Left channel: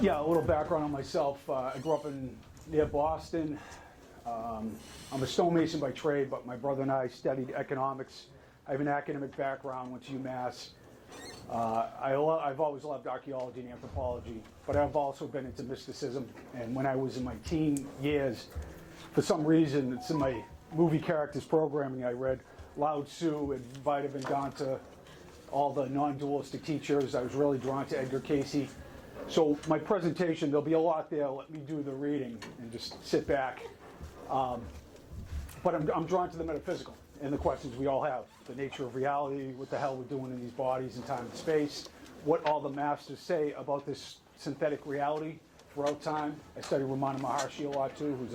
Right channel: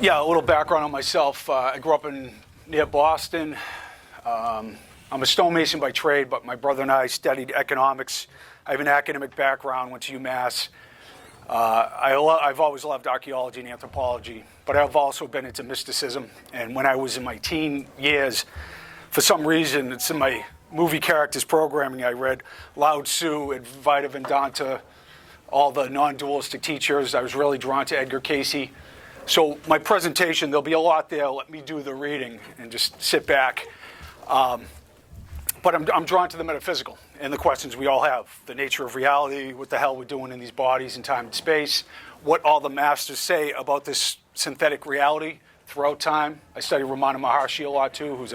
Yeah, a little background on myself. I grew up near Boston. I'm a stonemason by trade, but my brother and I studied economics. I have an academic background, went to UMass. I've always loved archaeology and anthropology, but I've also been into mysticism. And when I was in my teen years, for some reason, it's in my movie characters programming, I read Lao Tzu and Vita Vedanta, all the non-dualistic teachers. I was really drawn to Edgar Cayce. So my presentation, there'll be a lot there. Let me do the reading and just sit back. But I'm drawn to the metaphysical and the questions we all have. The nature of reality, what the hell we're doing in these bodies in time and space, what all the masters say about this synthetic reality throughout time. I study Ramana Maharshi a lot too, who's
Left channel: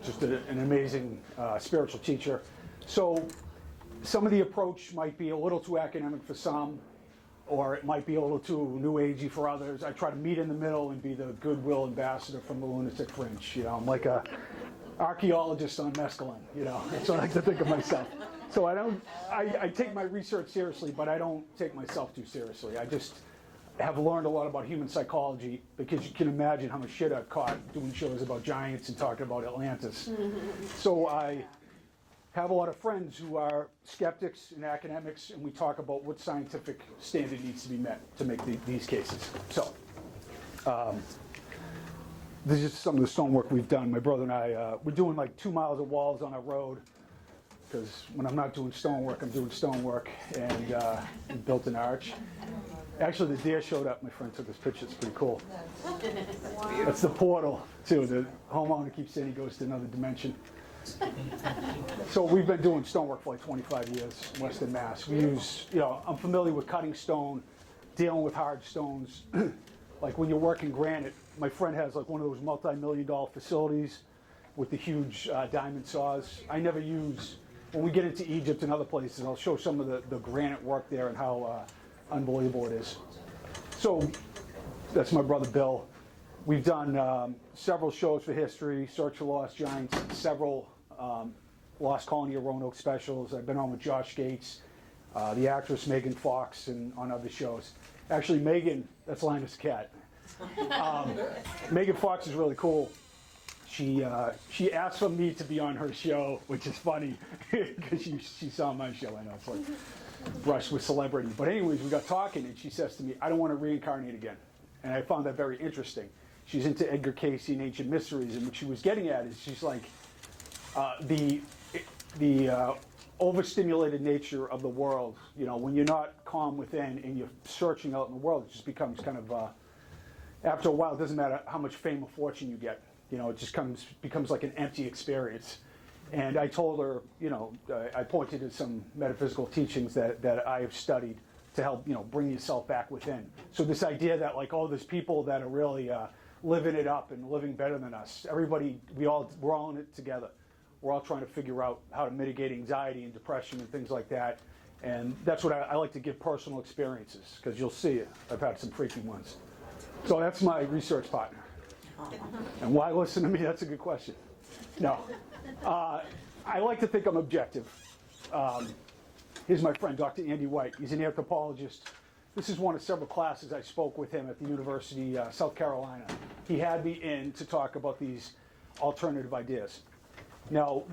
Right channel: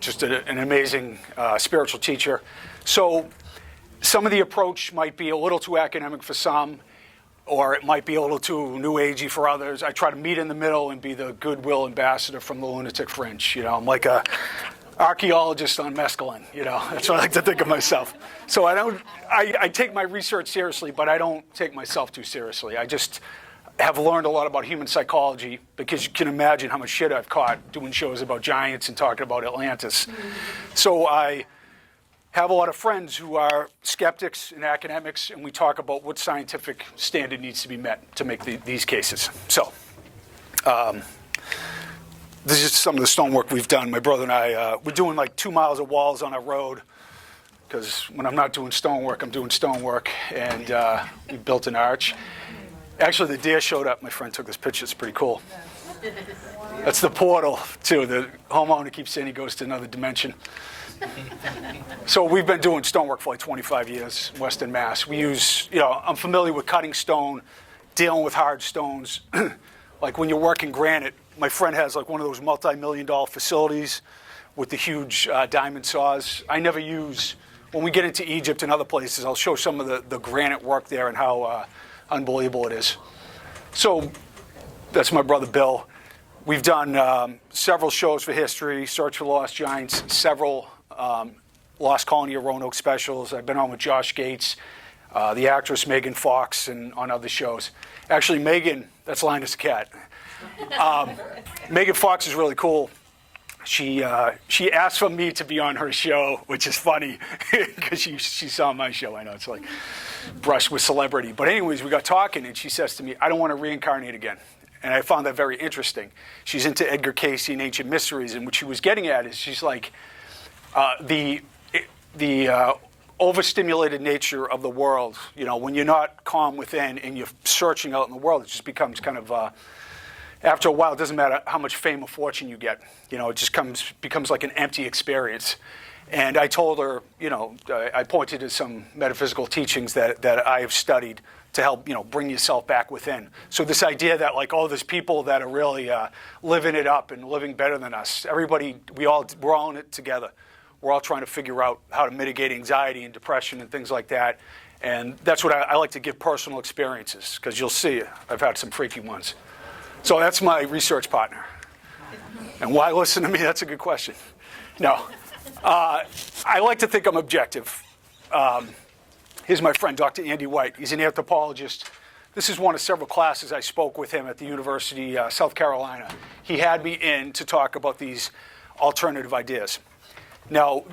just an amazing spiritual teacher. So some of the approach might be a little too academic for some, or it might be a little too new agey for others. I try to meet in the middle and be the goodwill ambassador from the lunatic fringe. You know, I'm like a archaeologist on mescaline. You know, that's what I like to think of myself. So I take my research seriously, but I don't take myself too seriously. I just have learned a lot about human psychology, because you can imagine how much shit I've caught doing shows about giants and talking about Atlantis. So I have a lot of friends who are skeptics and academics, and we talk about what scientific standard needs to be met to make these cases. So this is some of the stonework we've done. My brother and I, we're doing like 2 miles of walls on our road, because when I'm not doing stonework, I'm doing stonework, and we built an arch. Actually, the deer showed up. My friend took this picture. It's pretty cool. That's the portal, too. The homeowner keeps saying he goes to another dimension. So we've been doing stonework for like 25 years in Western Mass. We use, I'm familiar with cutting stone, dealing with hard stones. Like when you're working granite, my friend has like one of those multi-million-dollar facilities with the huge diamond saws. I never use, when we get into Egypt and other places, I'll show some of the granite work there and how unbelievable it is. So that's my brother Bill. We've done several shows for history, Search for Lost Giants, several Lost Colony of Roanoke specials. I've been on with Josh Gates, the actress Megan Fox, and on other shows. Actually, Megan, that's Linus the cat. Megan Fox is really cool. She asked for me to be on her show, which is funny because she saw my show. I know it's like brush with celebrity. But anyways, we got talking, and she says to me, I don't want to reincarnate again. And I found that very interesting. She's into Edgar Cayce and ancient mysteries, and what she was getting at is she's like, the overstimulated nature of the world, when you're not calm within and you're searching out in the world, it just becomes kind of, after a while, it doesn't matter how much fame or fortune you get. It just becomes like an empty experience. And I told her, I pointed to some metaphysical teachings that I have studied to help, bring yourself back within. So this idea that like, there's people that are really living it up and living better than us. Everybody, we're all in it together. We're all trying to figure out how to mitigate anxiety and depression and things like that. And that's what I like to give personal experiences, because you'll see I've had some freaky ones. So that's my research partner. And why listen to me? That's a good question. No. I like to think I'm objective. Here's my friend, Dr. Andy White. He's an anthropologist. This is one of several classes I spoke with him at the University of South Carolina. He had me in to talk about these alternative ideas. Now,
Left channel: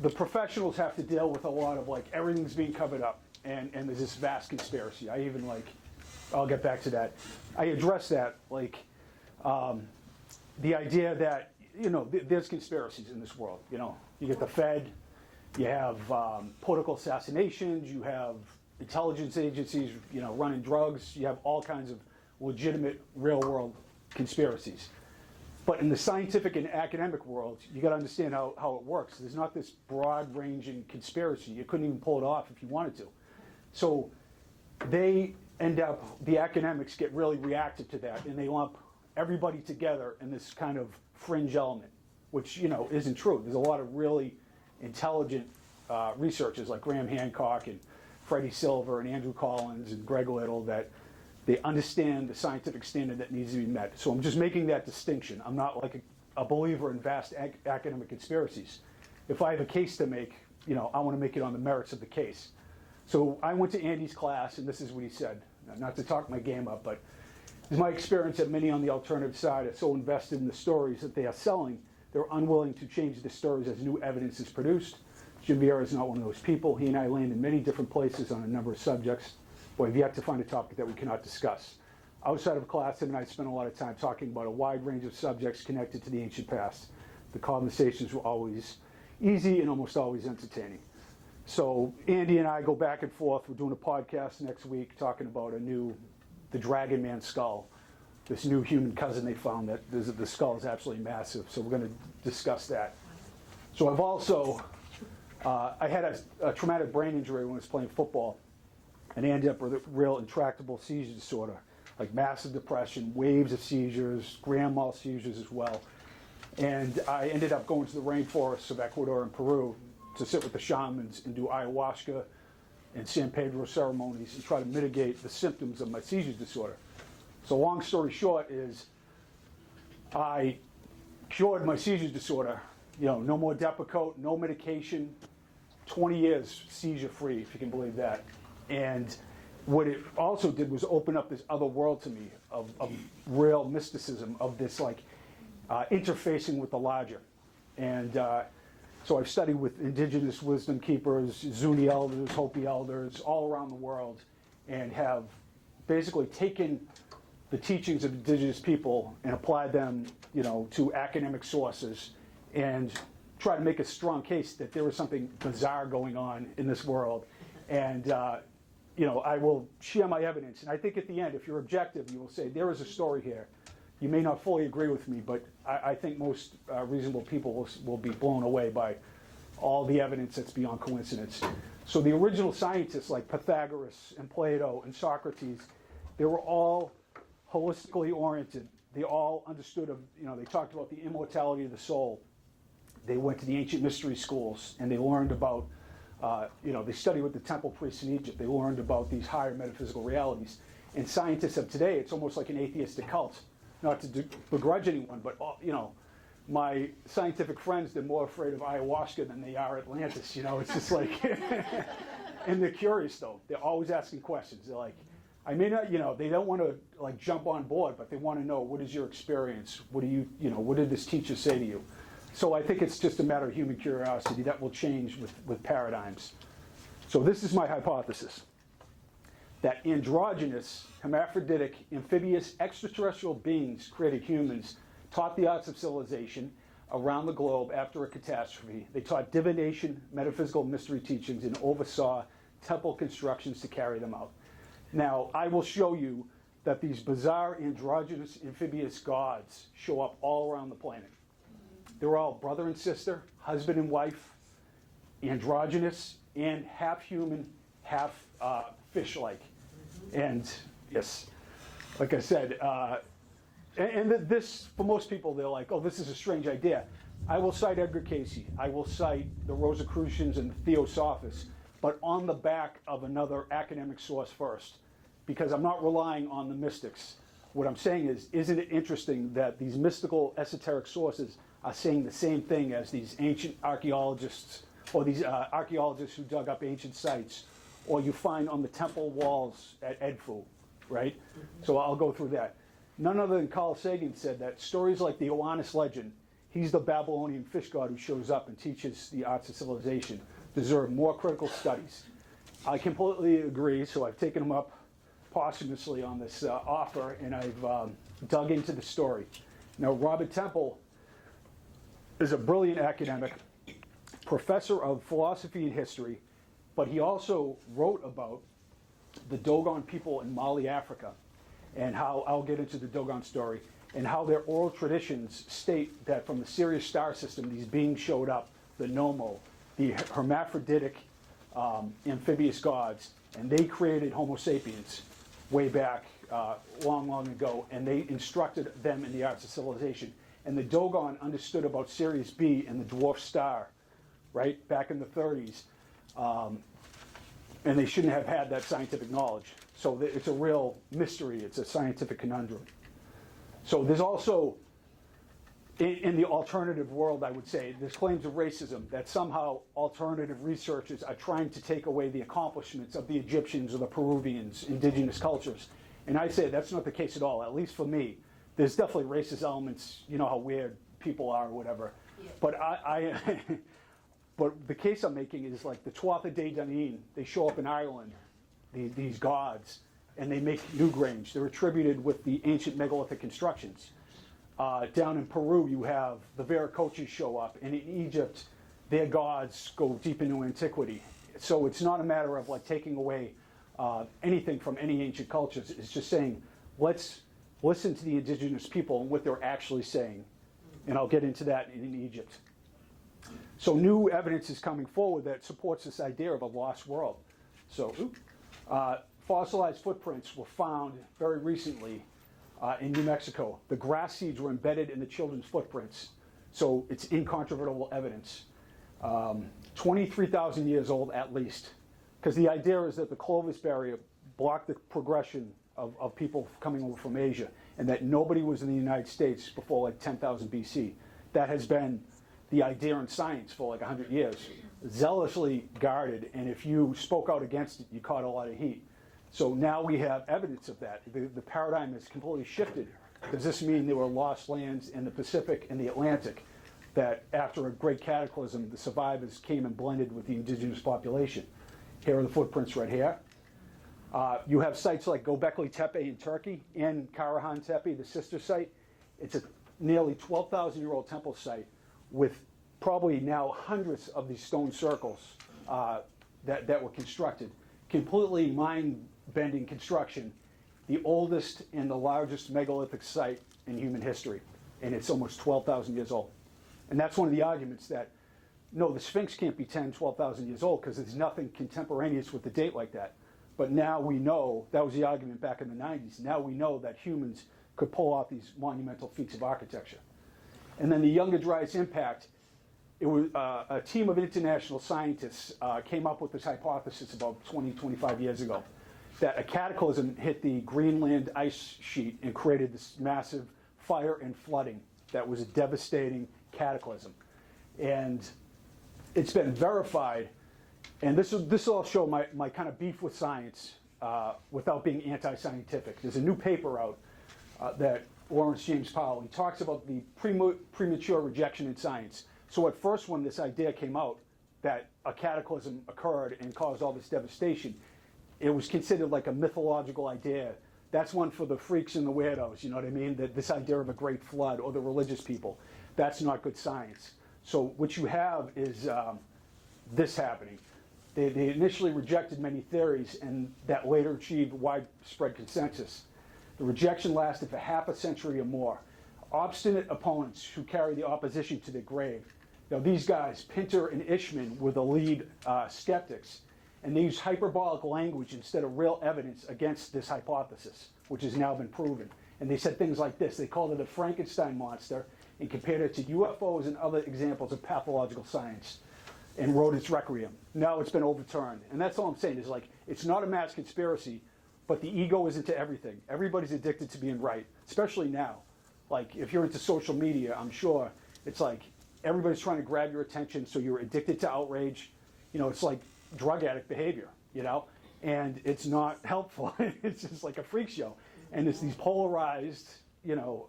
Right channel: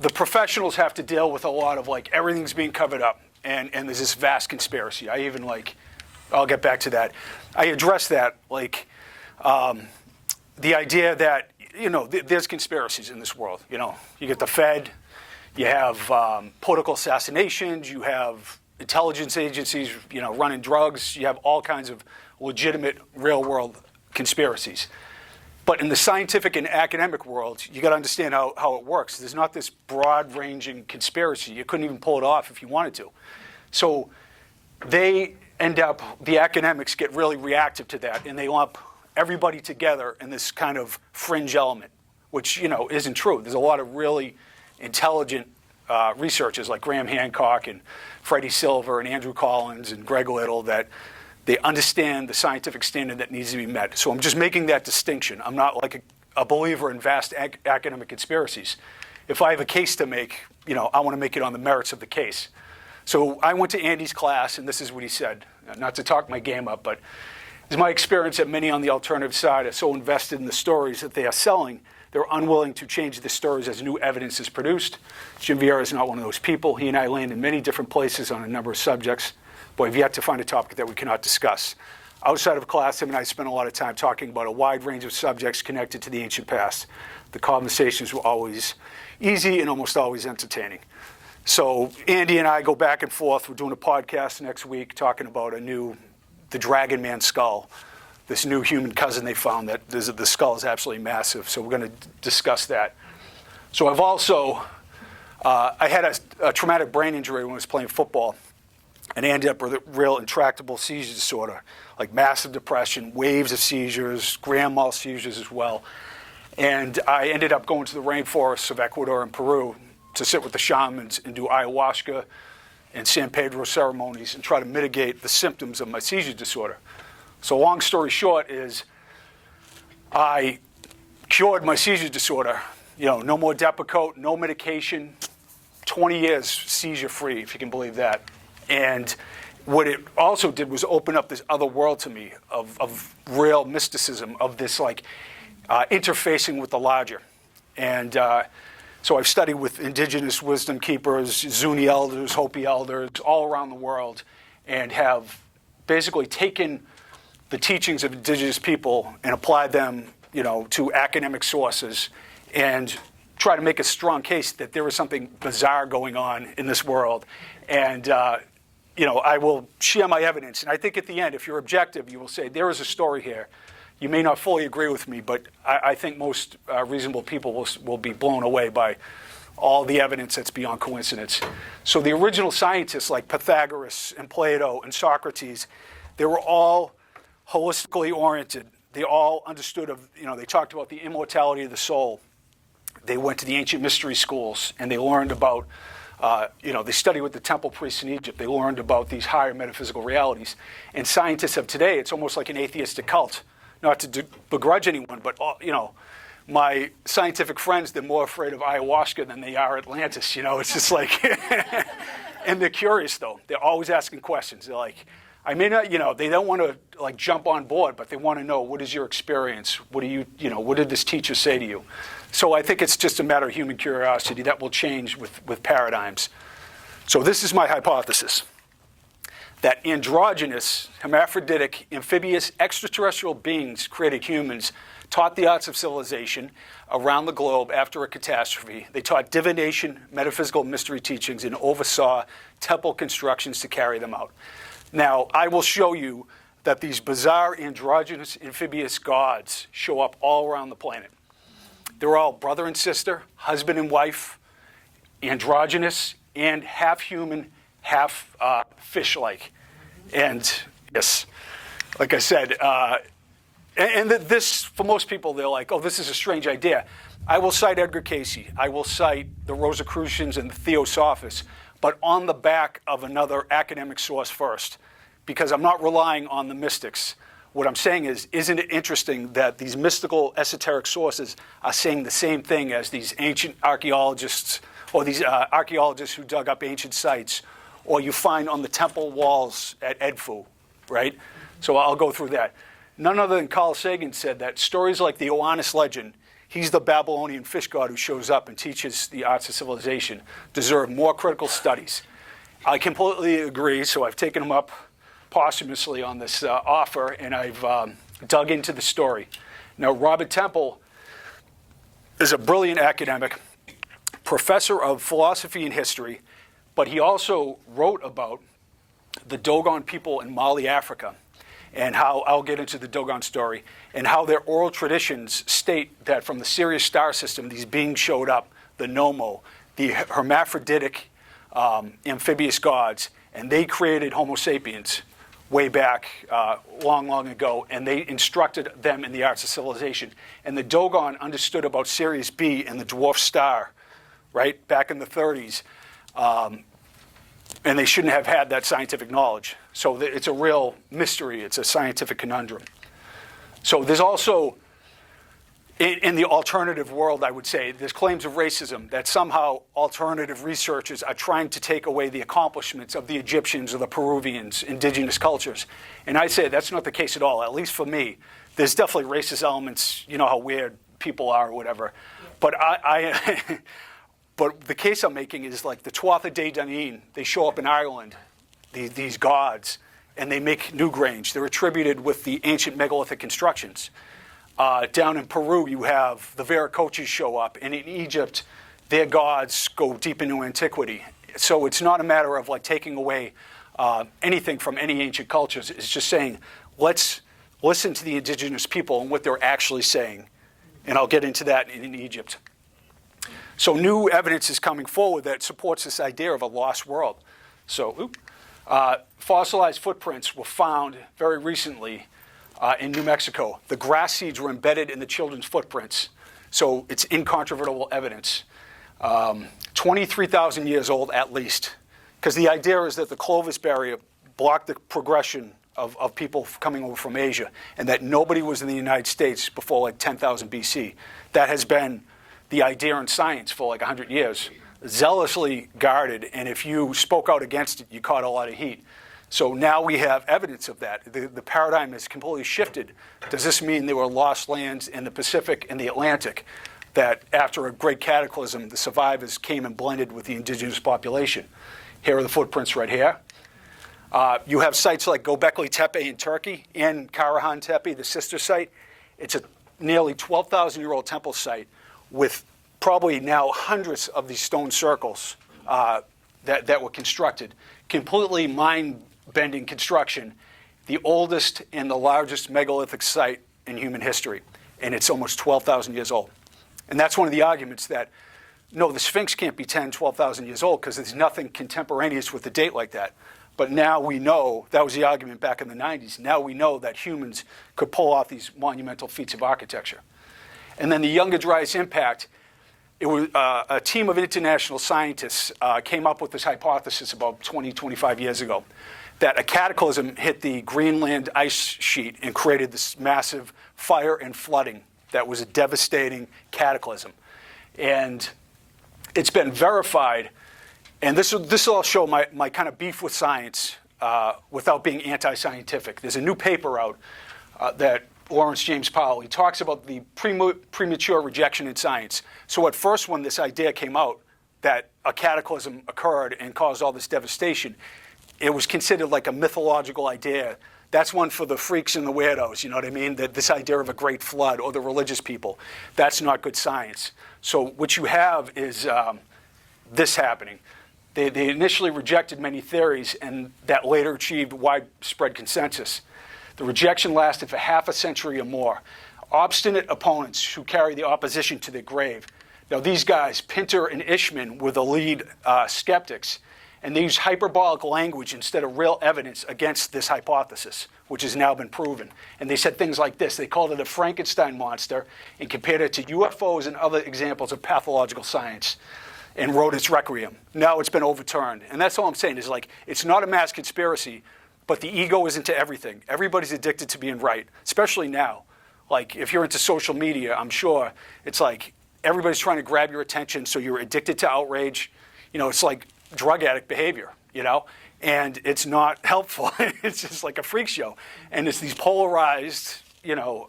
the professionals have to deal with a lot of like everything's being covered up, and there's this vast conspiracy. I'll get back to that. I address that, like the idea that, there's conspiracies in this world. You get the Fed, you have political assassinations, you have intelligence agencies, running drugs, you have all kinds of legitimate real-world conspiracies. But in the scientific and academic world, you got to understand how it works. There's not this broad-ranging conspiracy. You couldn't even pull it off if you wanted to. So the academics get really reactive to that, and they lump everybody together in this kind of fringe element, which, isn't true. There's a lot of really intelligent researchers like Graham Hancock and Freddie Silver and Andrew Collins and Greg Little that they understand the scientific standard that needs to be met. So I'm just making that distinction. I'm not like a believer in vast academic conspiracies. If I have a case to make, I want to make it on the merits of the case. So I went to Andy's class, and this is what he said. Not to talk my game up, but It's my experience that many on the alternative side are so invested in the stories that they are selling, they're unwilling to change the stories as new evidence is produced. Jim Vieira is not one of those people. He and I land in many different places on a number of subjects, but we've yet to find a topic that we cannot discuss. Outside of class, him and I spent a lot of time talking about a wide range of subjects connected to the ancient past. The conversations were always easy and almost always entertaining. So Andy and I go back and forth. We're doing a podcast next week talking about the Dragon Man skull, this new human cousin they found that the skull is absolutely massive. So we're going to discuss that. So I've also, I had a traumatic brain injury when I was playing football, and I ended up with a real intractable seizure disorder, like massive depression, waves of seizures, grand mal seizures as well. And I ended up going to the rainforests of Ecuador and Peru to sit with the shamans and do ayahuasca and San Pedro ceremonies and try to mitigate the symptoms of my seizure disorder. So long story short is I cured my seizure disorder. No more Depakote, no medication, 20 years seizure-free, if you can believe that. And what it also did was open up this other world to me of real mysticism, of this interfacing with the larger. And so I've studied with indigenous wisdom keepers, Zuni elders, Hopi elders, all around the world, and have basically taken the teachings of indigenous people and applied them, to academic sources and try to make a strong case that there is something bizarre going on in this world. And, I will share my evidence. And I think at the end, if you're objective, you will say, there is a story here. You may not fully agree with me, but I think most reasonable people will be blown away by all the evidence that's beyond coincidence. So the original scientists like Pythagoras and Plato and Socrates, they were all holistically oriented. They all understood they talked about the immortality of the soul. They went to the ancient mystery schools and they learned about, they studied with the temple priests in Egypt. They learned about these higher metaphysical realities. And scientists of today, it's almost like an atheistic cult. Not to begrudge anyone, but my scientific friends, they're more afraid of ayahuasca than they are Atlantis. It's just like, and they're curious though. They're always asking questions. They're like, I may not, they don't want to jump on board, but they want to know, what is your experience? What what did this teacher say to you? So I think it's just a matter of human curiosity that will change with paradigms. So this is my hypothesis, that androgynous, hermaphroditic, amphibious, extraterrestrial beings created humans, taught the arts of civilization around the globe after a catastrophe. They taught divination, metaphysical mystery teachings, and oversaw temple constructions to carry them out. Now, I will show you that these bizarre androgynous amphibious gods show up all around the planet. They're all brother and sister, husband and wife, androgynous, and half human, half fish-like. And yes, like I said, this, for most people, they're like, oh, this is a strange idea. I will cite Edgar Cayce. I will cite the Rosicrucians and the Theosophists, but on the back of another academic source first, because I'm not relying on the mystics. What I'm saying is, isn't it interesting that these mystical, esoteric sources are saying the same thing as these ancient archaeologists, or these archaeologists who dug up ancient sites, or you find on the temple walls at Edfu, right? So I'll go through that. None other than Carl Sagan said that stories like the Oannes legend, he's the Babylonian fish god who shows up and teaches the arts of civilization, deserve more critical studies. I completely agree, so I've taken him up posthumously on this offer, and I've dug into the story. Now, Robert Temple is a brilliant academic, professor of philosophy and history, but he also wrote about the Dogon people in Mali, Africa, and how, I'll get into the Dogon story, and how their oral traditions state that from the Sirius star system, these beings showed up, the Nomo, the hermaphroditic amphibious gods, and they created Homo sapiens way back long, long ago, and they instructed them in the arts of civilization. And the Dogon understood about Sirius B and the dwarf star, right, back in the 30s, and they shouldn't have had that scientific knowledge. So it's a real mystery. It's a scientific conundrum. So there's also in the alternative world, I would say, there's claims of racism that somehow alternative researchers are trying to take away the accomplishments of the Egyptians or the Peruvians, indigenous cultures. And I say that's not the case at all, at least for me. There's definitely racist elements, you know how weird people are or whatever. Yeah. But but the case I'm making is like the Tuatha De Danann, they show up in Ireland, these gods, and they make Newgrange. They're attributed with the ancient megalithic constructions. Down in Peru, you have the Vieira show up, and in Egypt, their gods go deep into antiquity. So it's not a matter of like taking away anything from any ancient cultures. It's just saying, let's listen to the indigenous people and what they're actually saying. And I'll get into that in Egypt. So new evidence is coming forward that supports this idea of a lost world. So fossilized footprints were found very recently in New Mexico. The grass seeds were embedded in the children's footprints. So it's incontrovertible evidence. 23,000 years old at least. Because the idea is that the Clovis barrier blocked the progression of people coming over from Asia, and that nobody was in the United States before like 10,000 BC. That has been the idea in science for like 100 years. Zealously guarded, and if you spoke out against it, you caught a lot of heat. So now we have evidence of that. The paradigm has completely shifted. Does this mean there were lost lands in the Pacific and the Atlantic that after a great cataclysm, the survivors came and blended with the indigenous population? Here are the footprints right here. You have sites like Göbekli Tepe in Turkey and Karahan Tepe, the sister site. It's a nearly 12,000-year-old temple site with probably now hundreds of these stone circles that were constructed. Completely mind-bending construction, the oldest and the largest megalithic site in human history. And it's almost 12,000 years old. And that's one of the arguments that, no, the Sphinx can't be 10, 12,000 years old because there's nothing contemporaneous with the date like that. But now we know, that was the argument back in the 90s, now we know that humans could pull off these monumental feats of architecture. And then the Younger Dryas impact, it was a team of international scientists came up with this hypothesis about 20, 25 years ago, that a cataclysm hit the Greenland ice sheet and created this massive fire and flooding that was a devastating cataclysm. And it's been verified, and this will all show my kind of beef with science without being anti-scientific. There's a new paper out that Lawrence James Powell, he talks about the premature rejection in science. So at first when this idea came out that a cataclysm occurred and caused all this devastation, it was considered like a mythological idea. That's one for the freaks and the weirdos, you know what I mean? That this idea of a great flood or the religious people. That's not good science. So what you have is this happening. They initially rejected many theories and that later achieved widespread consensus. The rejection lasted for half a century or more. Obstinate opponents who carry the opposition to their grave. Now these guys, Pinter and Ishman, were the lead skeptics, and they used hyperbolic language instead of real evidence against this hypothesis, which has now been proven. And they said things like this. They called it a Frankenstein monster and compared it to UFOs and other examples of pathological science and wrote its requiem. Now it's been overturned. And that's all I'm saying is like, it's not a mass conspiracy, but the ego is into everything. Everybody's addicted to being right, especially now. Like if you're into social media, I'm sure it's like everybody's trying to grab your attention, so you're addicted to outrage. You know, it's like drug addict behavior, you know? And it's not helpful. It's just like a freak show. And it's these polarized, you know,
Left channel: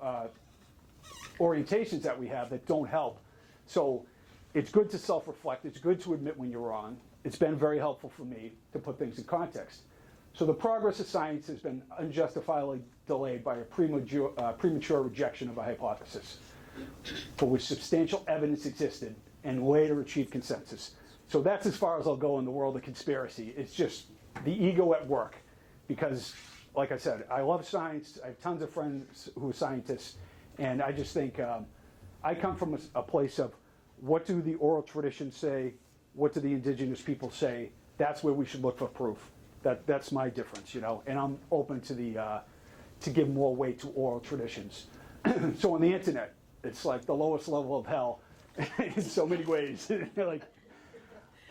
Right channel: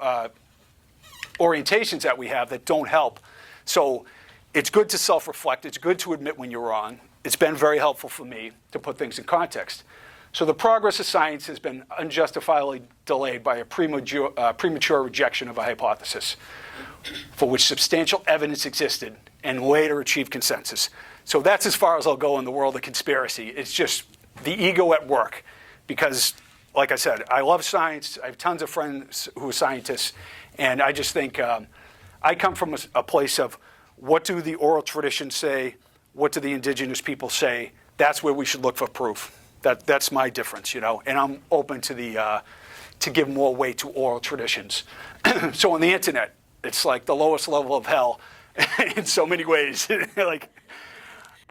orientations that we have that don't help. So it's good to self-reflect. It's good to admit when you're wrong. It's been very helpful for me to put things in context. So the progress of science has been unjustifiably delayed by a premature rejection of a hypothesis for which substantial evidence existed and later achieved consensus. So that's as far as I'll go in the world of conspiracy. It's just the ego at work because, like I said, I love science. I have tons of friends who are scientists, and I just think I come from a place of what do the oral traditions say? What do the indigenous people say? That's where we should look for proof. That's my difference, you know, and I'm open to give more weight to oral traditions. So on the internet, it's like the lowest level of hell in so many ways. Like,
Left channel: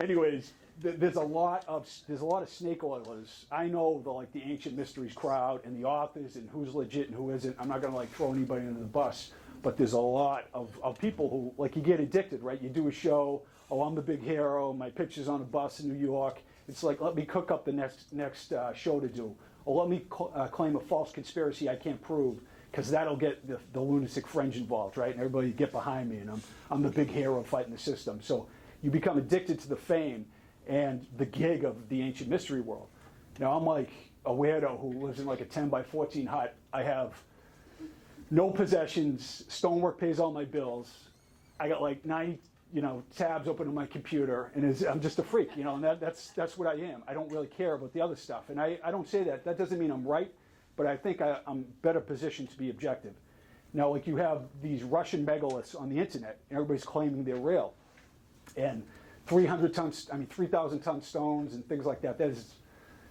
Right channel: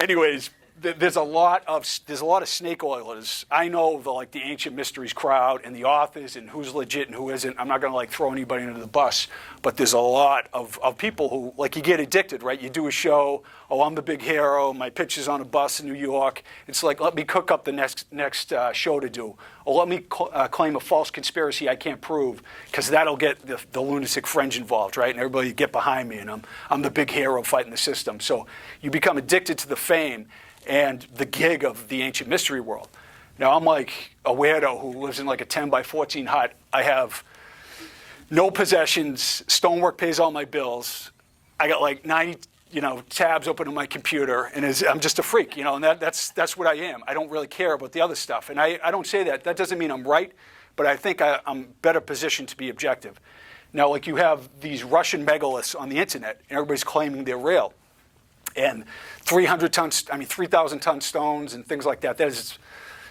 anyways, there's a lot of snake oilers. I know the ancient mysteries crowd and the authors and who's legit and who isn't. I'm not going to throw anybody under the bus, but there's a lot of people who you get addicted, right? You do a show, oh, I'm the big hero, my picture's on a bus in New York. It's like, let me cook up the next show to do, or let me claim a false conspiracy I can't prove, because that'll get the lunatic fringe involved, right? And everybody get behind me, and I'm the big hero fighting the system. So you become addicted to the fame and the gig of the ancient mystery world. Now, I'm like a weirdo who lives in like a 10 by 14 hut. I have no possessions. Stonework pays all my bills. I got like 90, tabs open on my computer, and I'm just a freak, and that's what I am. I don't really care about the other stuff. And I don't say that. That doesn't mean I'm right, but I think I'm better positioned to be objective. Now, you have these Russian megaliths on the internet, and everybody's claiming they're real. And 3,000-ton stones and things like that. That is,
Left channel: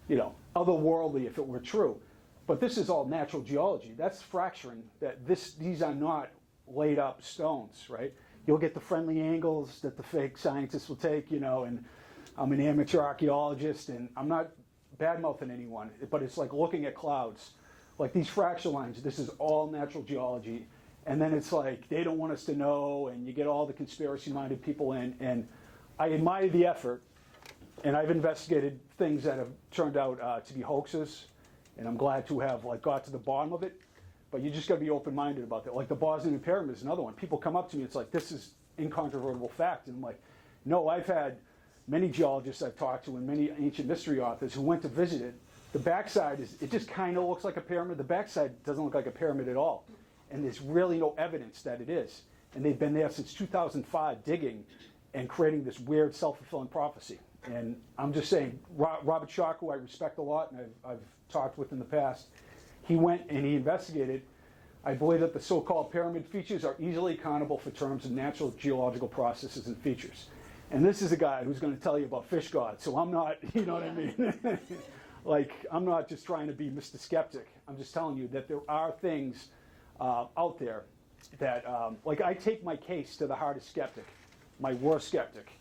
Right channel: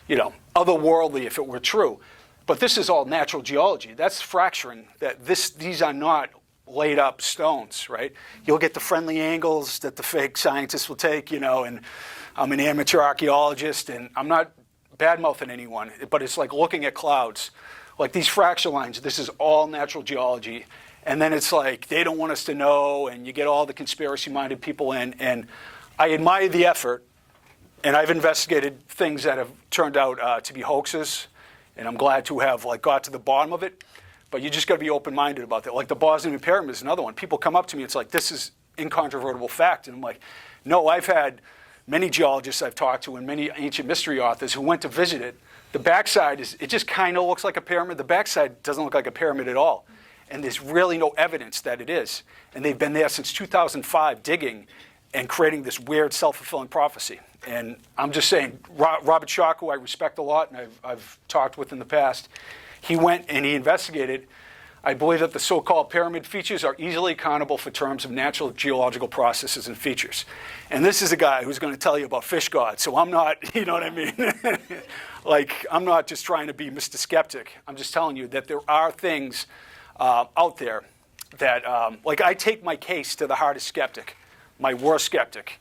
otherworldly if it were true. But this is all natural geology. That's fracturing. These are not laid up stones, right? You'll get the friendly angles that the fake scientists will take, and I'm an amateur archaeologist, and I'm not bad-mouthing anyone, but it's like looking at clouds. Like these fracture lines, this is all natural geology. And then it's like they don't want us to know, and you get all the conspiracy-minded people in. And I admire the effort, and I've investigated things that have turned out to be hoaxes, and I'm glad to have got to the bottom of it. But you just got to be open-minded about that. Like the Bosnian Pyramid is another one. People come up to me, it's like, this is incontrovertible fact. And I'm like, no, I've had many geologists I've talked to and many ancient mystery authors who went to visit it. The backside it just kind of looks like a pyramid. The backside doesn't look like a pyramid at all. And there's really no evidence that it is. And they've been there since 2005 digging and creating this weird self-fulfilling prophecy. And I'm just saying, Robert Schoch, who I respect a lot and I've talked with in the past, he went and he investigated. I believe that the so-called pyramid features are easily accountable for terms of natural geological processes and features. And this is a guy who's going to tell you about fish gods. So I'm not, you know what I mean? I'm not just trying to be Mr. Skeptic. I'm just telling you that there are things out there that, I take my case to the hardest skeptic, my worst skeptic,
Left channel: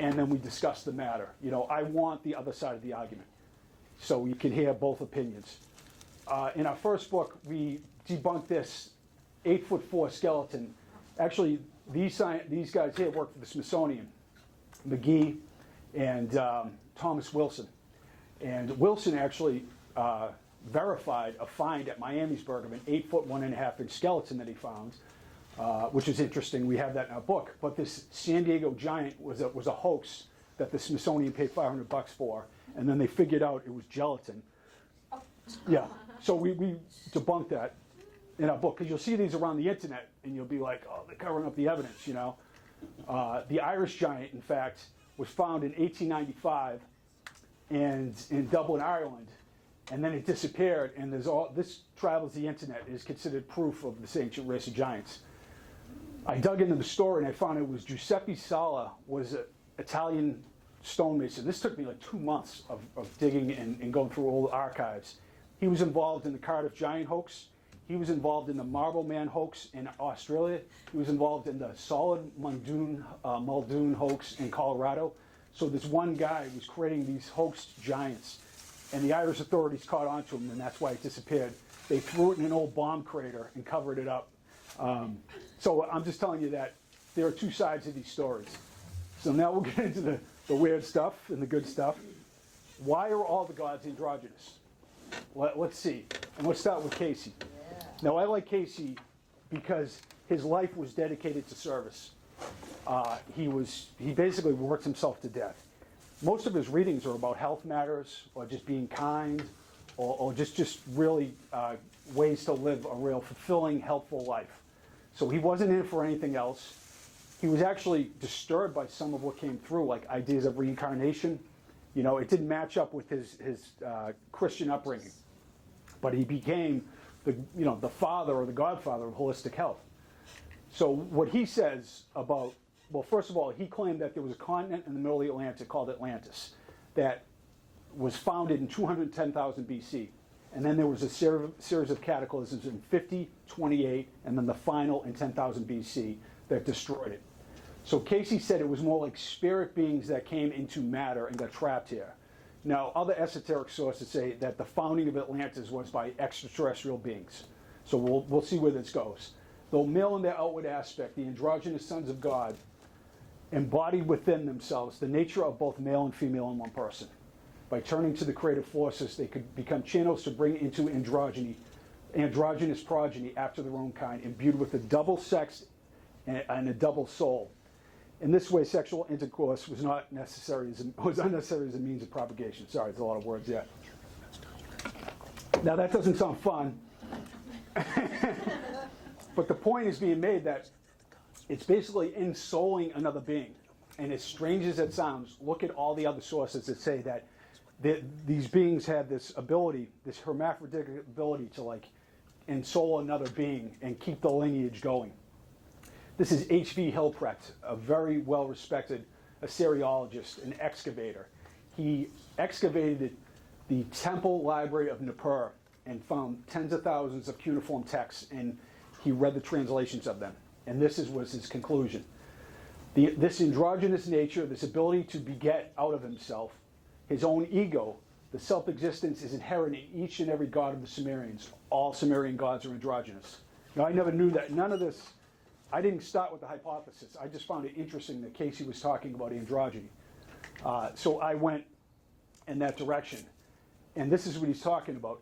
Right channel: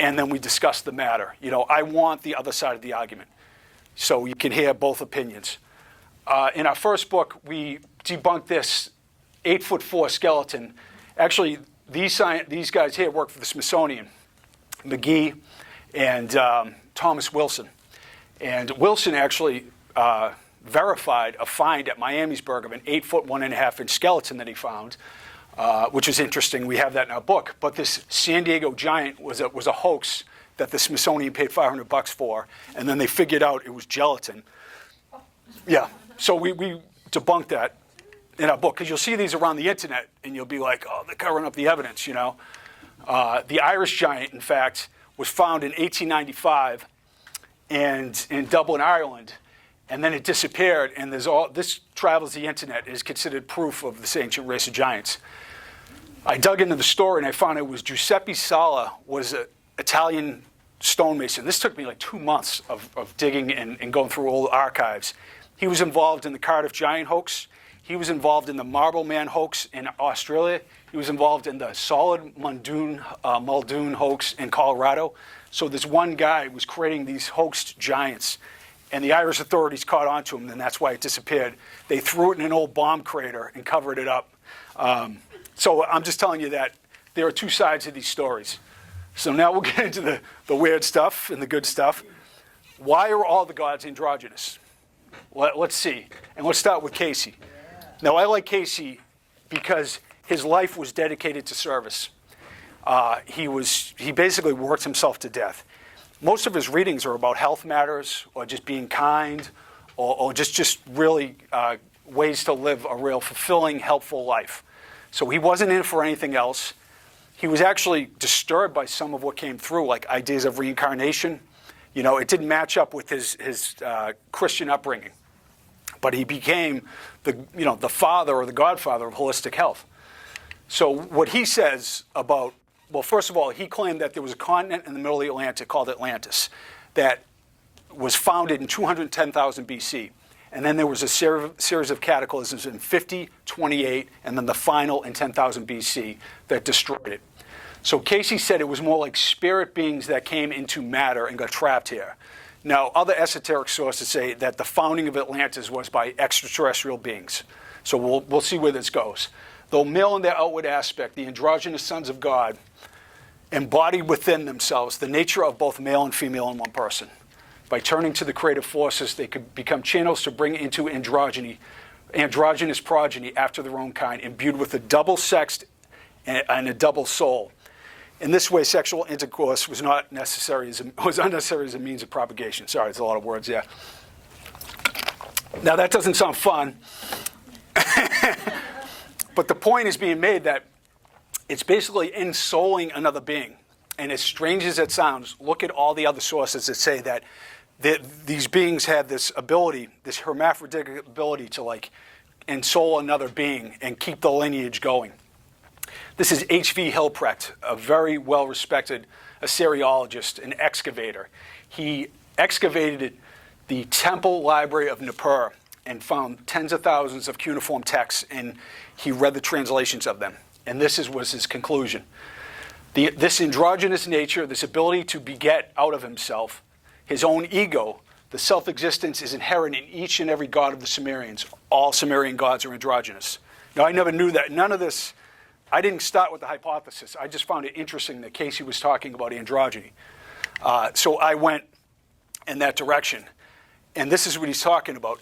and then we discuss the matter. I want the other side of the argument, so you can hear both opinions. In our first book, we debunked this 8'4" skeleton. Actually, these guys here work for the Smithsonian, McGee and Thomas Wilson. And Wilson actually verified a find at Miamisburg of an 8-foot, 1.5-inch skeleton that he found, which is interesting. We have that in our book. But this San Diego giant was a hoax that the Smithsonian paid $500 for, and then they figured out it was gelatin. Yeah, so we debunked that in our book, because you'll see these around the internet, and you'll be like, oh, they're covering up the evidence, The Irish giant, in fact, was found in 1895 and in Dublin, Ireland. And then it disappeared, and this travels the internet, is considered proof of this ancient race of giants. I dug into the story, and I found it was Giuseppe Sala was an Italian stonemason. This took me 2 months of digging and going through old archives. He was involved in the Cardiff Giant hoax. He was involved in the Marble Man hoax in Australia. He was involved in the Solid Muldoon hoax in Colorado. So this one guy was creating these hoaxed giants. And the Irish authorities caught on to him, and that's why it disappeared. They threw it in an old bomb crater and covered it up. So I'm just telling you that there are two sides of these stories. So now we'll get into the weird stuff and the good stuff. Why are all the gods androgynous? Let's see. And let's start with Cayce. Now, I like Cayce because his life was dedicated to service. He basically worked himself to death. Most of his readings are about health matters or just being kind or just really ways to live a real fulfilling, helpful life. So he wasn't in for anything else. He was actually disturbed by some of what came through, like ideas of reincarnation. It didn't match up with his Christian upbringing. But he became the father or the godfather of holistic health. So what he says about, well, first of all, he claimed that there was a continent in the middle of the Atlantic called Atlantis that was founded in 210,000 BC. And then there was a series of cataclysms in 50, 28, and then the final in 10,000 BC that destroyed it. So Cayce said it was more like spirit beings that came into matter and got trapped here. Now, other esoteric sources say that the founding of Atlantis was by extraterrestrial beings. So we'll see where this goes. Though male in their outward aspect, the androgynous sons of God embodied within themselves the nature of both male and female in one person. By turning to the creative forces, they could become channels to bring into androgynous progeny after their own kind, imbued with a double sex and a double soul. In this way, sexual intercourse was unnecessary as a means of propagation. Sorry, it's a lot of words there. Now, that doesn't sound fun. But the point is being made that it's basically ensouling another being. And as strange as it sounds, look at all the other sources that say that these beings had this ability, this hermaphroditic ability to like ensoul another being and keep the lineage going. This is H.V. Hilprecht, a very well-respected Assyriologist, an excavator. He excavated the temple library of Nippur and found tens of thousands of cuneiform texts, and he read the translations of them. And this was his conclusion. This androgynous nature, this ability to beget out of himself, his own ego, the self-existence is inherent in each and every god of the Sumerians. All Sumerian gods are androgynous. Now, I never knew that. None of this, I didn't start with the hypothesis. I just found it interesting that Cayce was talking about androgyny. So I went in that direction. And this is what he's talking about.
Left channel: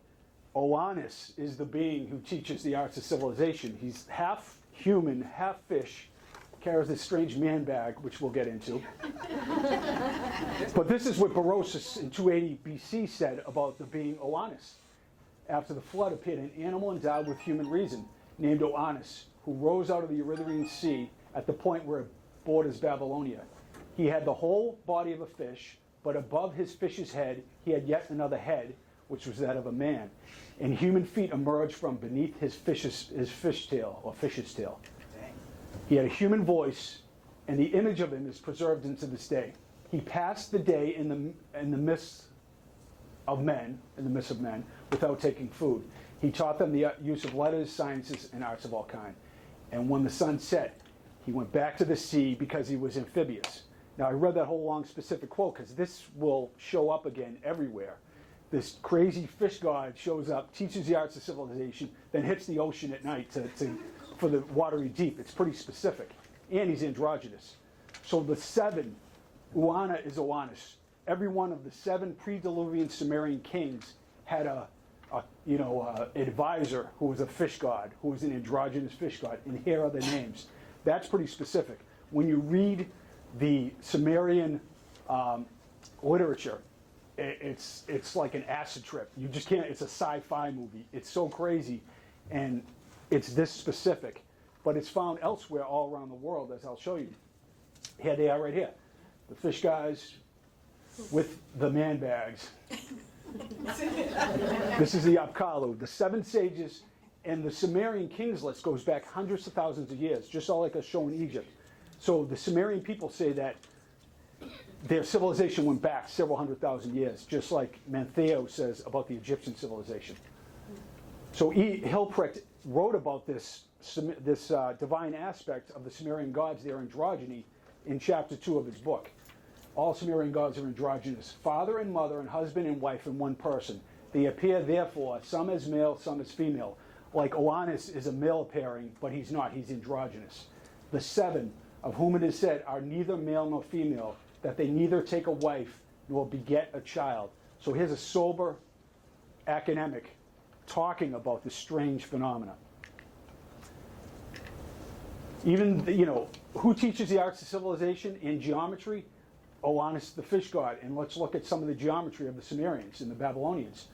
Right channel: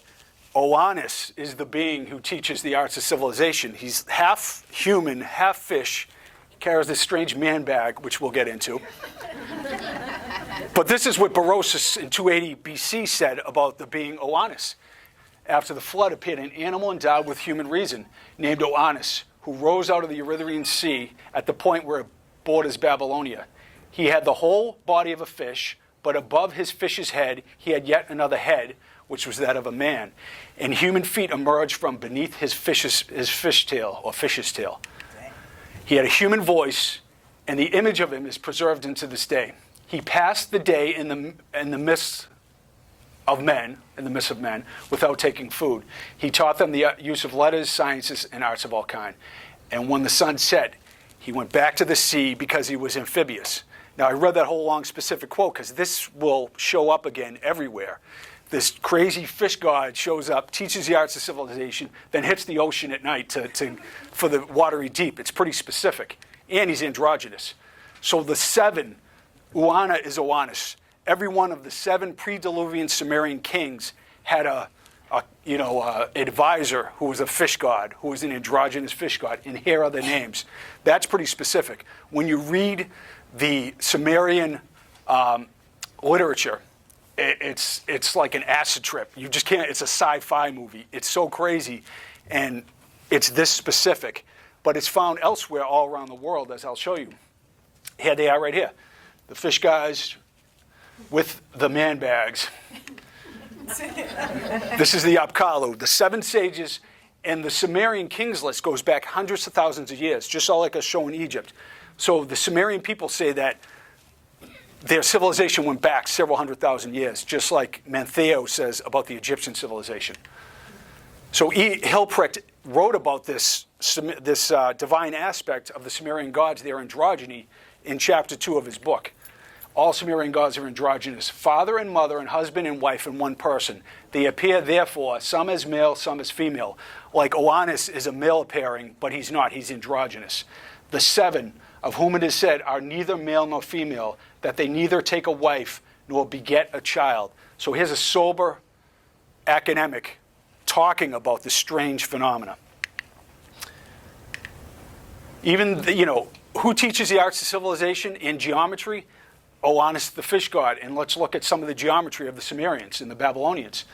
Oannes is the being who teaches the arts of civilization. He's half human, half fish. He carries this strange man bag, which we'll get into. But this is what Berosus in 280 BC said about the being Oannes. After the flood appeared an animal endowed with human reason, named Oannes, who rose out of the Erythraean Sea at the point where it borders Babylonia. He had the whole body of a fish, but above his fish's head, he had yet another head, which was that of a man. And human feet emerged from beneath his fish tail, or fish's tail. He had a human voice, and the image of him is preserved into this day. He passed the day in the midst of men, without taking food. He taught them the use of letters, sciences, and arts of all kind. And when the sun set, he went back to the sea because he was amphibious. Now, I read that whole long specific quote because this will show up again everywhere. This crazy fish god shows up, teaches the arts of civilization, then hits the ocean at night for the watery deep. It's pretty specific. And he's androgynous. So the seven, Uana is Oannes. Every one of the seven pre-Diluvian Sumerian kings had a advisor who was a fish god, who was an androgynous fish god, and here are the names. That's pretty specific. When you read the Sumerian literature, it's like an acid trip. You just can't. It's a sci-fi movie. It's so crazy, and it's this specific, but it's found elsewhere all around the world, as I'll show you. Here they are right here. The fish guys with the man bags. This is the Apkallu, the seven sages, and the Sumerian kings list goes back hundreds of thousands of years, just like a show in Egypt. So the Sumerian people say that their civilization went back several 100,000 years, just like Mantheo says about the Egyptian civilization. So Hilprecht wrote about this divine aspect of the Sumerian gods, their androgyny, in chapter 2 of his book. All Sumerian gods are androgynous, father and mother and husband and wife in one person. They appear, therefore, some as male, some as female. Like Oannes is a male appearing, but he's not. He's androgynous. The seven, of whom it is said, are neither male nor female, that they neither take a wife nor beget a child. So here's a sober academic talking about this strange phenomena. Even, who teaches the arts of civilization in geometry? Oannes, the fish god. And let's look at some of the geometry of the Sumerians and the Babylonians.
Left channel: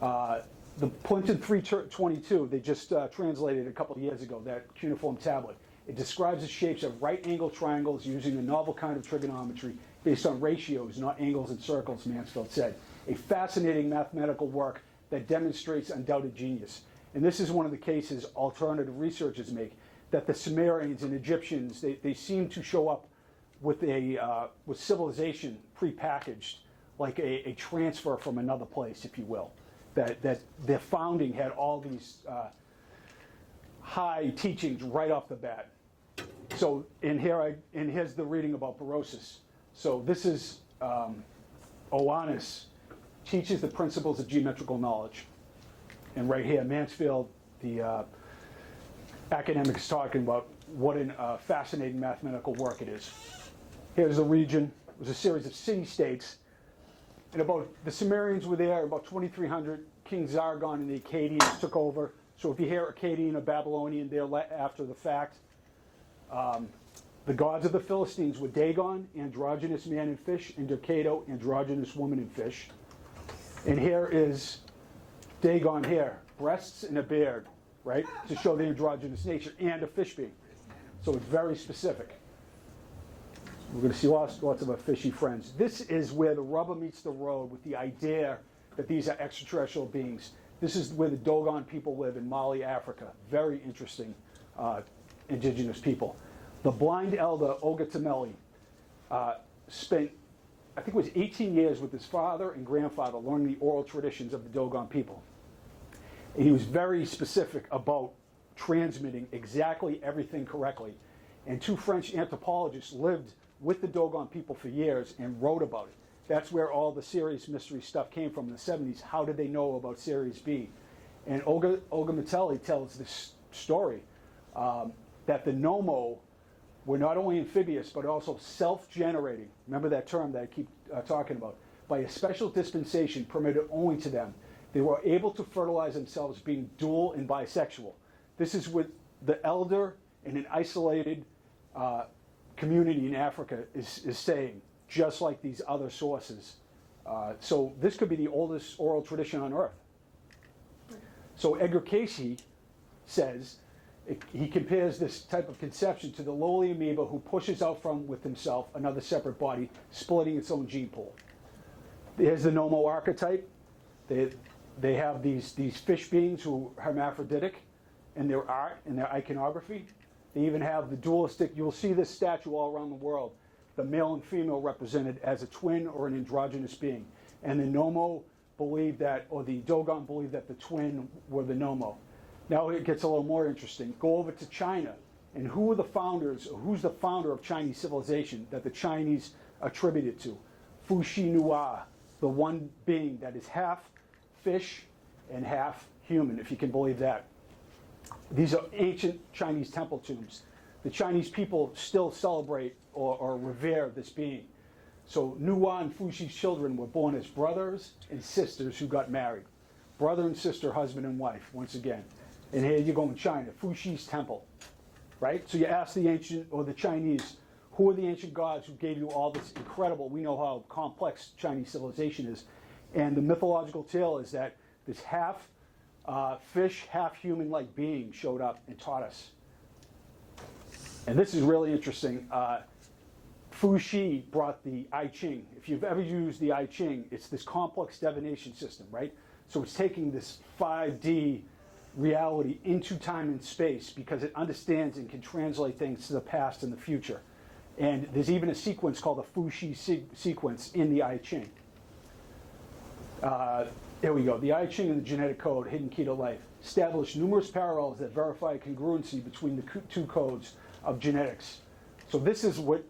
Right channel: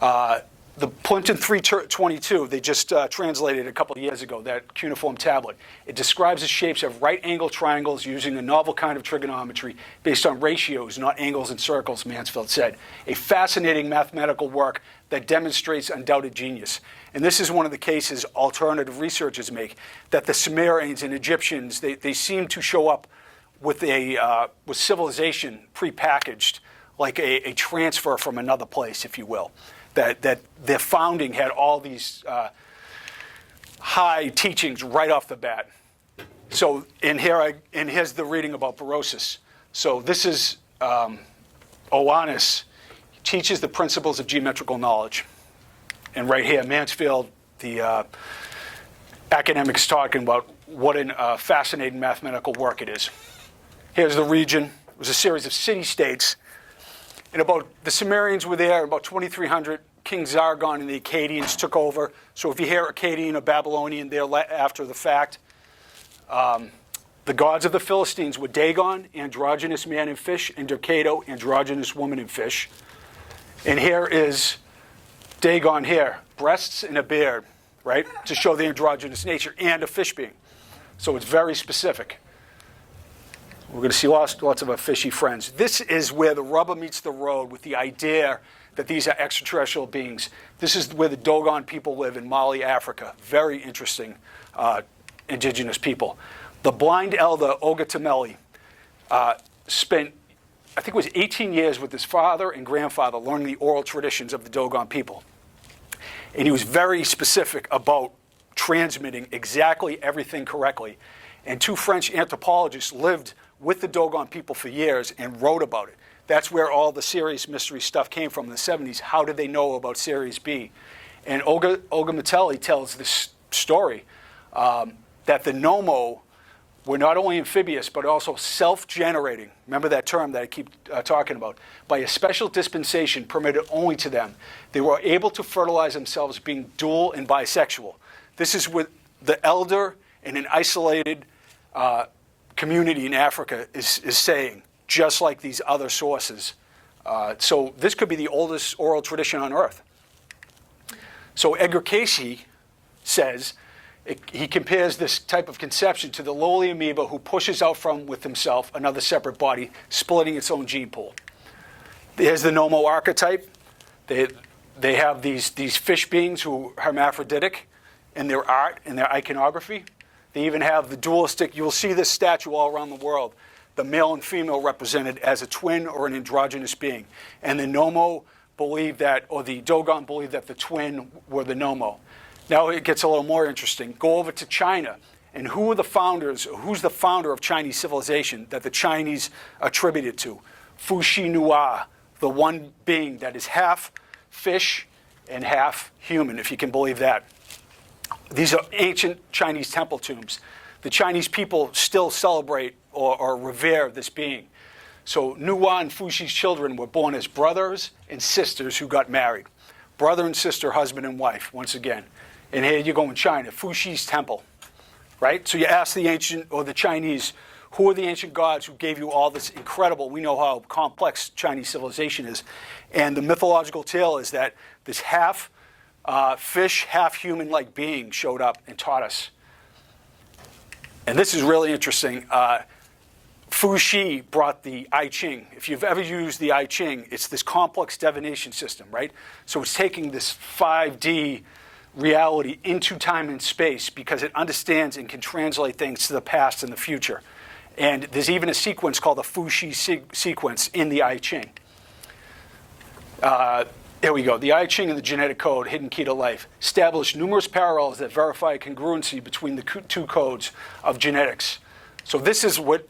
The Plimpton 322, they just translated a couple of years ago, that cuneiform tablet. It describes the shapes of right-angled triangles using a novel kind of trigonometry based on ratios, not angles and circles, Mansfield said. A fascinating mathematical work that demonstrates undoubted genius. And this is one of the cases alternative researchers make, that the Sumerians and Egyptians, they seem to show up with civilization prepackaged, like a transfer from another place, if you will. That their founding had all these high teachings right off the bat. So here's the reading about Berosus. So this is Oannes teaches the principles of geometrical knowledge. And right here, Mansfield, the academics talking about what a fascinating mathematical work it is. Here's the region. It was a series of city-states. And the Sumerians were there, about 2300. King Zargon and the Akkadians took over. So if you hear Akkadian or Babylonian, they're after the fact. The gods of the Philistines were Dagon, androgynous man and fish, and Dercato, androgynous woman and fish. And here is Dagon here, breasts and a beard, right, to show the androgynous nature, and a fish being. So it's very specific. We're going to see lots of our fishy friends. This is where the rubber meets the road with the idea that these are extraterrestrial beings. This is where the Dogon people live in Mali, Africa. Very interesting indigenous people. The blind elder, Oga Tameli, spent, I think it was 18 years with his father and grandfather learning the oral traditions of the Dogon people. And he was very specific about transmitting exactly everything correctly. And two French anthropologists lived with the Dogon people for years and wrote about it. That's where all the Sirius mystery stuff came from in the 70s. How did they know about Sirius B? And Oga Mateli tells this story that the Nomo were not only amphibious, but also self-generating. Remember that term that I keep talking about. By a special dispensation permitted only to them. They were able to fertilize themselves being dual and bisexual. This is what the elder in an isolated community in Africa is saying, just like these other sources. So this could be the oldest oral tradition on Earth. So Edgar Cayce says, he compares this type of conception to the lowly amoeba who pushes out from with himself another separate body, splitting its own gene pool. There's the Nomo archetype. They have these fish beings who are hermaphroditic in their art and their iconography. They even have the dualistic. You'll see this statue all around the world. The male and female represented as a twin or an androgynous being. And the Nomo believe that, or the Dogon believe that the twin were the Nomo. Now it gets a little more interesting. Go over to China. And who are the founders, who's the founder of Chinese civilization that the Chinese attributed to? Fuxi Nua, the one being that is half fish and half human, if you can believe that. These are ancient Chinese temple tombs. The Chinese people still celebrate or revere this being. So Nua and Fuxi's children were born as brothers and sisters who got married. Brother and sister, husband and wife, once again. And here you go in China, Fuxi's temple, right? So you ask the ancient or the Chinese, who are the ancient gods who gave you all this incredible, we know how complex Chinese civilization is. And the mythological tale is that this half fish, half human-like being showed up and taught us. And this is really interesting. Fuxi brought the I Ching. If you've ever used the I Ching, it's this complex divination system, right? So it's taking this 5D reality into time and space because it understands and can translate things to the past and the future. And there's even a sequence called the Fuxi sequence in the I Ching. Here we go. The I Ching and the genetic code, hidden key to life, establish numerous parallels that verify congruency between the two codes of genetics. So this is what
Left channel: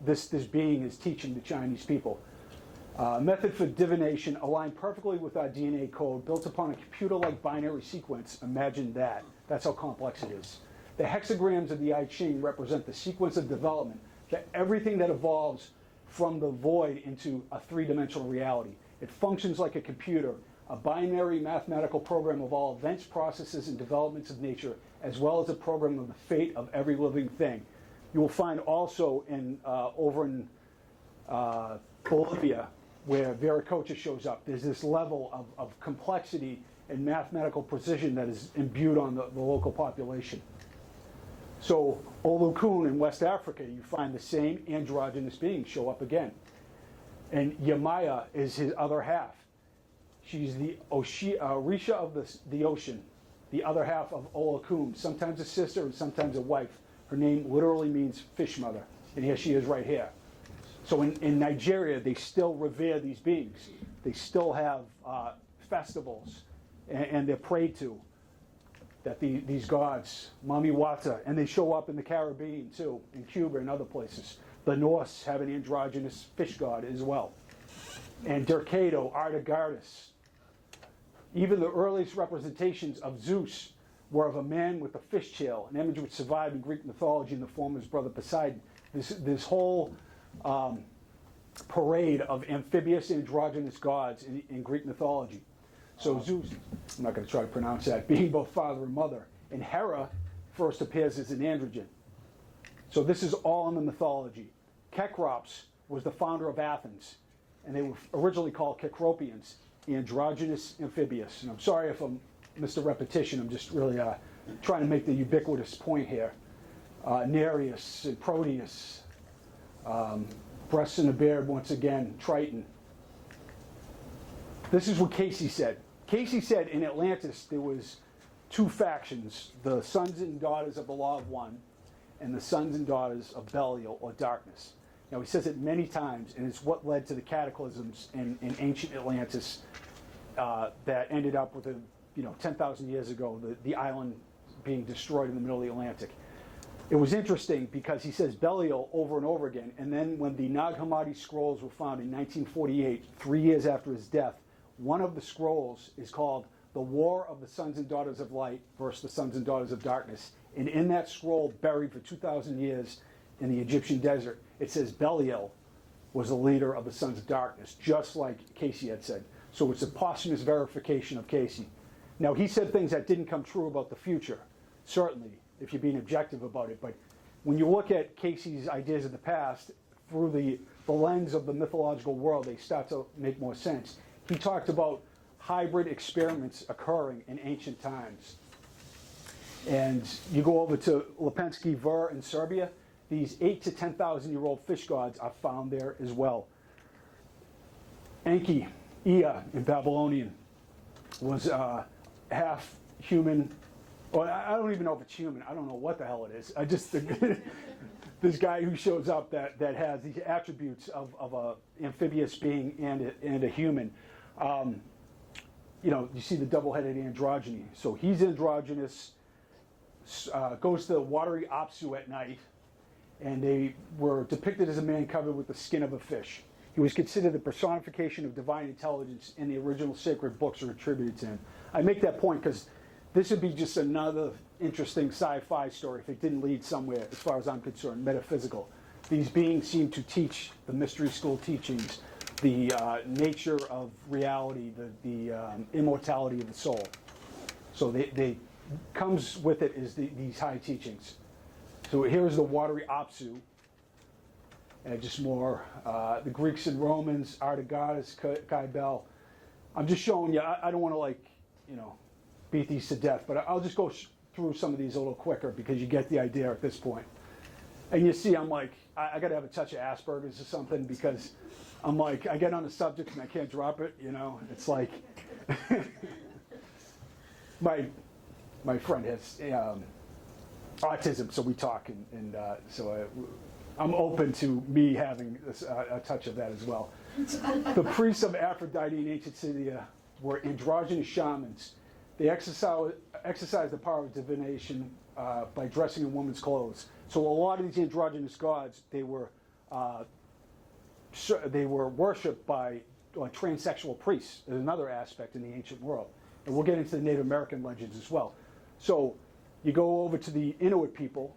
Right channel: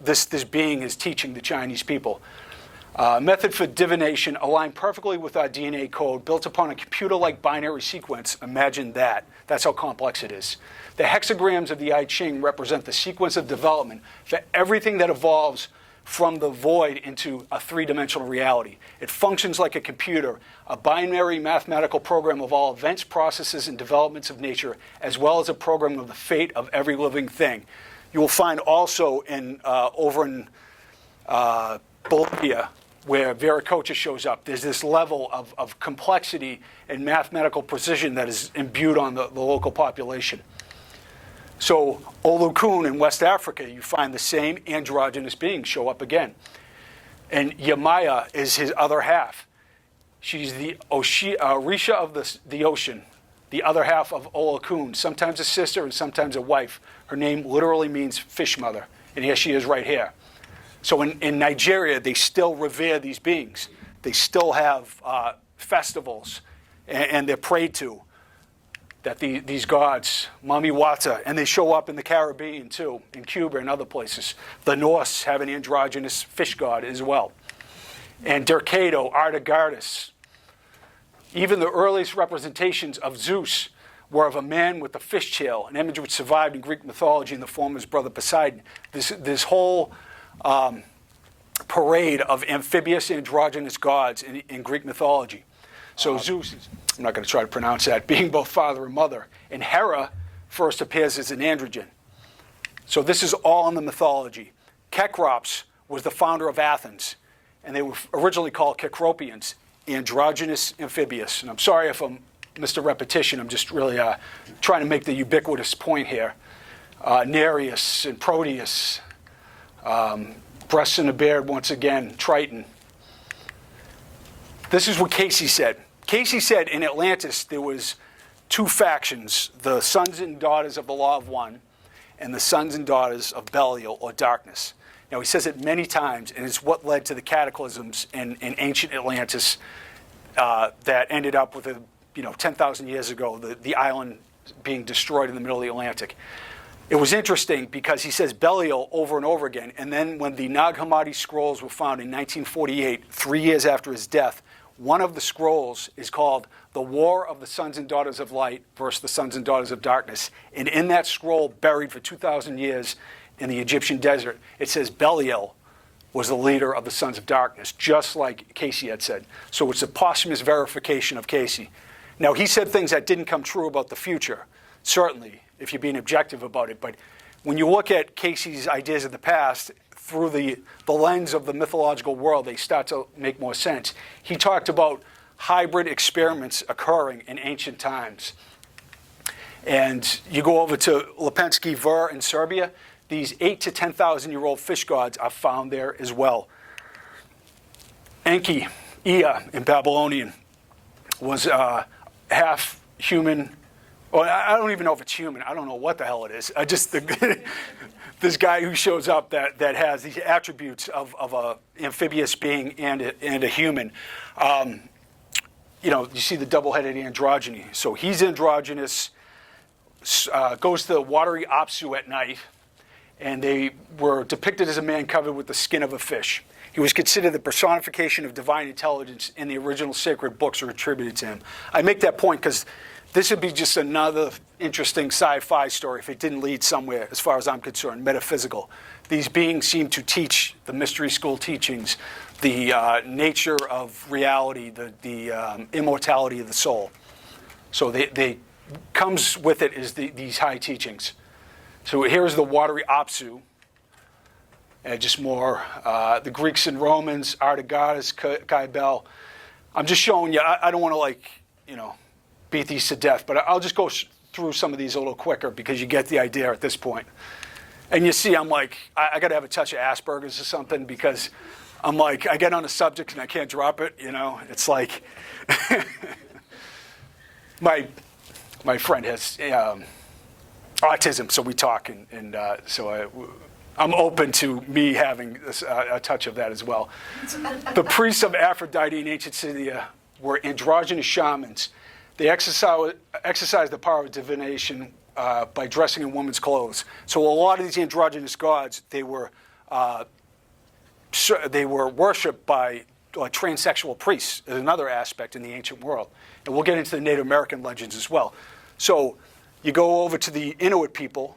this being is teaching the Chinese people. Method for divination aligned perfectly with our DNA code, built upon a computer-like binary sequence. Imagine that. That's how complex it is. The hexagrams of the I Ching represent the sequence of development for everything that evolves from the void into a three-dimensional reality. It functions like a computer, a binary mathematical program of all events, processes, and developments of nature, as well as a program of the fate of every living thing. You will find also over in Bolivia, where Vieira shows up, there's this level of complexity and mathematical precision that is imbued on the local population. So Olokun in West Africa, you find the same androgynous beings show up again. And Yamaya is his other half. She's the Orisha of the ocean, the other half of Olokun, sometimes a sister and sometimes a wife. Her name literally means fish mother, and here she is right here. So in Nigeria, they still revere these beings. They still have festivals, and they're prayed to. that these gods, Mami Wata, and they show up in the Caribbean too, in Cuba and other places. The Norse have an androgynous fish god as well. And Dercato, Artagardas. Even the earliest representations of Zeus were of a man with a fish tail, an image which survived in Greek mythology in the form of his brother Poseidon. This whole parade of amphibious androgynous gods in Greek mythology. So Zeus, I'm not going to try to pronounce that, being both father and mother. And Hera first appears as an androgen. So this is all in the mythology. Kekrops was the founder of Athens, and they were originally called Kekropians, androgynous amphibious. And I'm sorry if I'm Mr. Repetition, I'm just really trying to make the ubiquitous point here. Nereus and Proteus, breasts in a beard once again, Triton. This is what Cayce said. Cayce said in Atlantis there was two factions, the sons and daughters of the Law of One and the sons and daughters of Belial, or darkness. Now, he says it many times, and it's what led to the cataclysms in ancient Atlantis that ended up with, 10,000 years ago, the island being destroyed in the middle of the Atlantic. It was interesting because he says Belial over and over again, and then when the Nag Hammadi scrolls were found in 1948, 3 years after his death, one of the scrolls is called The War of the Sons and Daughters of Light versus the Sons and Daughters of Darkness. And in that scroll, buried for 2,000 years in the Egyptian desert, it says Belial was the leader of the Sons of Darkness, just like Cayce had said. So it's a posthumous verification of Cayce. Now, he said things that didn't come true about the future, certainly, if you're being objective about it. But when you look at Cayce's ideas of the past, through the lens of the mythological world, they start to make more sense. He talked about hybrid experiments occurring in ancient times. And you go over to Lepenski Vir in Serbia, these 8,000 to 10,000-year-old fish gods are found there as well. Enki, Ea in Babylonian, was half human. Well, I don't even know if it's human. I don't know what the hell it is. This guy who shows up that has these attributes of a amphibious being and a human. You see the double-headed androgyny. So he's androgynous, goes to the watery Apsu at night, and they were depicted as a man covered with the skin of a fish. He was considered the personification of divine intelligence, and the original sacred books are attributed to him. I make that point because this would be just another interesting sci-fi story if it didn't lead somewhere, as far as I'm concerned, metaphysical. These beings seem to teach the mystery school teachings, the nature of reality, the immortality of the soul. So they comes with it is these high teachings. So here's the watery Apsu, and just more the Greeks and Romans, Artagardas, Cybele. I'm just showing you. I don't want to beat these to death, but I'll just go through some of these a little quicker because you get the idea at this point. And you see, I'm like, I got to have a touch of Asperger's or something because I'm like, I get on a subject and I can't drop it. It's like my friend has autism, so we talk, and so I'm open to me having a touch of that as well. The priests of Aphrodite in ancient Scythia were androgynous shamans. They exercised the power of divination by dressing in women's clothes. So a lot of these androgynous gods, they were worshipped by transsexual priests, is another aspect in the ancient world. And we'll get into the Native American legends as well. So you go over to the Inuit people,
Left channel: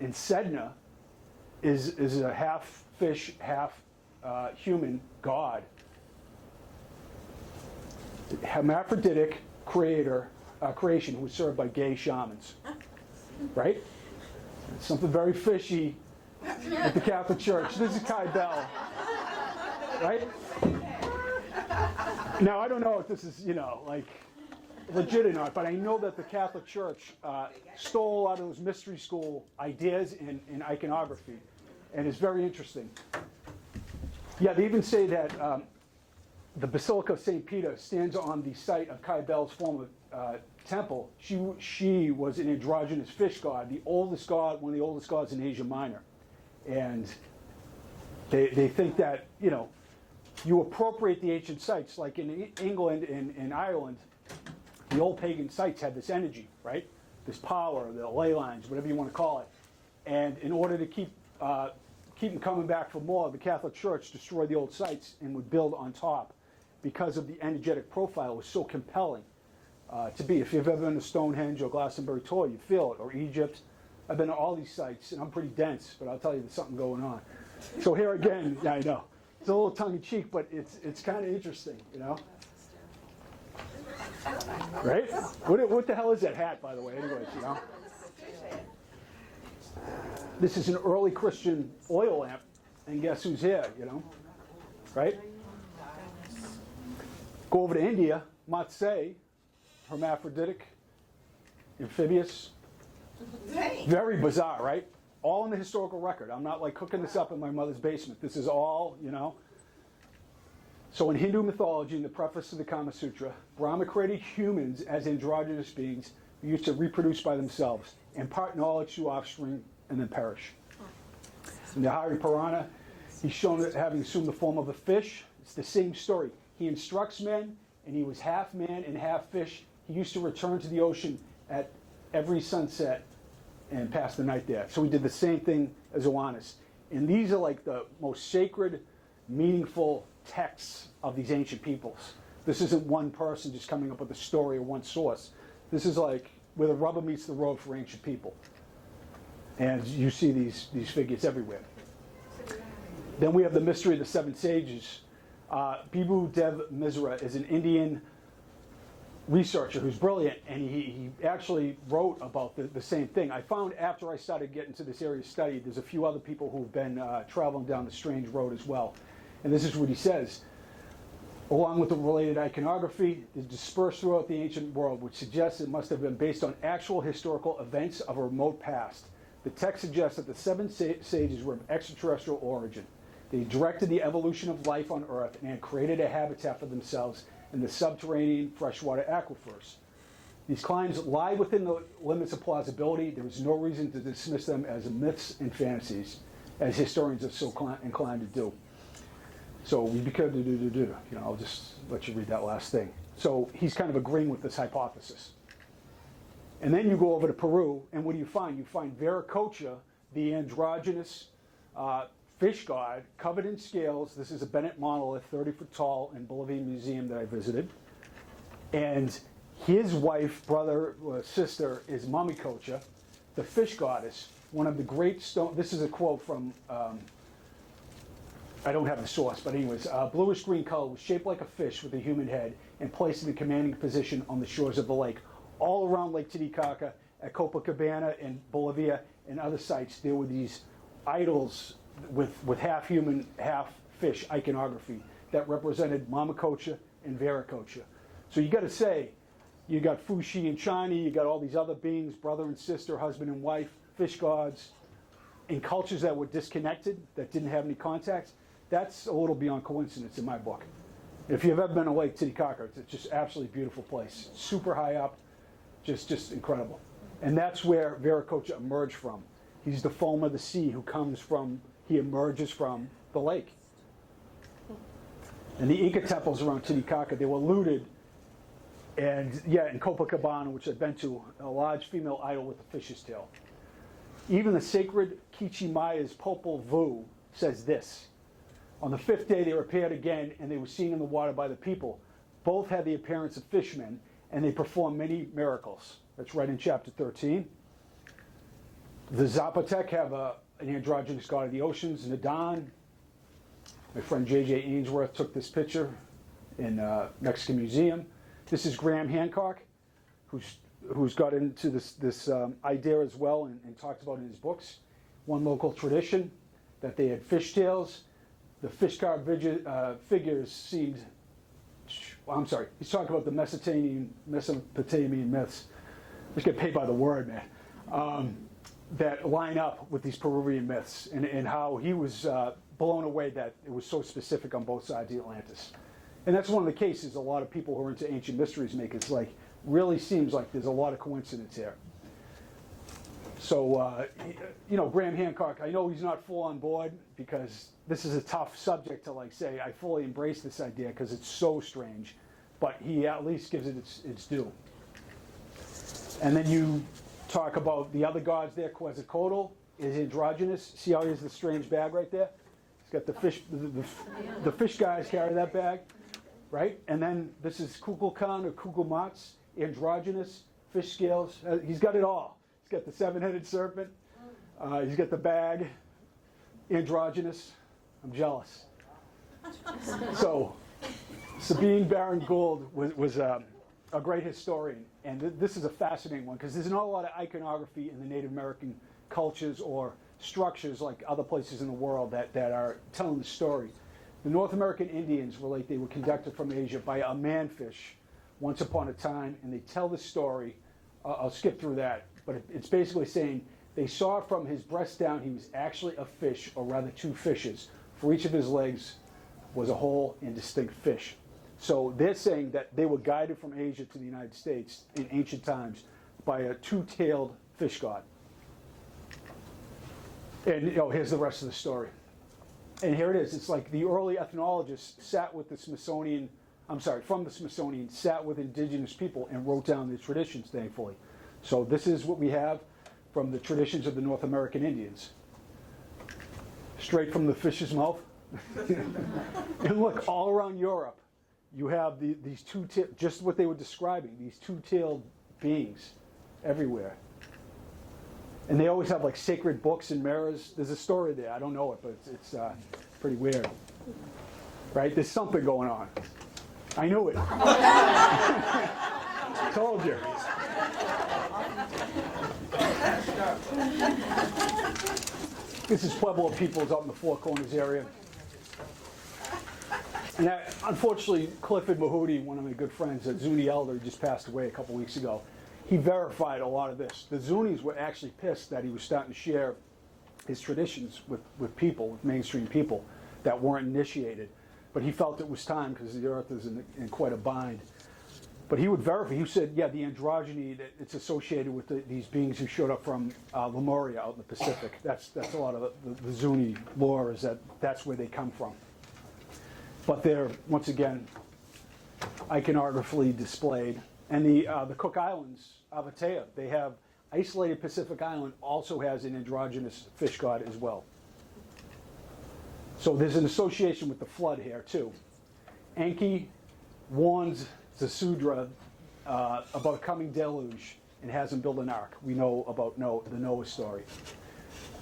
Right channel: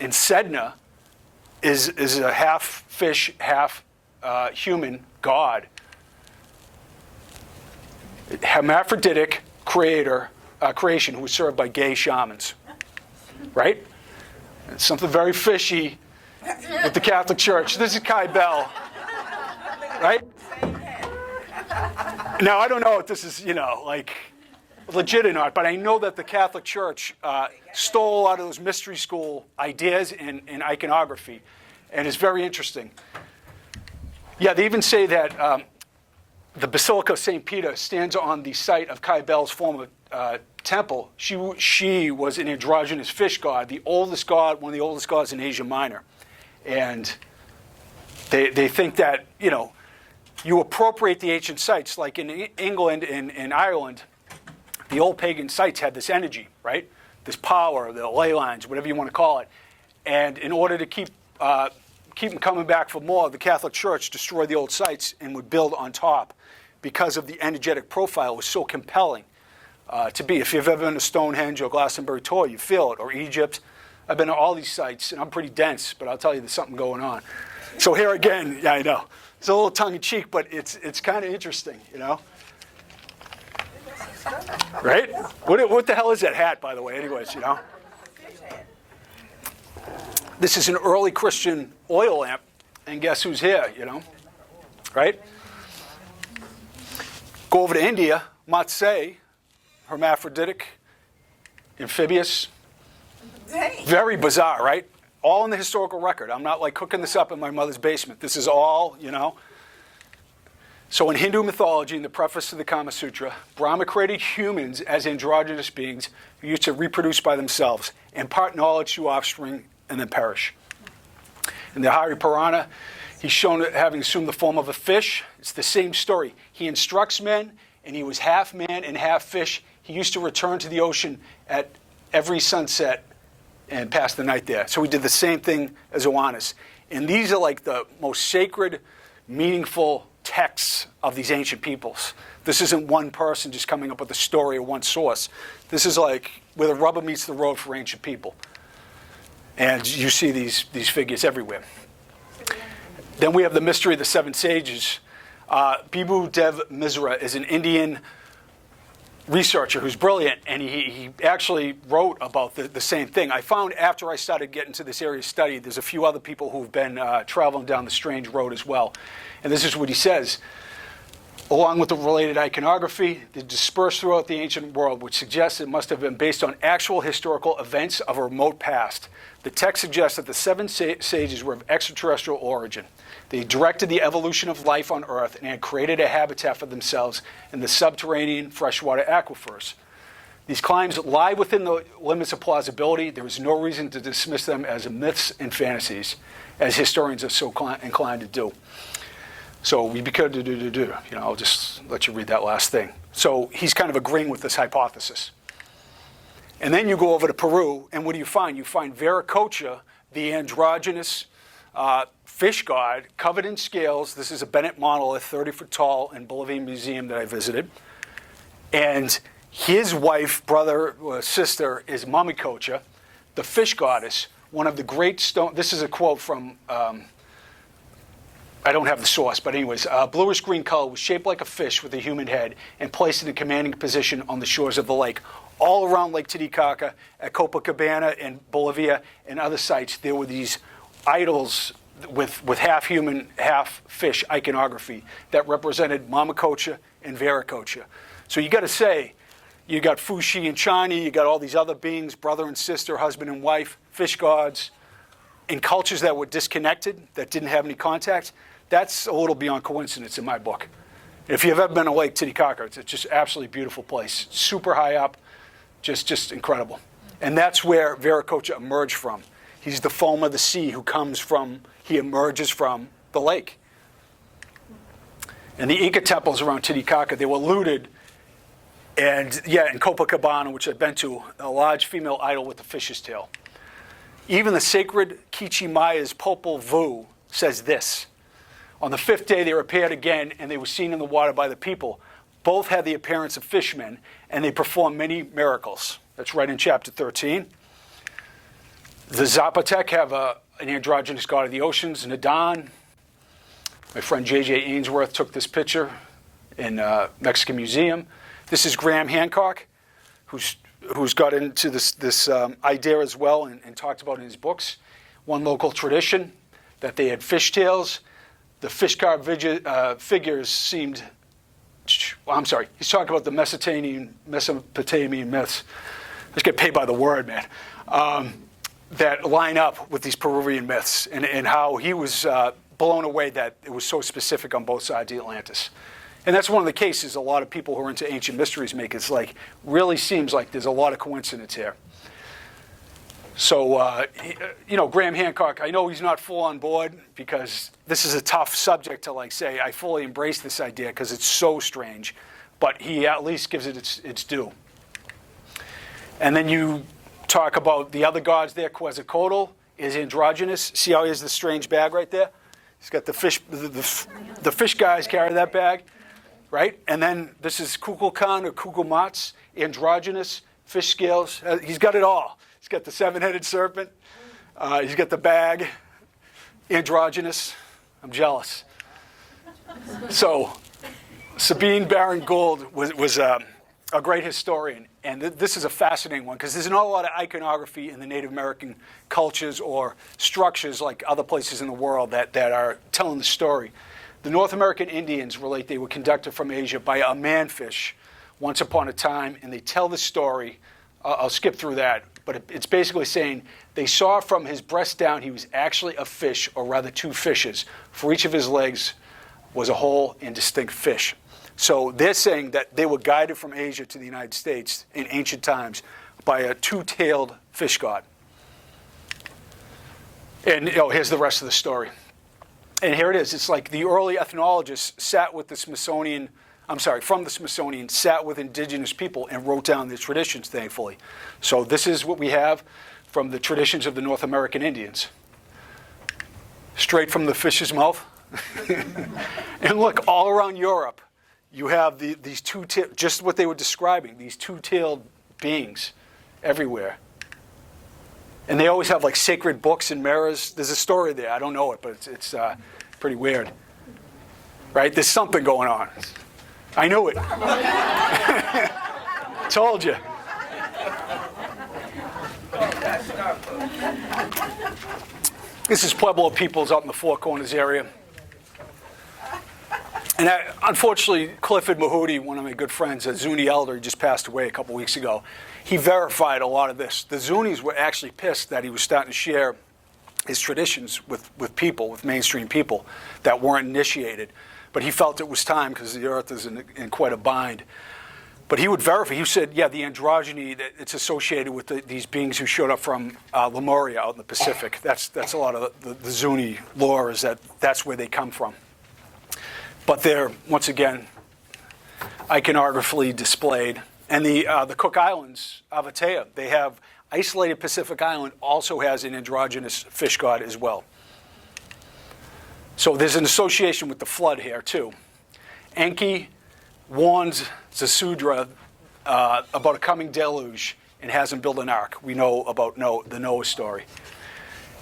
and Sedna is a half fish, half human god. Hermaphroditic creation who was served by gay shamans, right? It's something very fishy with the Catholic Church. This is Cybele, right? Now, I don't know if this is, legit or not, but I know that the Catholic Church stole a lot of those mystery school ideas in iconography, and it's very interesting. Yeah, they even say that the Basilica of St. Peter stands on the site of Cybele's former temple. She was an androgynous fish god, one of the oldest gods in Asia Minor. And they think that, you appropriate the ancient sites, like in England and Ireland, the old pagan sites had this energy, right? This power, the ley lines, whatever you want to call it. And in order to keep them coming back for more, the Catholic Church destroyed the old sites and would build on top because of the energetic profile. It was so compelling to be. If you've ever been to Stonehenge or Glastonbury Tor, you feel it, or Egypt. I've been to all these sites, and I'm pretty dense, but I'll tell you there's something going on. So here again, yeah, I know. It's a little tongue-in-cheek, but it's kind of interesting, you know? Right? What the hell is that hat, by the way, anyways, you know? This is an early Christian oil lamp, and guess who's here, you know? Right? Go over to India, Matsei, hermaphroditic, amphibious. Very bizarre, right? All in the historical record. I'm not like cooking this up in my mother's basement. This is all, you know. So in Hindu mythology, in the preface to the Kama Sutra, Brahma created humans as androgynous beings who used to reproduce by themselves, impart knowledge to offspring, and then perish. In the Hari Purana, he's shown having assumed the form of a fish. It's the same story. He instructs men, and he was half man and half fish. He used to return to the ocean at every sunset and pass the night there. So we did the same thing as Oannes. And these are like the most sacred, meaningful texts of these ancient peoples. This isn't one person just coming up with a story or one source. This is like where the rubber meets the road for ancient people. And you see these figures everywhere. Then we have the mystery of the seven sages. Bibhu Dev Misra is an Indian researcher who's brilliant, and he actually wrote about the same thing. I found after I started getting to this area of study, there's a few other people who've been traveling down the strange road as well. And this is what he says. Along with the related iconography, they're dispersed throughout the ancient world, which suggests it must have been based on actual historical events of a remote past. The text suggests that the seven sages were of extraterrestrial origin. They directed the evolution of life on Earth and had created a habitat for themselves in the subterranean freshwater aquifers. These claims lie within the limits of plausibility. There is no reason to dismiss them as myths and fantasies, as historians are so inclined to do. So we could you know, I'll just let you read that last thing. So he's kind of agreeing with this hypothesis. And then you go over to Peru, and what do you find? You find Viracocha, the androgynous fish god, covered in scales. This is a Bennett monolith, 30 foot tall, in Bolivian Museum that I visited. And his wife, brother, or sister is Mamicocha, the fish goddess, one of the great stone. This is a quote from, I don't have the source, but anyways, bluish green color, was shaped like a fish with a human head and placed in a commanding position on the shores of the lake. All around Lake Titicaca, at Copacabana in Bolivia and other sites, there were these idols with half human, half fish iconography that represented Mamicocha and Viracocha. So you got to say, you got Fuxi and Chani, you got all these other beings, brother and sister, husband and wife, fish gods, in cultures that were disconnected, that didn't have any contact. That's a little beyond coincidence in my book. If you've ever been to Lake Titicaca, it's just absolutely beautiful place, super high up, just incredible. And that's where Viracocha emerged from. He's the foam of the sea who comes from, he emerges from the lake. And the Inca temples around Titicaca, they were looted. And yeah, in Copacabana, which I've been to, a large female idol with a fish's tail. Even the sacred Kichi Maya's Popol Vuh says this. On the fifth day, they appeared again, and they were seen in the water by the people. Both had the appearance of fishmen, and they performed many miracles. That's right in chapter 13. The Zapotec have an androgynous god of the oceans, Nadan. My friend J.J. Ainsworth took this picture in Mexican Museum. This is Graham Hancock, who's got into this idea as well and talked about in his books. One local tradition, that they had fishtails. The fish carved figures seemed, I'm sorry, he's talking about the Mesopotamian myths. Let's get paid by the word, man. That line up with these Peruvian myths and how he was blown away that it was so specific on both sides of Atlantis. And that's one of the cases a lot of people who are into ancient mysteries make. It's like, really seems like there's a lot of coincidence here. So, you know, Graham Hancock, I know he's not full on board because this is a tough subject to like say, I fully embrace this idea because it's so strange, but he at least gives it its due. And then you talk about the other gods there. Quetzalcoatl is androgynous. See how he has the strange bag right there? He's got the fish. The fish guys carry that bag, right? And then this is Kukulkan or Kukulmats, androgynous, fish scales. He's got it all. He's got the seven-headed serpent. He's got the bag, androgynous. I'm jealous. So Sabine Baron Gould was a great historian. And this is a fascinating one because there's not a lot of iconography in the Native American cultures or structures like other places in the world that are telling the story. The North American Indians relate they were conducted from Asia by a manfish once upon a time, and they tell the story. I'll skip through that, but it's basically saying they saw from his breast down he was actually a fish, or rather two fishes. For each of his legs was a whole and distinct fish. So they're saying that they were guided from Asia to the United States in ancient times by a two-tailed fish god. And here's the rest of the story. And here it is. It's like the early ethnologists sat with the Smithsonian, from the Smithsonian, sat with indigenous people and wrote down their traditions, thankfully. So this is what we have from the traditions of the North American Indians. Straight from the fish's mouth. And look, all around Europe, you have these just what they were describing, these two-tailed beings everywhere. And they always have like sacred books and mirrors. There's a story there. I don't know it, but it's pretty weird. Right? There's something going on. I knew it. Told you. This is Pueblo peoples out in the Four Corners area. And unfortunately, Clifford Mahooty, one of my good friends, a Zuni elder, he just passed away a couple weeks ago. He verified a lot of this. The Zunis were actually pissed that he was starting to share his traditions with people, with mainstream people that weren't initiated. But he felt it was time because the earth is in quite a bind. But he would verify. He said, yeah, the androgyny, that it's associated with these beings who showed up from Lemuria out in the Pacific. That's a lot of the Zuni lore, is that's where they come from. But they're, once again, iconographically displayed. And the Cook Islands, Avatea, they have isolated Pacific Island, also has an androgynous fish god as well. So there's an association with the flood here, too. Enki warns Zasudra about a coming deluge and has him build an ark. We know about the Noah story.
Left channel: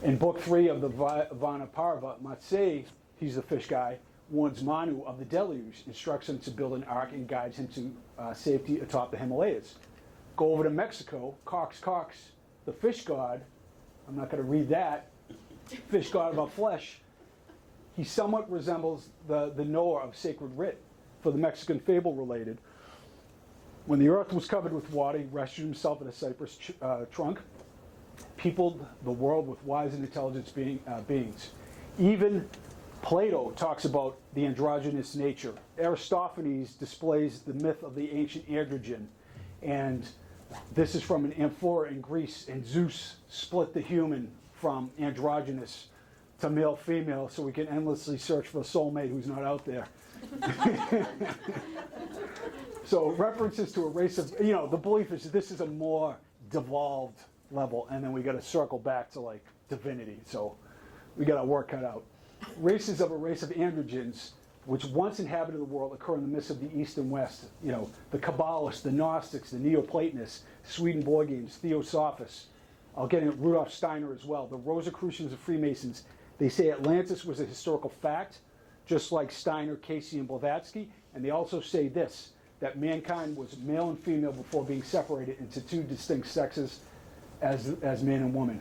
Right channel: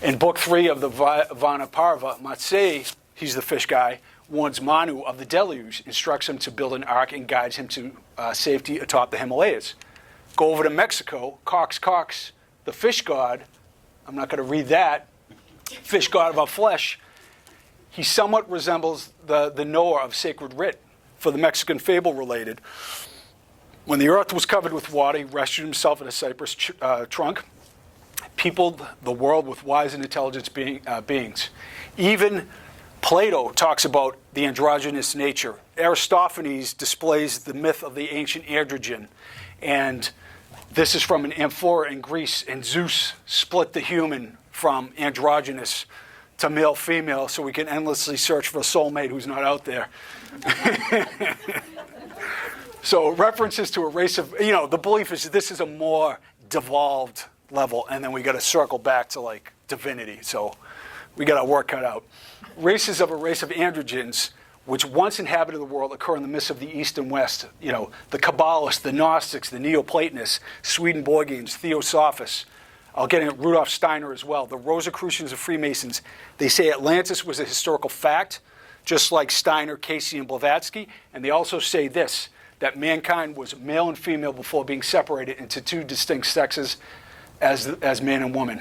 In Book 3 of the Vanaparva, Matsei, he's the fish guy, warns Manu of the deluge, instructs him to build an ark, and guides him to safety atop the Himalayas. Go over to Mexico, Cox, the fish god, I'm not going to read that, fish god of our flesh, he somewhat resembles the Noah of sacred writ. For the Mexican fable related, when the earth was covered with water, he rescued himself in a cypress trunk, peopled the world with wise and intelligent beings. Even Plato talks about the androgynous nature. Aristophanes displays the myth of the ancient androgen. And this is from an amphora in Greece. And Zeus split the human from androgynous to male-female so we can endlessly search for a soulmate who's not out there. So references to a race of, the belief is this is a more devolved level. And then we got to circle back to like divinity. So we got our work cut out. Races of a race of androgens, which once inhabited the world, occur in the midst of the East and West. The Kabbalists, the Gnostics, the Neoplatonists, Swedenborgians, Theosophists. I'll get into Rudolf Steiner as well. The Rosicrucians of Freemasons, they say Atlantis was a historical fact, just like Steiner, Cayce, and Blavatsky. And they also say this, that mankind was male and female before being separated into two distinct sexes as man and woman.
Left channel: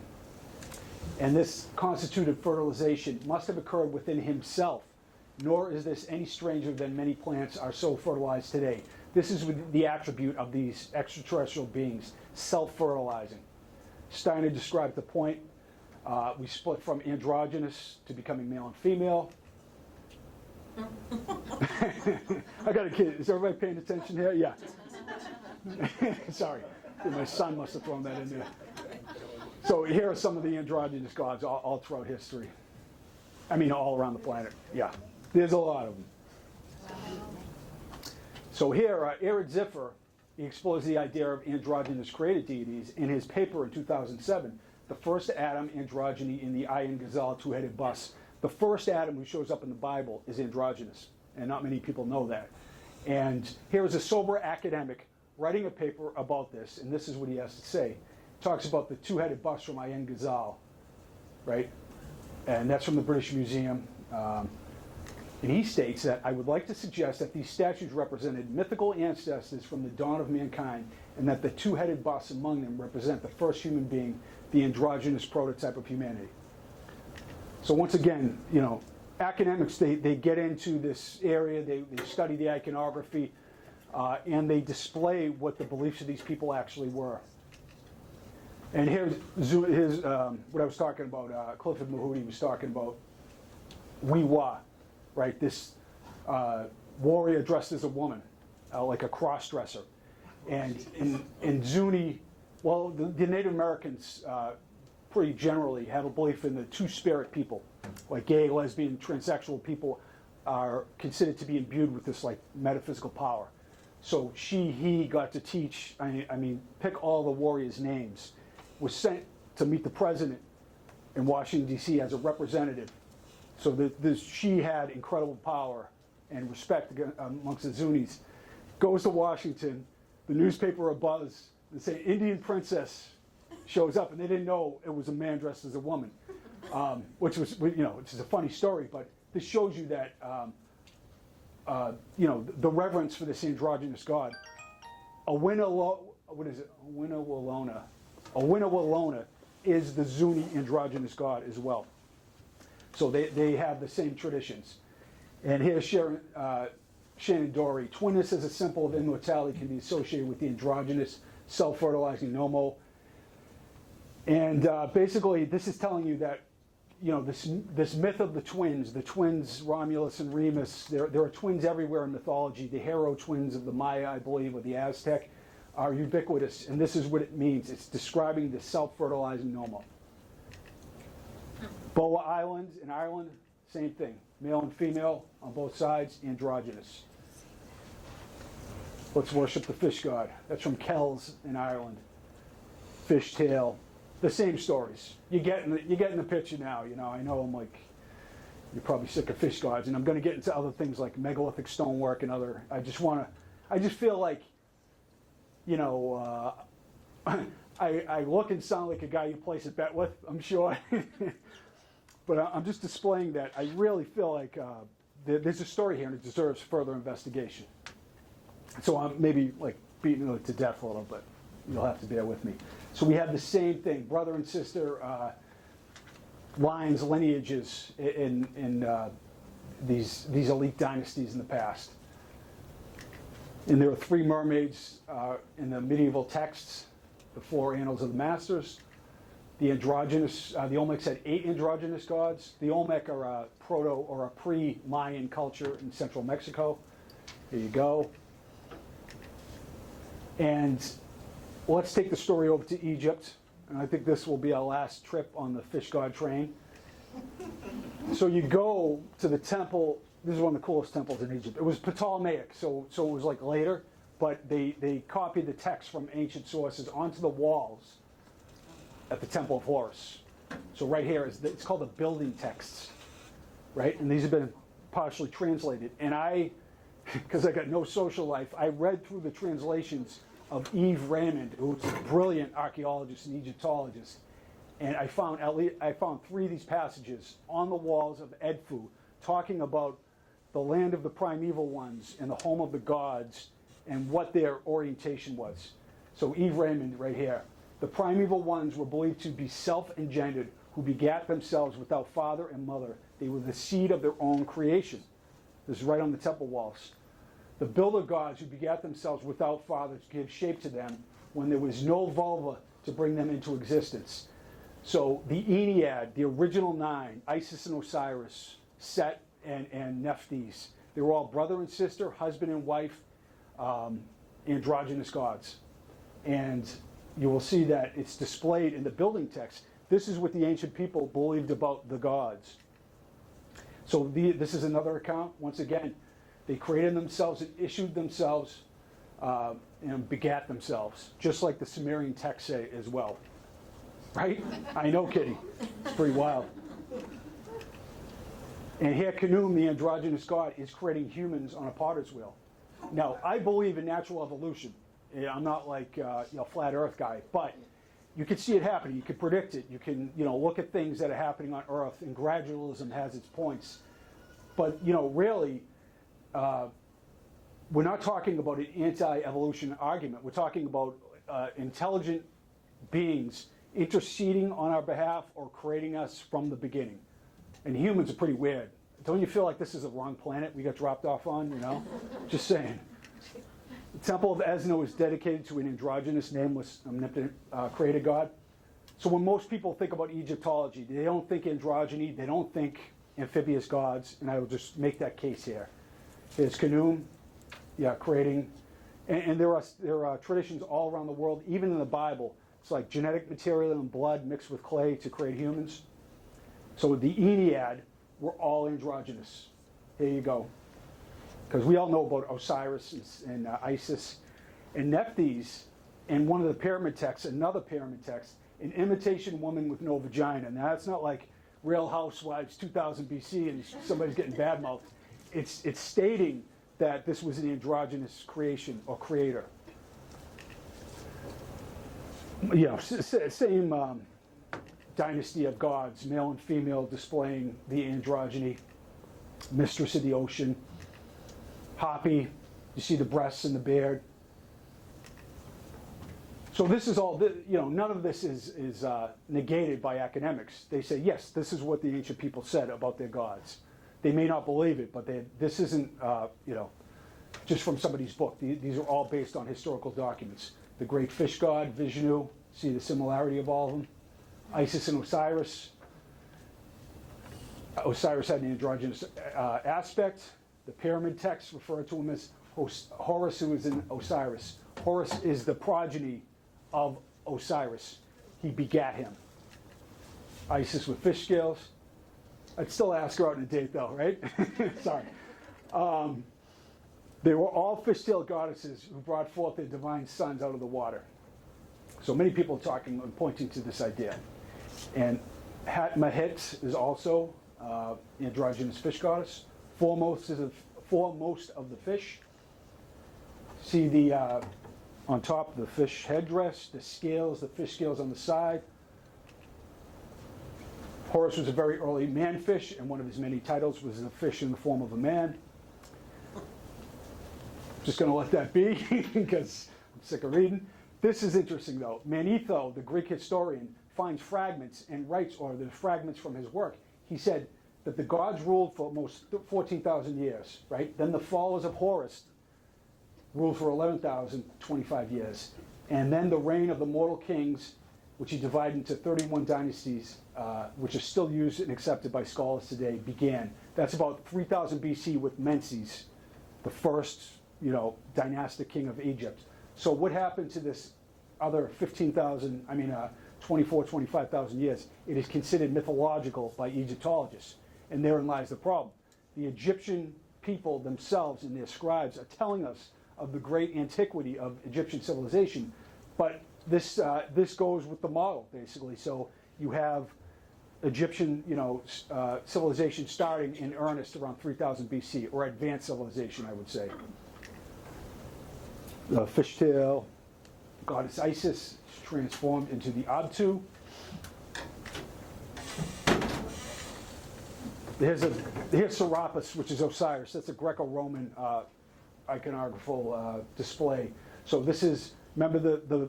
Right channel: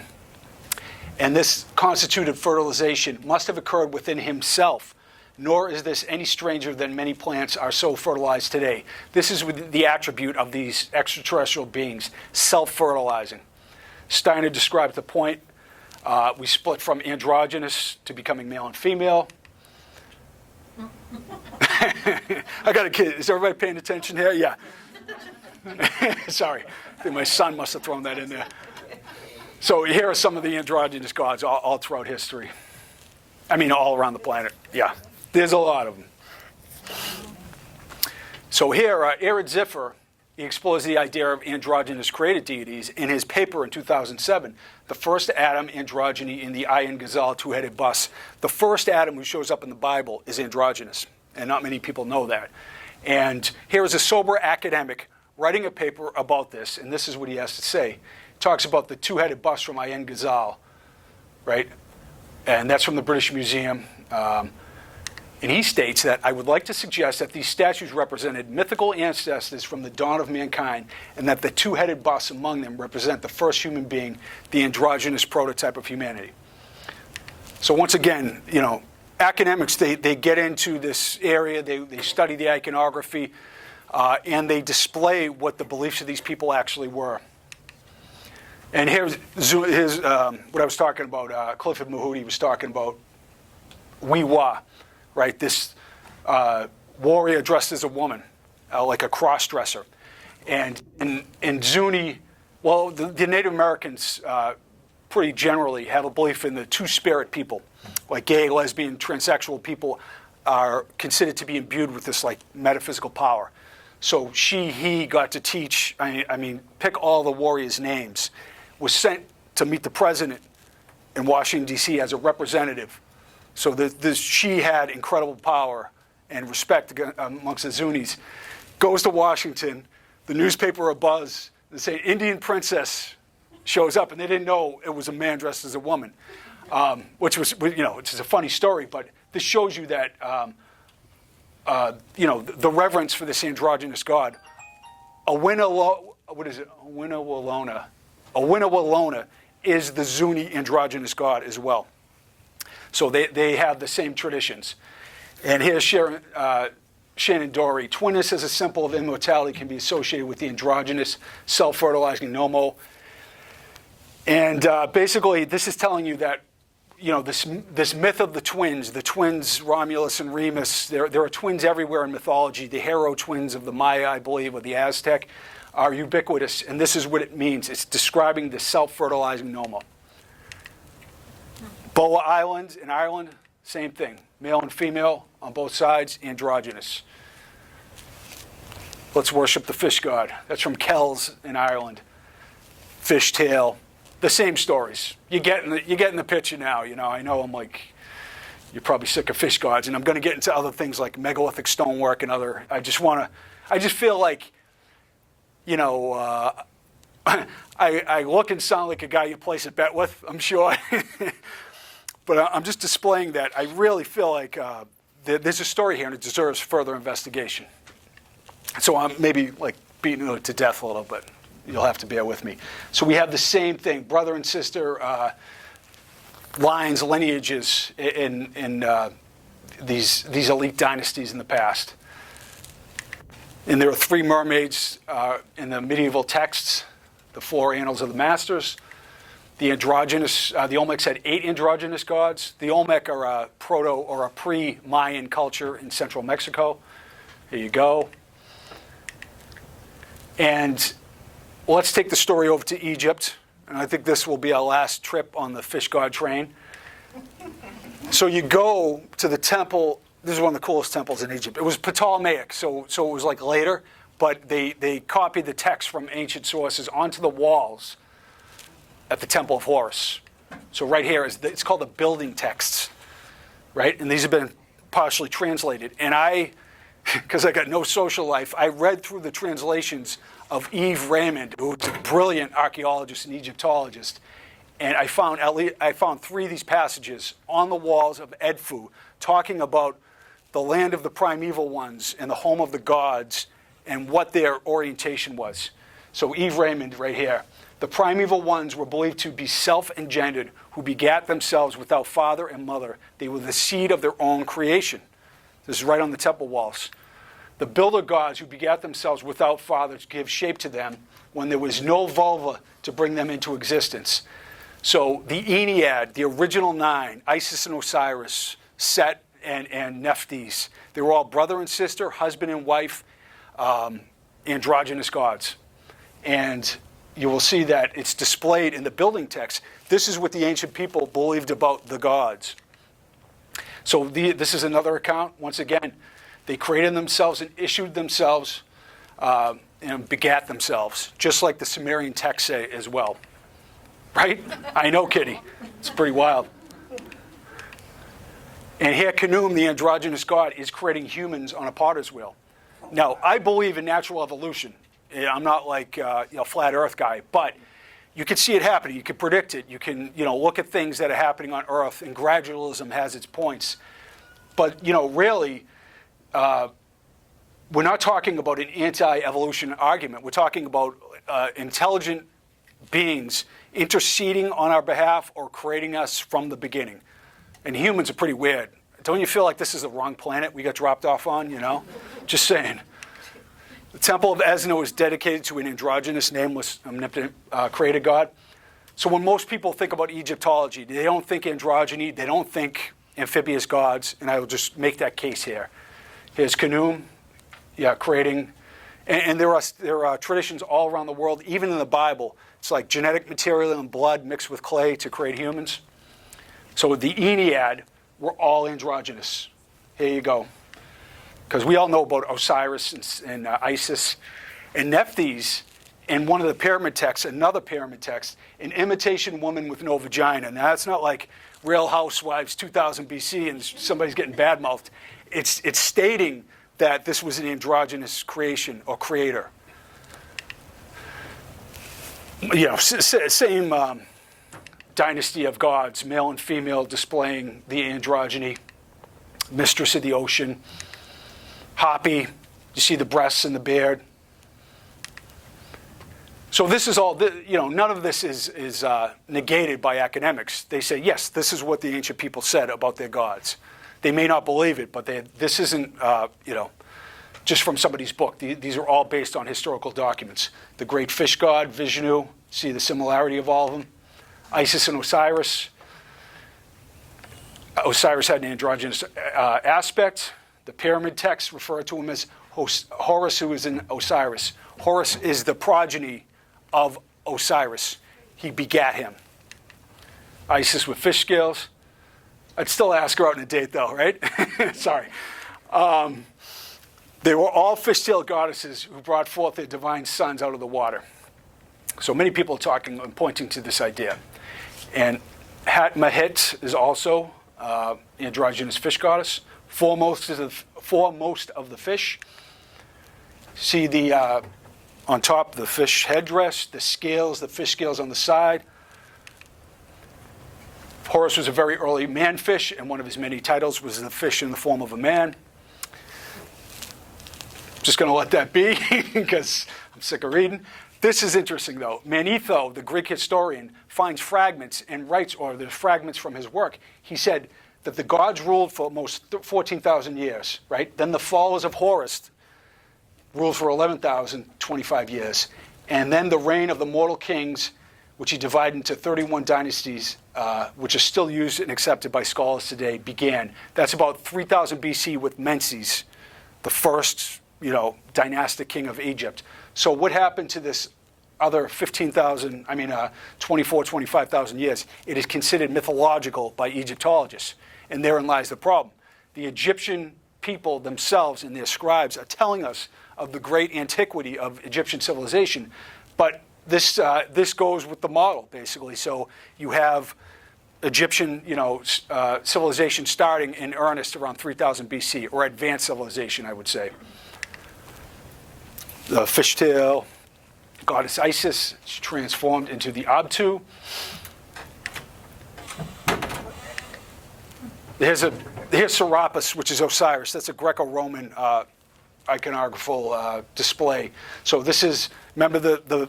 And this constituted fertilization must have occurred within himself, nor is this any stranger than many plants are so fertilized today. This is the attribute of these extraterrestrial beings, self-fertilizing. Steiner described the point. We split from androgynous to becoming male and female. I got a kid. Is everybody paying attention here? Yeah. Sorry. I think my son must have thrown that in there. So here are some of the androgynous gods all throughout history. I mean, all around the planet. Yeah. There's a lot of them. So here, Ered Ziffer he explores the idea of androgynous created deities in his paper in 2007, The First Adam, Androgyny in the Iron Gazelle Two-Headed Bus. The first Adam who shows up in the Bible is androgynous, and not many people know that. And here is a sober academic writing a paper about this, and this is what he has to say. He talks about the two-headed bust from Iron Gazelle, right? And that's from the British Museum. And he states that, I would like to suggest that these statues represented mythical ancestors from the dawn of mankind, and that the two-headed busts among them represent the first human being, the androgynous prototype of humanity. So once again, you know, academics, they get into this area, they study the iconography, and they display what the beliefs of these people actually were. And here's what I was talking about. Clifford Mahudi was talking about Wee-Wah, right? This warrior dressed as a woman, like a cross-dresser. And in Zuni, well, the Native Americans pretty generally have a belief in the two-spirit people. Like gay, lesbian, transsexual people are considered to be imbued with this like metaphysical power. So he got to teach, I mean, pick all the warriors' names, was sent to meet the president in Washington, D.C. as a representative. So she had incredible power and respect amongst the Zunis. Goes to Washington, the newspaper abuzz, they say Indian princess shows up, and they didn't know it was a man dressed as a woman, which was, you know, it's a funny story, but this shows you that, you know, the reverence for this androgynous god. Awinawalona is the Zuni androgynous god as well. So they have the same traditions. And here's Shannon Dory. Twinness as a symbol of immortality can be associated with the androgynous, self-fertilizing Nomo. And basically, this is telling you that, you know, this myth of the twins Romulus and Remus, there are twins everywhere in mythology. The hero twins of the Maya, I believe, or the Aztec, are ubiquitous. And this is what it means. It's describing the self-fertilizing Nomo. Boa Island in Ireland, same thing. Male and female on both sides, androgynous. Let's worship the fish god. That's from Kells in Ireland. Fishtail. The same stories. You're getting the picture now. You know, I know I'm like, you're probably sick of fish gods, and I'm going to get into other things like megalithic stonework and other. I just feel like, you know, I look and sound like a guy you place a bet with, I'm sure. But I'm just displaying that I really feel like there's a story here and it deserves further investigation. So I'm maybe like beating it to death a little bit. You'll have to bear with me. So we have the same thing, brother and sister lines, lineages in these elite dynasties in the past. And there are 3 mermaids in the medieval texts, the 4 annals of the masters. The androgynous, the Olmecs had 8 androgynous gods. The Olmec are a proto or a pre-Mayan culture in central Mexico. Here you go. And let's take the story over to Egypt. And I think this will be our last trip on the fish god train. So you go to the temple. This is one of the coolest temples in Egypt. It was Ptolemaic, so it was like later, but they copied the text from ancient sources onto the walls at the Temple of Horus. So right here, it's called the building texts, right? And these have been partially translated. And because I got no social life, I read through the translations of Yves Raymond, who's a brilliant archaeologist and Egyptologist. And I found 3 of these passages on the walls of Edfu talking about the land of the primeval ones and the home of the gods and what their orientation was. So Yves Raymond right here. The primeval ones were believed to be self-engendered, who begat themselves without father and mother. They were the seed of their own creation. This is right on the temple walls. The builder gods who begat themselves without father to give shape to them when there was no vulva to bring them into existence. So the Ennead, the original 9, Isis and Osiris, Set and Nephthys, they were all brother and sister, husband and wife, androgynous gods. And you will see that it's displayed in the building text. This is what the ancient people believed about the gods. So this is another account. Once again, they created themselves and issued themselves and begat themselves, just like the Sumerian texts say as well. Right? I know, Kitty. It's pretty wild. And here Khnum, the androgynous god, is creating humans on a potter's wheel. Now, I believe in natural evolution. I'm not like flat Earth guy, but you can see it happening. You can predict it. You can look at things that are happening on Earth, and gradualism has its points. But really, we're not talking about an anti-evolution argument. We're talking about intelligent beings interceding on our behalf or creating us from the beginning. And humans are pretty weird. Don't you feel like this is the wrong planet we got dropped off on, Just saying. The Temple of Esna is dedicated to an androgynous, nameless, omnipotent creator god. So when most people think about Egyptology, they don't think androgyny, they don't think amphibious gods, and I will just make that case here. Here's Khnum, creating, and there are traditions all around the world, even in the Bible. It's like genetic material and blood mixed with clay to create humans. So the Ennead were all androgynous. Here you go. Because we all know about Osiris and Isis. And Nephthys, in one of the pyramid texts, another pyramid text, an imitation woman with no vagina. Now, that's not like Real Housewives 2000 BC and somebody's getting bad-mouthed. It's stating that this was an androgynous creation or creator. Same dynasty of gods, male and female, displaying the androgyny, mistress of the ocean. Hapi, you see the breasts and the beard. So this is all, none of this is negated by academics. They say, yes, this is what the ancient people said about their gods. They may not believe it, but this isn't, just from somebody's book. These are all based on historical documents. The great fish god, Vishnu, see the similarity of all of them. Isis and Osiris. Osiris had an androgynous aspect. The pyramid texts refer to him as Horus, who is in Osiris. Horus is the progeny of Osiris. He begat him. Isis with fish scales. I'd still ask her out on a date, though, right? Sorry. They were all fish-tailed goddesses who brought forth their divine sons out of the water. So many people are talking and pointing to this idea. And Hat-Mahet is also androgynous fish goddess. Foremost of the fish. See the on top the fish headdress, the scales, the fish scales on the side. Horus was a very early man-fish, and one of his many titles was the fish in the form of a man. Just going to let that be because I'm sick of reading. This is interesting, though. Manetho, the Greek historian, finds fragments and writes, or the fragments from his work. He said that the gods ruled for almost 14,000 years, right? Then the followers of Horus ruled for 11,025 years. And then the reign of the mortal kings, which he divided into 31 dynasties, which are still used and accepted by scholars today, began. That's about 3000 BC with Menses, the first, dynastic king of Egypt. So what happened to this other 25,000 years? It is considered mythological by Egyptologists. And therein lies the problem. The Egyptian people themselves and their scribes are telling us of the great antiquity of Egyptian civilization. But this goes with the model, basically. So you have Egyptian, civilization starting in earnest around 3000 BC, or advanced civilization, I would say. The fishtail goddess Isis is transformed into the Abtu. Here's Serapis, which is Osiris. That's a Greco-Roman iconographical display. So this is, remember the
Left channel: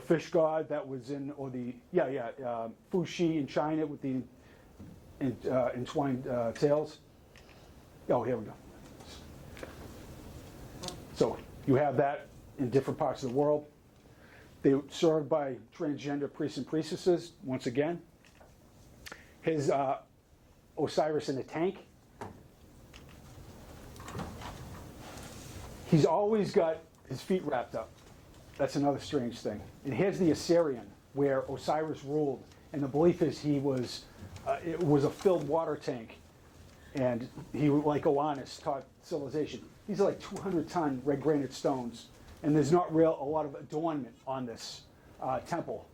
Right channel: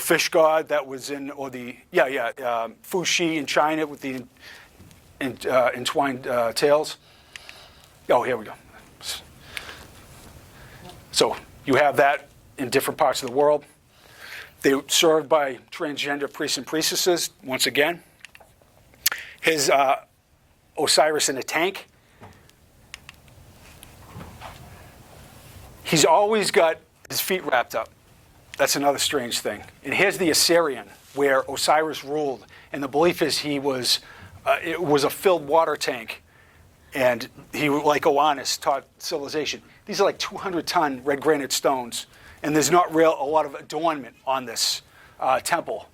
fish god that was in, or the Fuxi in China with the entwined tails. Oh, here we go. So you have that in different parts of the world. They were served by transgender priests and priestesses, once again. His Osiris in a tank. He's always got his feet wrapped up. That's another strange thing. And here's the Assyrian, where Osiris ruled. And the belief is it was a filled water tank. And he, like Oannes, taught civilization. These are like 200-ton red granite stones. And there's not a lot of adornment on this temple.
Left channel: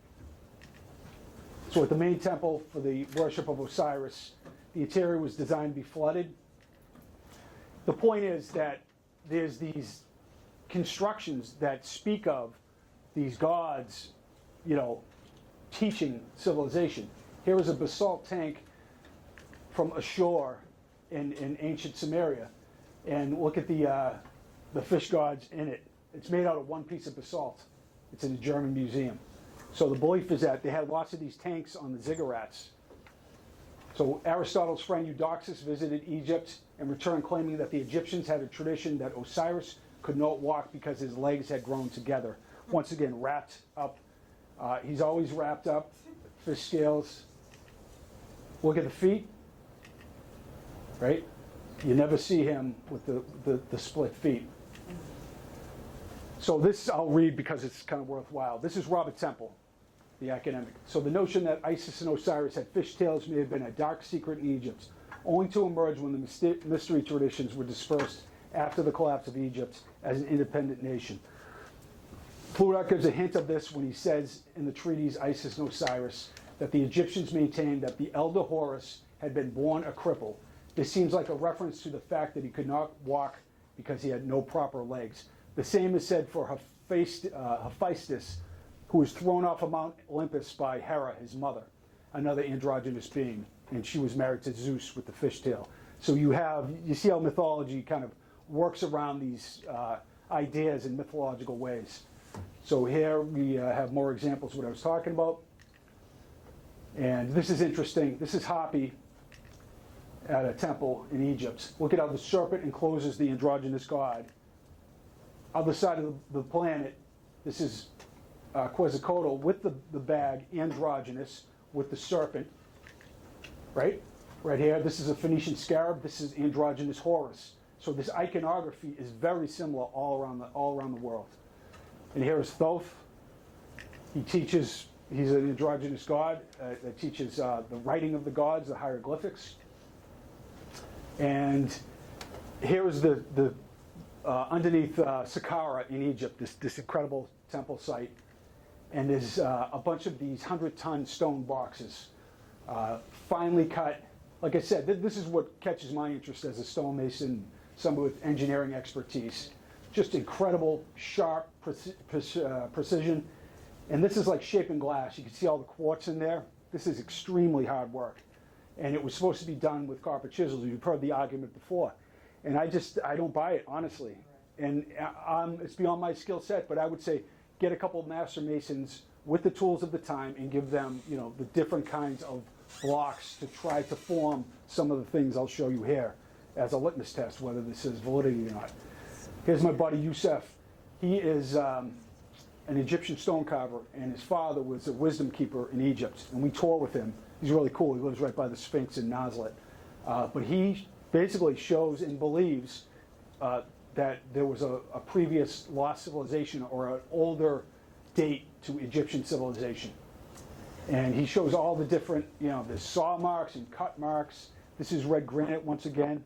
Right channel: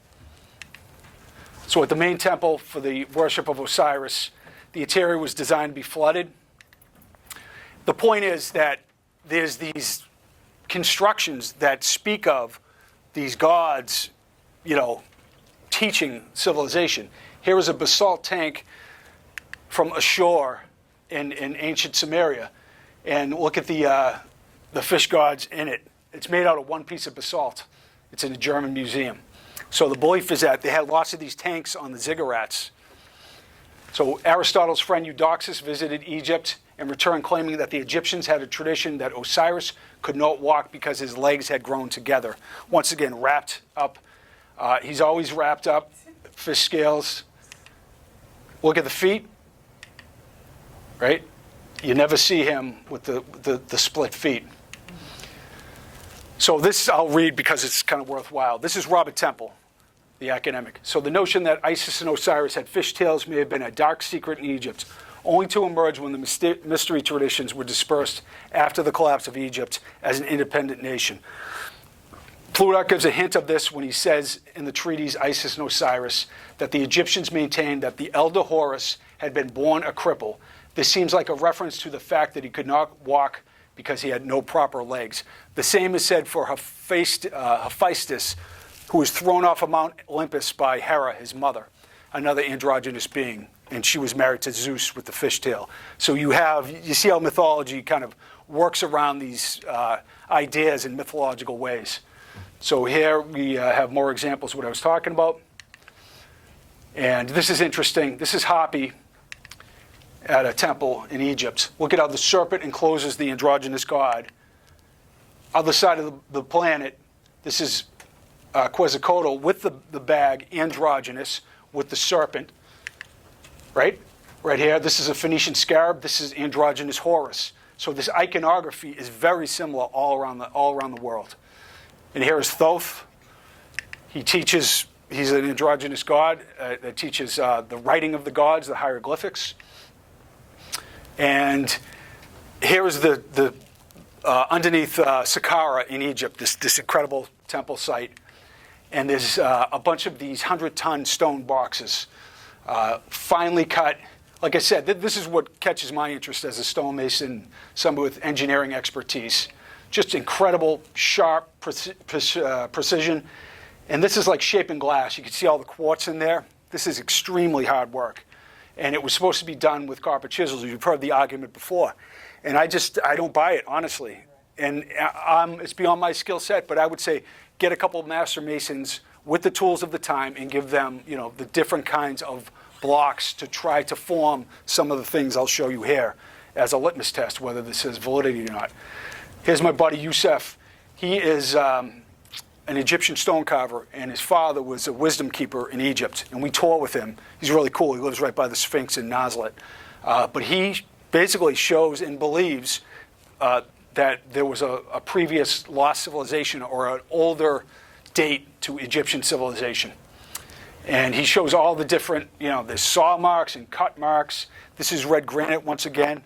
So at the main temple for the worship of Osiris, the interior was designed to be flooded. The point is that there's these constructions that speak of these gods, teaching civilization. Here is a basalt tank from ashore in ancient Sumeria, and look at the fish gods in it. It's made out of one piece of basalt. It's in a German museum. So the belief is that they had lots of these tanks on the ziggurats. So Aristotle's friend Eudoxus visited Egypt and returned claiming that the Egyptians had a tradition that Osiris could not walk because his legs had grown together. Once again, wrapped up. He's always wrapped up, fish scales. Look at the feet, right? You never see him with the split feet. So this I'll read because it's kind of worthwhile. This is Robert Temple, the academic. So the notion that Isis and Osiris had fishtails may have been a dark secret in Egypt, only to emerge when the mystery traditions were dispersed after the collapse of Egypt as an independent nation. Plutarch gives a hint of this when he says in the treatise Isis and Osiris that the Egyptians maintained that the elder Horus had been born a cripple. This seems like a reference to the fact that he could not walk because he had no proper legs. The same is said for Hephaestus, who was thrown off of Mount Olympus by Hera, his mother, another androgynous being, and she was married to Zeus with the fishtail. So you see how mythology kind of works around these ideas in mythological ways. So here we have more examples of what I was talking about. And this is interesting. This is Hapi at a temple in Egypt. Look at how the serpent encloses the androgynous god. Other side of the planet, this is Quetzalcoatl with the bag, androgynous, with the serpent. Right? Right here, this is a Phoenician scarab. This is androgynous Horus. So this iconography is very similar all around the world. And here is Thoth. He's an androgynous god that teaches the writing of the gods, the hieroglyphics. And here is the underneath Saqqara in Egypt, this incredible temple site. And there's a bunch of these 100-ton stone boxes, finely cut. Like I said, this is what catches my interest as a stonemason, someone with engineering expertise. Just incredible, sharp precision. And this is like shaping glass. You can see all the quartz in there. This is extremely hard work. And it was supposed to be done with copper chisels. You've heard the argument before. And I don't buy it, honestly. And it's beyond my skill set, but I would say get a couple of master masons with the tools of the time and give them, the different kinds of blocks to try to form some of the things I'll show you here as a litmus test, whether this has validity or not. Here's my buddy Yusef. He is an Egyptian stone carver, and his father was a wisdom keeper in Egypt. And we tour with him. He's really cool. He lives right by the Sphinx in Nazareth. But he basically shows and believes that there was a previous lost civilization or an older date to Egyptian civilization. And he shows all the different, there's saw marks and cut marks. This is red granite once again.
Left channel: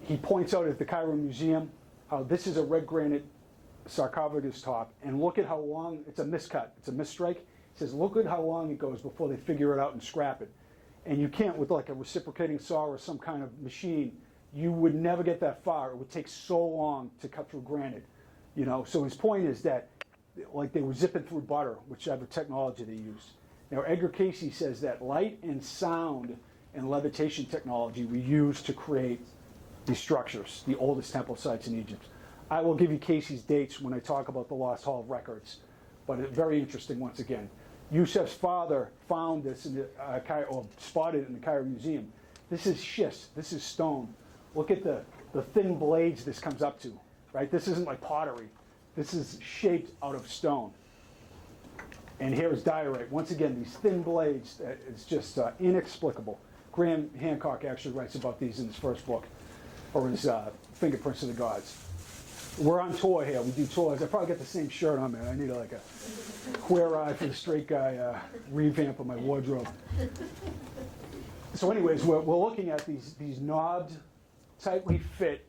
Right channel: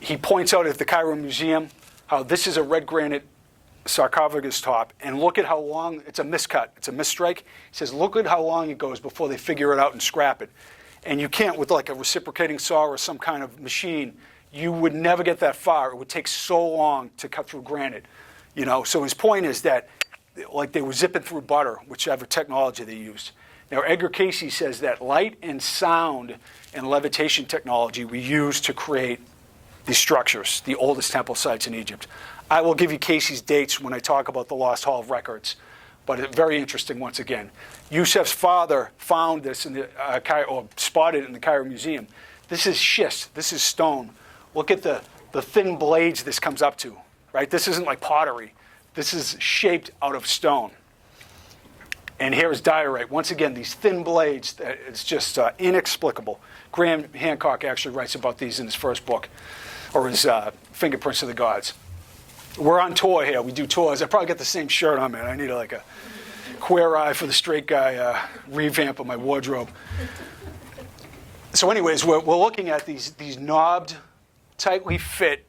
He points out at the Cairo Museum how this is a red granite sarcophagus top, and look at how long, it's a miscut, it's a misstrike. He says, look at how long it goes before they figure it out and scrap it. And you can't, with like a reciprocating saw or some kind of machine, you would never get that far. It would take so long to cut through granite. So his point is that like they were zipping through butter, whichever technology they used. Now, Edgar Cayce says that light and sound and levitation technology we used to create these structures, the oldest temple sites in Egypt. I will give you Cayce's dates when I talk about the Lost Hall of Records, but it's very interesting once again. Yusef's father found this in the or spotted it in the Cairo Museum. This is schist. This is stone. Look at the thin blades this comes up to, right? This isn't like pottery. This is shaped out of stone. And here is diorite. Once again, these thin blades, it's just inexplicable. Graham Hancock actually writes about these in his first book, or his Fingerprints of the Gods. We're on tour here. We do tours. I probably got the same shirt on, man. I need like a queer eye for the straight guy revamp of my wardrobe. So anyways, we're looking at these knobbed, tightly fit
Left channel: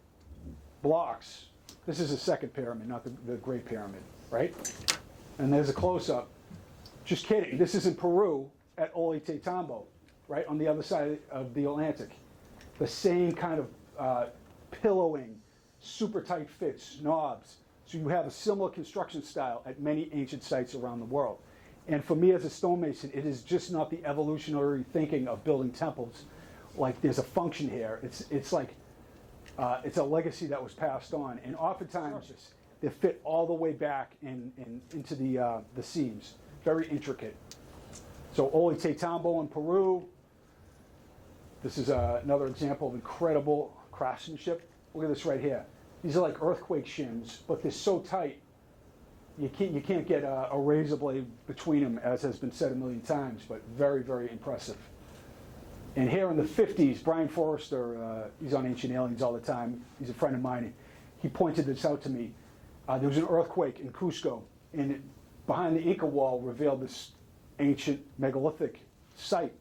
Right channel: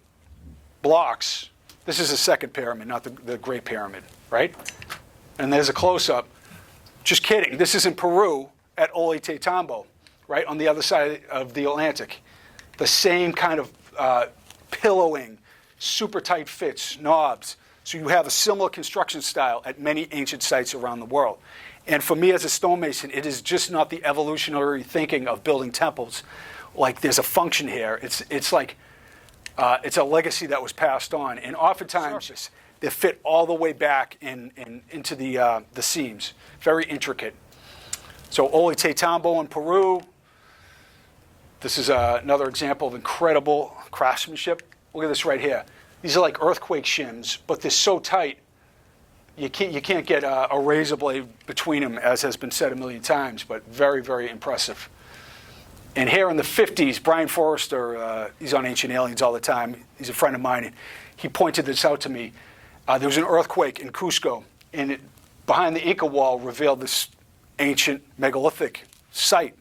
blocks This is the second pyramid, not the Great Pyramid, right? And there's a close-up. Just kidding. This is in Peru at Ollantaytambo, right, on the other side of the Atlantic. The same kind of pillowing, super tight fits, knobs. So you have a similar construction style at many ancient sites around the world. And for me as a stonemason, it is just not the evolutionary thinking of building temples. Like there's a function here. It's like, it's a legacy that was passed on. And oftentimes they fit all the way back into the seams. Very intricate. So Ollantaytambo in Peru. This is another example of incredible craftsmanship. Look at this right here. These are like earthquake shims, but they're so tight, you can't get a razor blade between them, as has been said a million times, but very, very impressive. And here in the 50s, Brian Forrester, he's on Ancient Aliens all the time. He's a friend of mine, and he pointed this out to me. There was an earthquake in Cusco, and behind the Inca wall revealed this ancient megalithic site.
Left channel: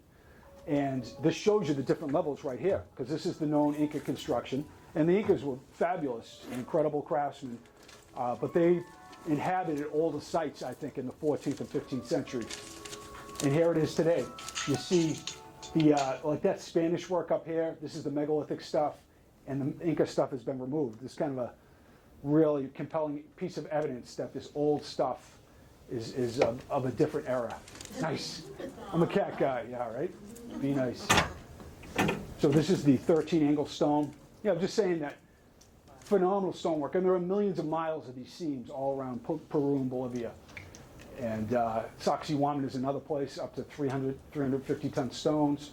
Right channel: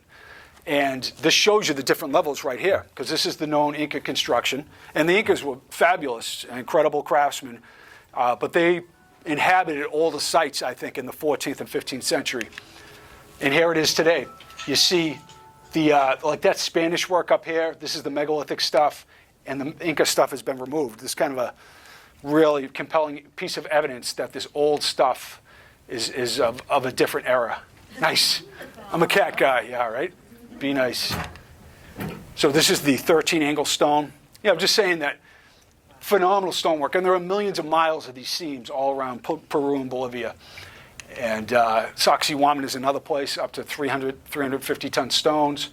And this shows you the different levels right here, because this is the known Inca construction. And the Incas were fabulous, incredible craftsmen, but they inhabited all the sites, I think, in the 14th and 15th century. And here it is today. You see like that Spanish work up here. This is the megalithic stuff, and the Inca stuff has been removed. This is kind of a really compelling piece of evidence that this old stuff is of a different era. Nice. I'm a cat guy, yeah, right? Be nice. So this is the 13-angle stone. Yeah, I'm just saying that phenomenal stonework. And there are millions of miles of these seams all around Peru and Bolivia. And Sacsayhuaman is another place, up to 350-ton stones.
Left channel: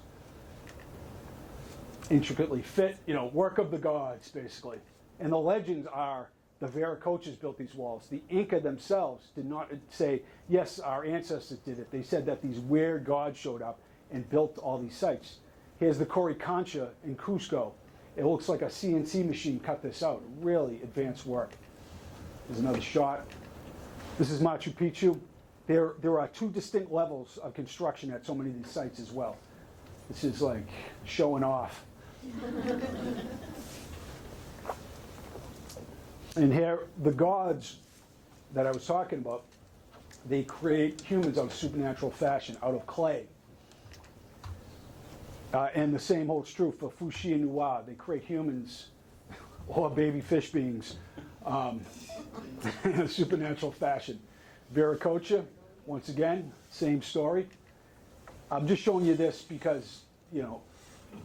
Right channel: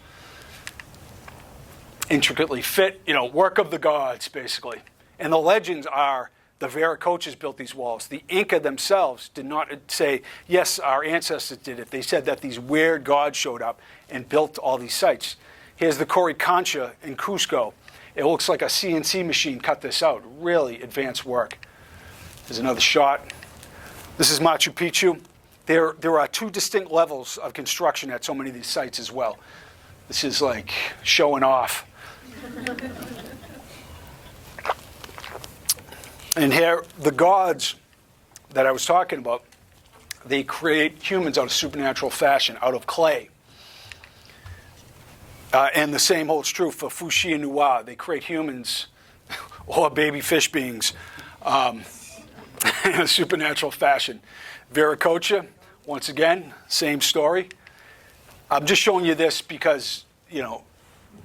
Intricately fit, work of the gods, basically. And the legends are the Vieira built these walls. The Inca themselves did not say, yes, our ancestors did it. They said that these weird gods showed up and built all these sites. Here's the Coricancha in Cusco. It looks like a CNC machine cut this out. Really advanced work. There's another shot. This is Machu Picchu. There are two distinct levels of construction at so many of these sites as well. This is like showing off. And here, the gods that I was talking about, they create humans out of supernatural fashion, out of clay. And the same holds true for Fuxi and Nuwa. They create humans or baby fish beings in a supernatural fashion. Viracocha, once again, same story. I'm just showing you this because,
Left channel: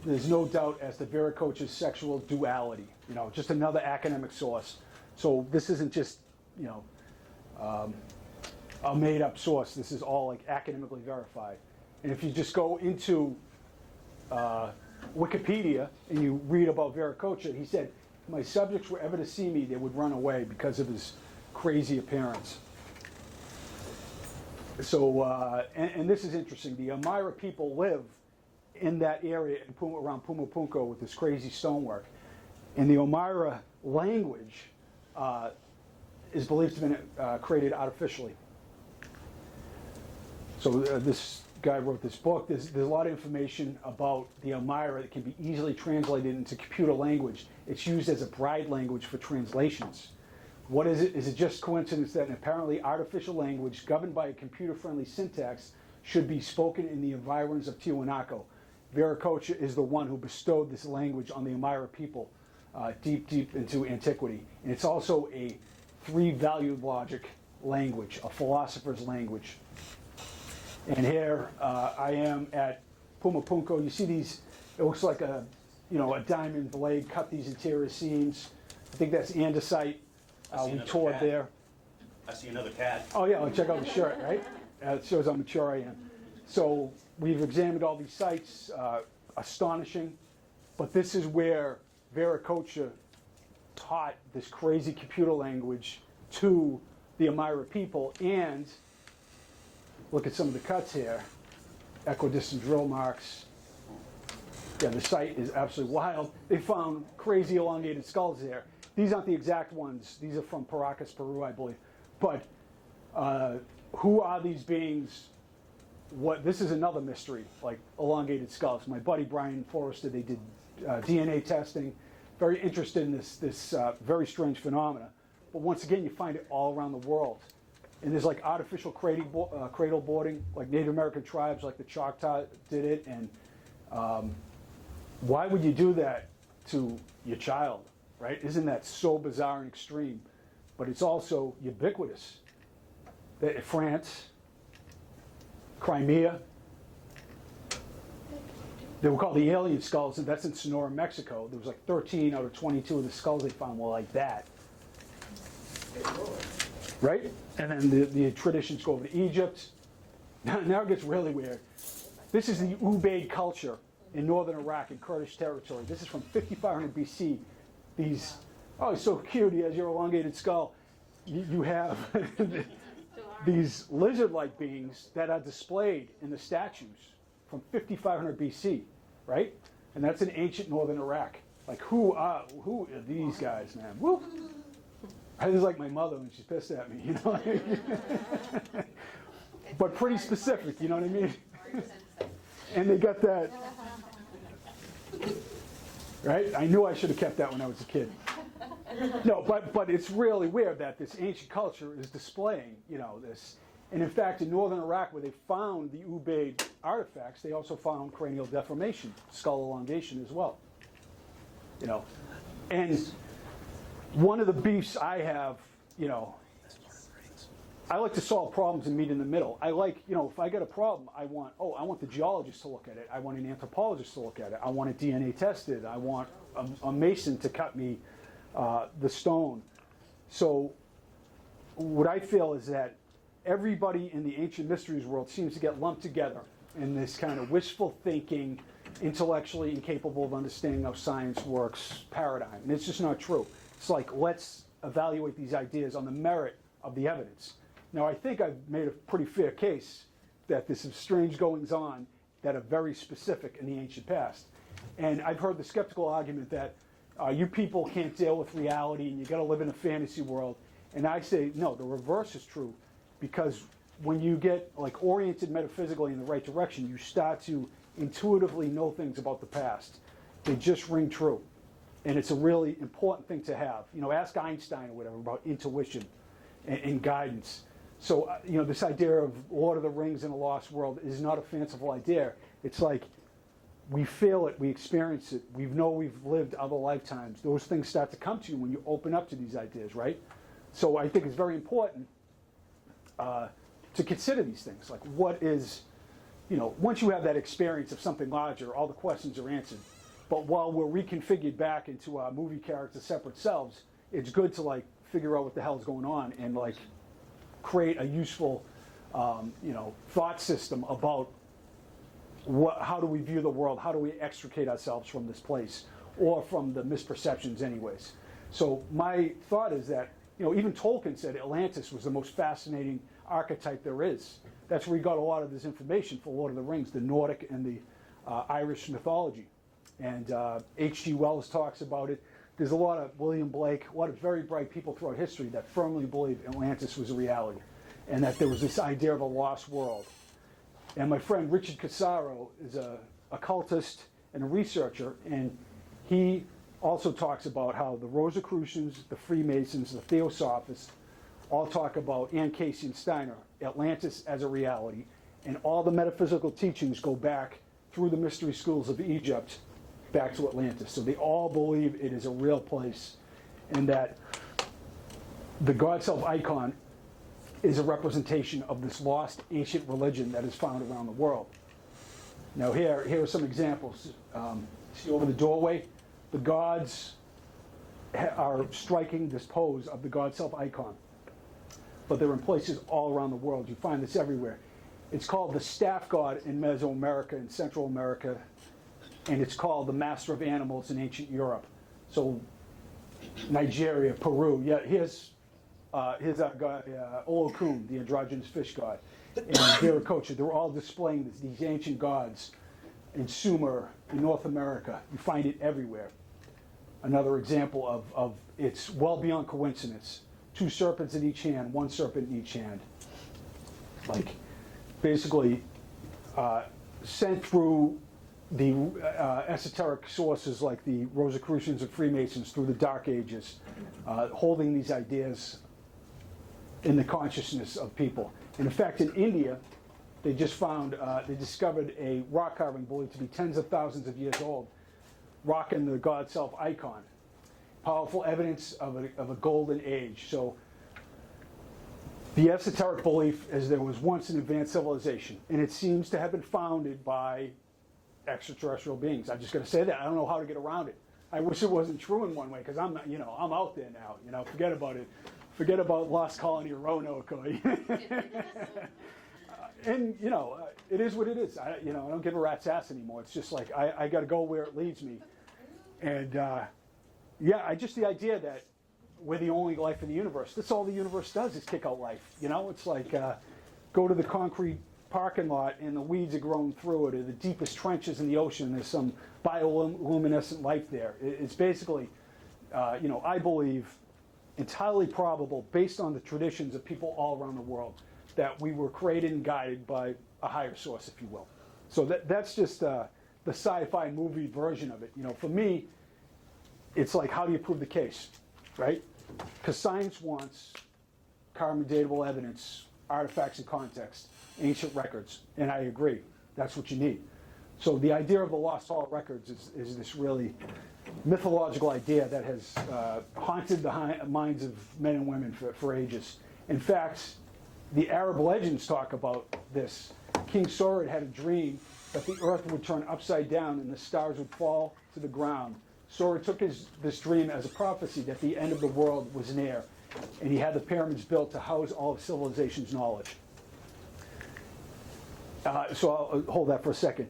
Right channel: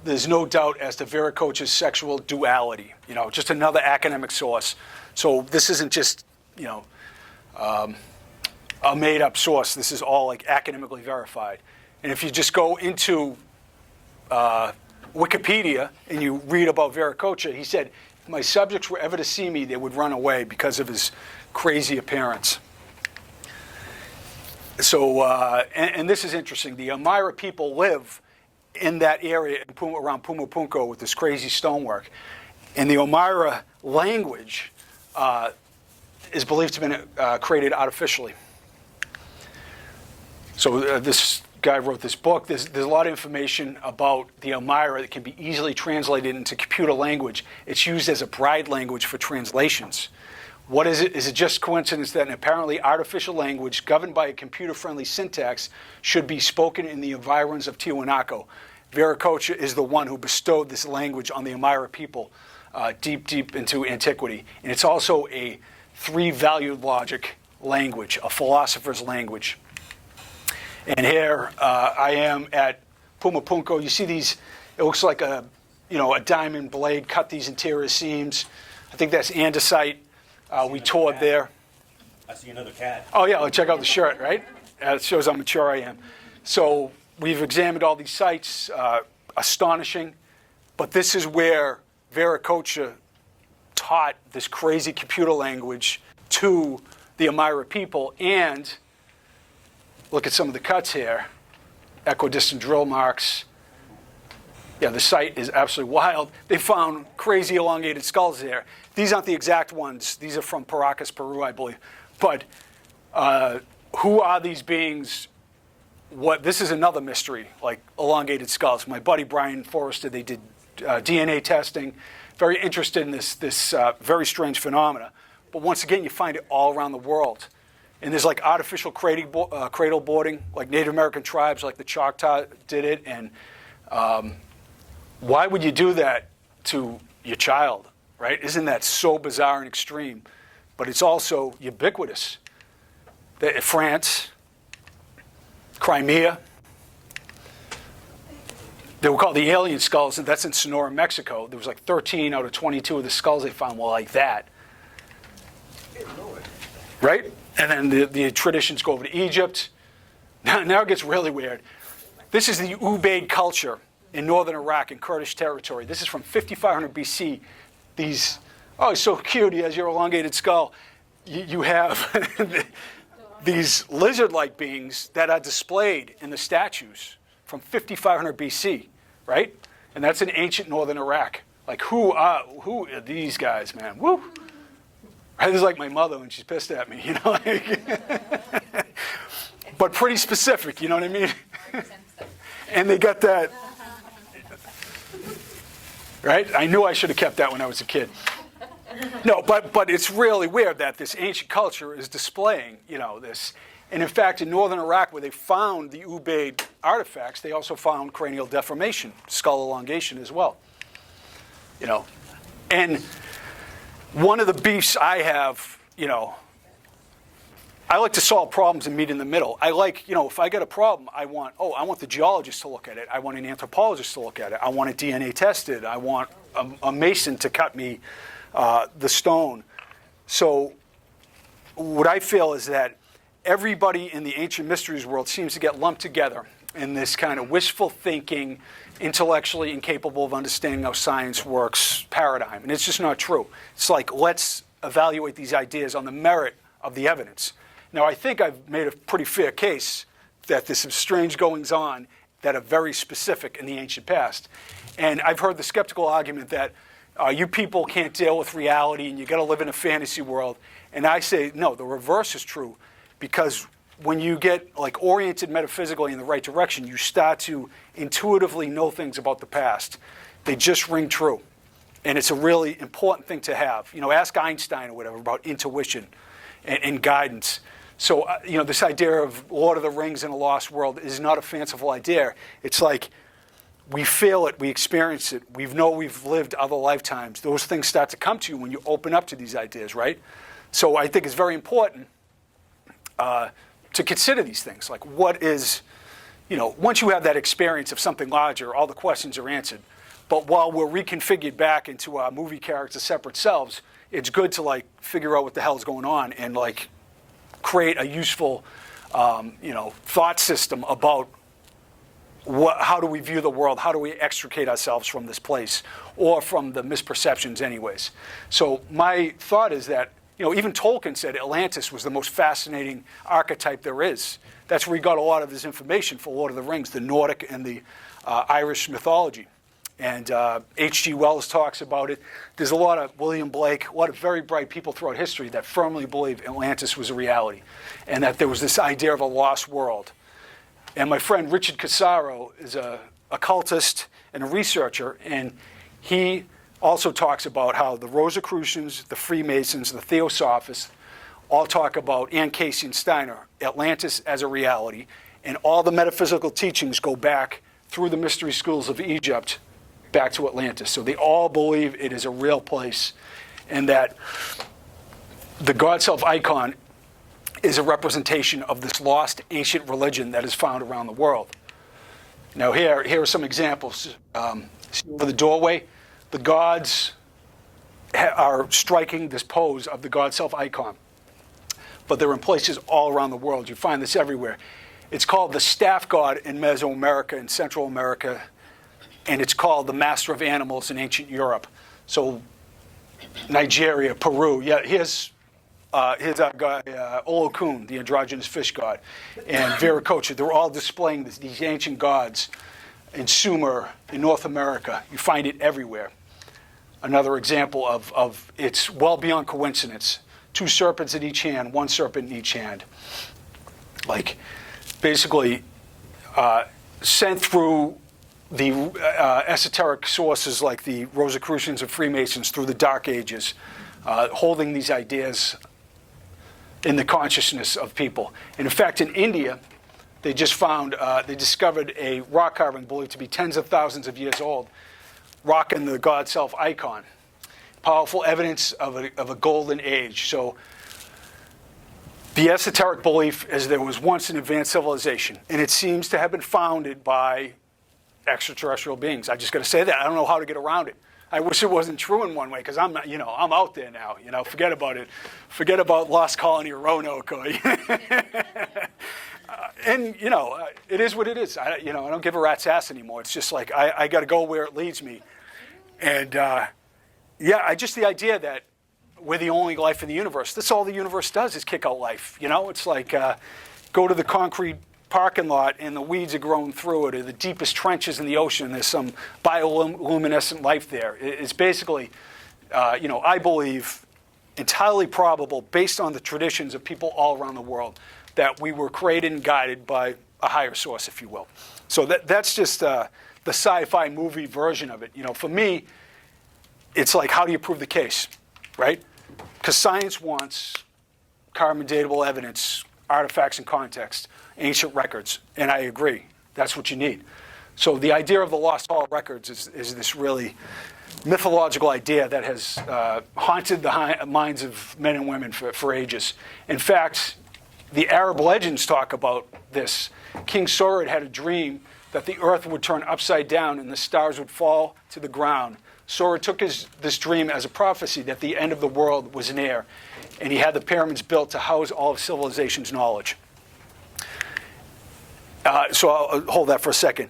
there's no doubt as to Viracocha's sexual duality. Just another academic source. So this isn't just, a made-up source. This is all like academically verified. And if you just go into Wikipedia and you read about Viracocha, he said, if my subjects were ever to see me, they would run away because of his crazy appearance. So, and this is interesting. The Amira people live in that area around Pumapunku with this crazy stonework. And the Amira language is believed to have been created artificially. So this guy wrote this book. There's a lot of information about the Amira that can be easily translated into computer language. It's used as a bride language for translations. What is it? Is it just coincidence that an apparently artificial language governed by a computer-friendly syntax should be spoken in the environs of Tiwanaku? Viracocha is the one who bestowed this language on the Amira people deep into antiquity. And it's also a three-valued logic language, a philosopher's language. And here I am at Pumapunku. You see these, it looks like a diamond blade cut these interior seams. I think that's andesite. We toured there. I see another cat. Oh, yeah, check out the shirt, right? It shows how mature I am. So we've examined all these sites, astonishing. But this is where Viracocha taught this crazy computer language to the Amira people. And look at some of the cuts here. Equidistant drill marks. Yeah, the site is absolutely wild. They found crazy elongated skulls there. These aren't the exact ones. These are from Paracas, Peru, I believe. But who are these beings? This is another mystery, like elongated skulls. My buddy Brian Forrester, they did DNA testing. very interested in this very strange phenomena. But once again, you find it all around the world. And there's like artificial cradle boarding, like Native American tribes, like the Choctaw did it. And why would you do that to your child, right? Isn't that so bizarre and extreme? But it's also ubiquitous. France, Crimea, they were called the alien skulls, and that's in Sonora, Mexico. There was like 13 out of 22 of the skulls they found were like that. Right? And then the traditions go over to Egypt. Now it gets really weird. This is the Ubaid culture in northern Iraq in Kurdish territory. This is from 5500 BC. These, oh, it's so cute. He has your elongated skull. You have these lizard-like beings that are displayed in the statues from 5500 BC, right? And that's in ancient northern Iraq. Like, who are these guys, man? Woo! This is like my mother when she's pissed at me, you know? Like, but pretty specific, you know what I mean? And they got that, right? I knew I should have kept that when I was a kid. No, but it's really weird that this ancient culture is displaying, you know, this. And in fact, in northern Iraq, where they found the Ubaid artifacts, they also found cranial deformation, skull elongation as well. You know, and one of the beefs I have, you know, I like to solve problems and meet in the middle. I like, you know, if I get a problem, I want the geologist to look at it. I want an anthropologist to look at it. I want it DNA tested. I want a mason to cut me the stone. So what I feel is that everybody in the ancient mysteries world seems to get lumped together in this kind of wishful thinking, intellectually incapable of understanding how science works paradigm. And it's just not true. It's like, let's evaluate these ideas on the merit of the evidence. Now, I think I've made a pretty fair case that there's some strange goings on that are very specific in the ancient past. And I've heard the skeptical argument that you people can't deal with reality and you got to live in a fantasy world. And I say, no, the reverse is true, because when you get like oriented metaphysically in the right direction, you start to intuitively know things about the past. They just ring true. And it's a really important thing to have. You know, ask Einstein or whatever about intuition and guidance. So, you know, this idea of Lord of the Rings in a lost world is not a fanciful idea. It's like we feel it, we experience it, we've lived other lifetimes. Those things start to come to you when you open up to these ideas, right? So I think it's very important to consider these things. Like, what is, you know, once you have that experience of something larger, all the questions are answered. But while we're reconfigured back into our movie characters' separate selves, it's good to like figure out what the hell's going on and like create a useful, you know, thought system about how do we view the world? How do we extricate ourselves from this place or from the misperceptions anyways? So my thought is that, you know, even Tolkien said Atlantis was the most fascinating archetype there is. That's where he got a lot of his information for Lord of the Rings, the Nordic and the Irish mythology. And H.G. Wells talks about it. There's a lot of William Blake, a lot of very bright people throughout history that firmly believe Atlantis was a reality and that there was this idea of a lost world. And my friend Richard Casaro is a occultist and a researcher, and he also talks about how the Rosicrucians, the Freemasons, the Theosophists all talk about, and Cayce and Steiner, Atlantis as a reality, and all the metaphysical teachings go back through the mystery schools of Egypt back to Atlantis. So they all believe it is a real place, and that the God Self icon is a representation of this lost ancient religion that is found around the world. Now here are some examples. See over the doorway, the gods are striking this pose of the God Self icon. But they're in places all around the world. You find this everywhere. It's called the staff god in Mesoamerica and Central America, and it's called the master of animals in ancient Europe. So Nigeria, Peru. Yeah, here's our guy, Olokun, the androgynous fish god, and Vieira. They're all displaying these ancient gods in Sumer, in North America. You find it everywhere. Another example of it's well beyond coincidence. 2 serpents in each hand, 1 serpent in each hand. Like, basically, sent through the esoteric sources like the Rosicrucians and Freemasons through the Dark Ages, holding these ideas in the consciousness of people. And in fact, in India, they just found, they discovered a rock carving believed to be tens of thousands of years old, rocking the God Self icon. Powerful evidence of a golden age. So the esoteric belief is there was once an advanced civilization, and it seems to have been founded by extraterrestrial beings. I just got to say that. I don't know how to get around it. I wish it wasn't true in one way, because I'm out there now. Forget about it. Forget about Lost Colony or Roanoke. Or, and it is what it is. I don't give a rat's ass anymore. It's just like I got to go where it leads me. And just the idea that we're the only life in the universe. That's all the universe does is kick out life. It's like go to the concrete parking lot and the weeds are growing through it, or the deepest trenches in the ocean, there's some bioluminescent life there. It's basically, I believe, entirely probable, based on the traditions of people all around the world, that we were created and guided by a higher source, if you will. So that's just the sci-fi movie version of it. For me, it's like, how do you prove the case, right? Because science wants carbon datable evidence, artifacts and context, ancient records, and I agree. That's what you need. So the idea of the Lost Hall records is this really mythological idea that has haunted the minds of men and women for ages. In fact, the Arab legends talk about this. King Sorid had a dream that the earth would turn upside down and the stars would fall to the ground. Sorid took this dream as a prophecy that the end of the world was near, and he had the pyramids built to house all of civilization's knowledge. So I'll hold that for a second.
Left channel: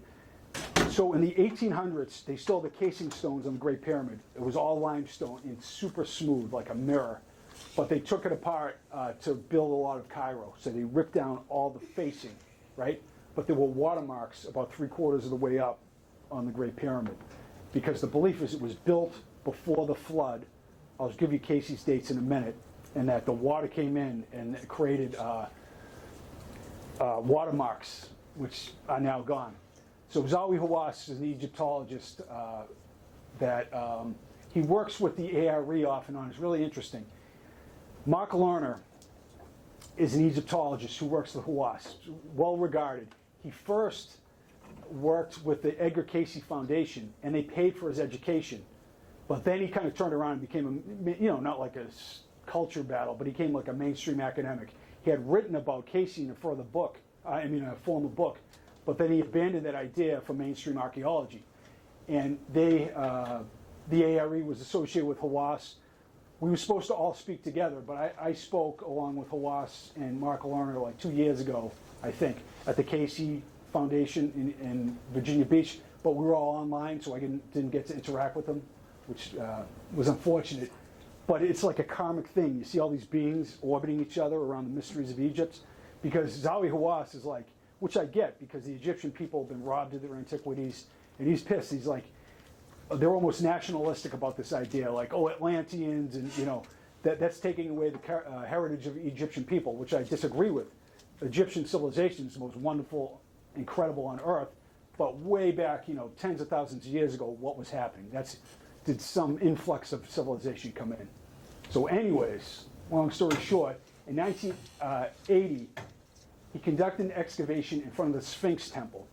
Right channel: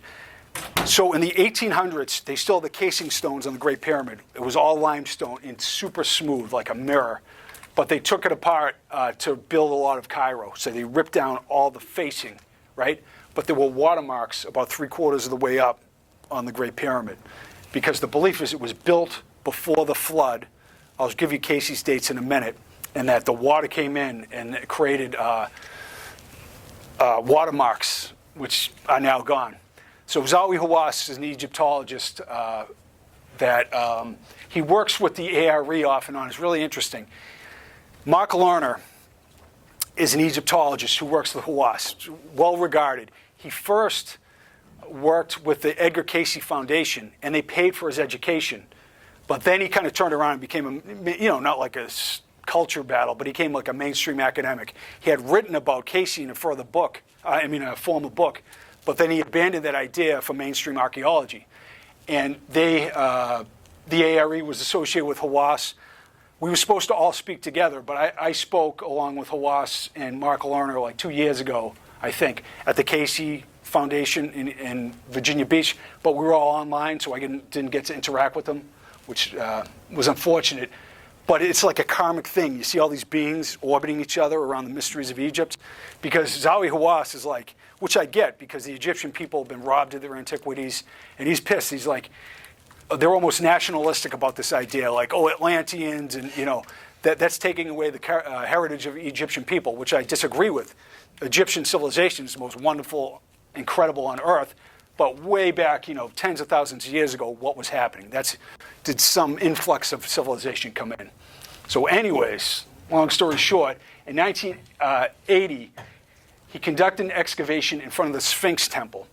So in the 1800s, they still had the casing stones on the Great Pyramid. It was all limestone and super smooth, like a mirror. But they took it apart to build a lot of Cairo. So they ripped down all the facing, right? But there were watermarks about 3/4 of the way up on the Great Pyramid, because the belief is it was built before the flood. I'll give you Cayce's dates in a minute, and that the water came in and it created watermarks, which are now gone. So Zawi Hawass is an Egyptologist that he works with the ARE off and on. It's really interesting. Mark Lerner is an Egyptologist who works with Hawass, well regarded. He first worked with the Edgar Cayce Foundation, and they paid for his education. But then he kind of turned around and became not like a culture battle, but he became like a mainstream academic. He had written about Cayce in a formal book, but then he abandoned that idea for mainstream archaeology. And the ARE was associated with Hawass. We were supposed to all speak together, but I spoke along with Hawass and Mark Lerner like 2 years ago, I think, at the Cayce Foundation in Virginia Beach, but we were all online, so I didn't get to interact with them, which was unfortunate. But it's like a karmic thing. You see all these beings orbiting each other around the mysteries of Egypt, because Zawi Hawass is like, which I get, because the Egyptian people have been robbed of their antiquities, and he's pissed. He's like, they're almost nationalistic about this idea, like, Atlanteans, and that's taking away the heritage of Egyptian people, which I disagree with. Egyptian civilization is the most wonderful, incredible on Earth, but way back, tens of thousands of years ago, what was happening? Did some influx of civilization come in? So anyways, long story short, in 1980, he conducted an excavation in front of the Sphinx temple.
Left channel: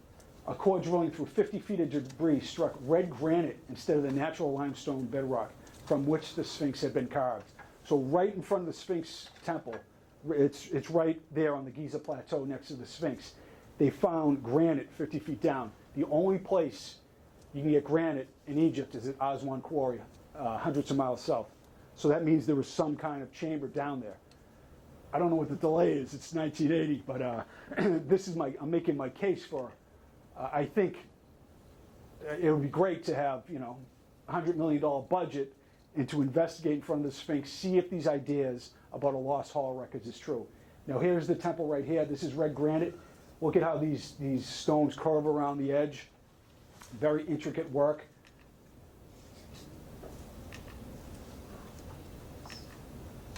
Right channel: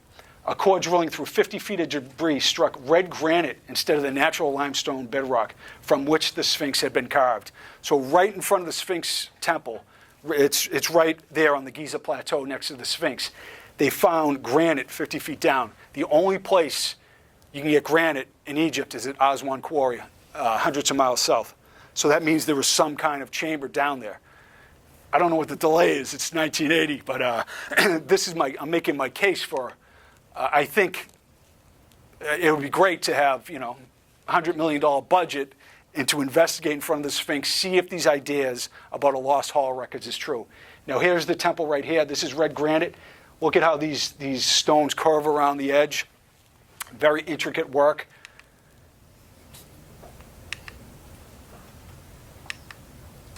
A core drilling through 50 feet of debris struck red granite instead of the natural limestone bedrock from which the Sphinx had been carved. So right in front of the Sphinx temple, it's right there on the Giza Plateau next to the Sphinx, they found granite 50 feet down. The only place you can get granite in Egypt is at Aswan Quarry, hundreds of miles south. So that means there was some kind of chamber down there. I don't know what the delay is. It's 1980, but I'm making my case for. I think it would be great to have $100 million budget and to investigate in front of the Sphinx, see if these ideas about a lost hall records is true. Now here's the temple right here. This is red granite. Look at how these stones curve around the edge. Very intricate work.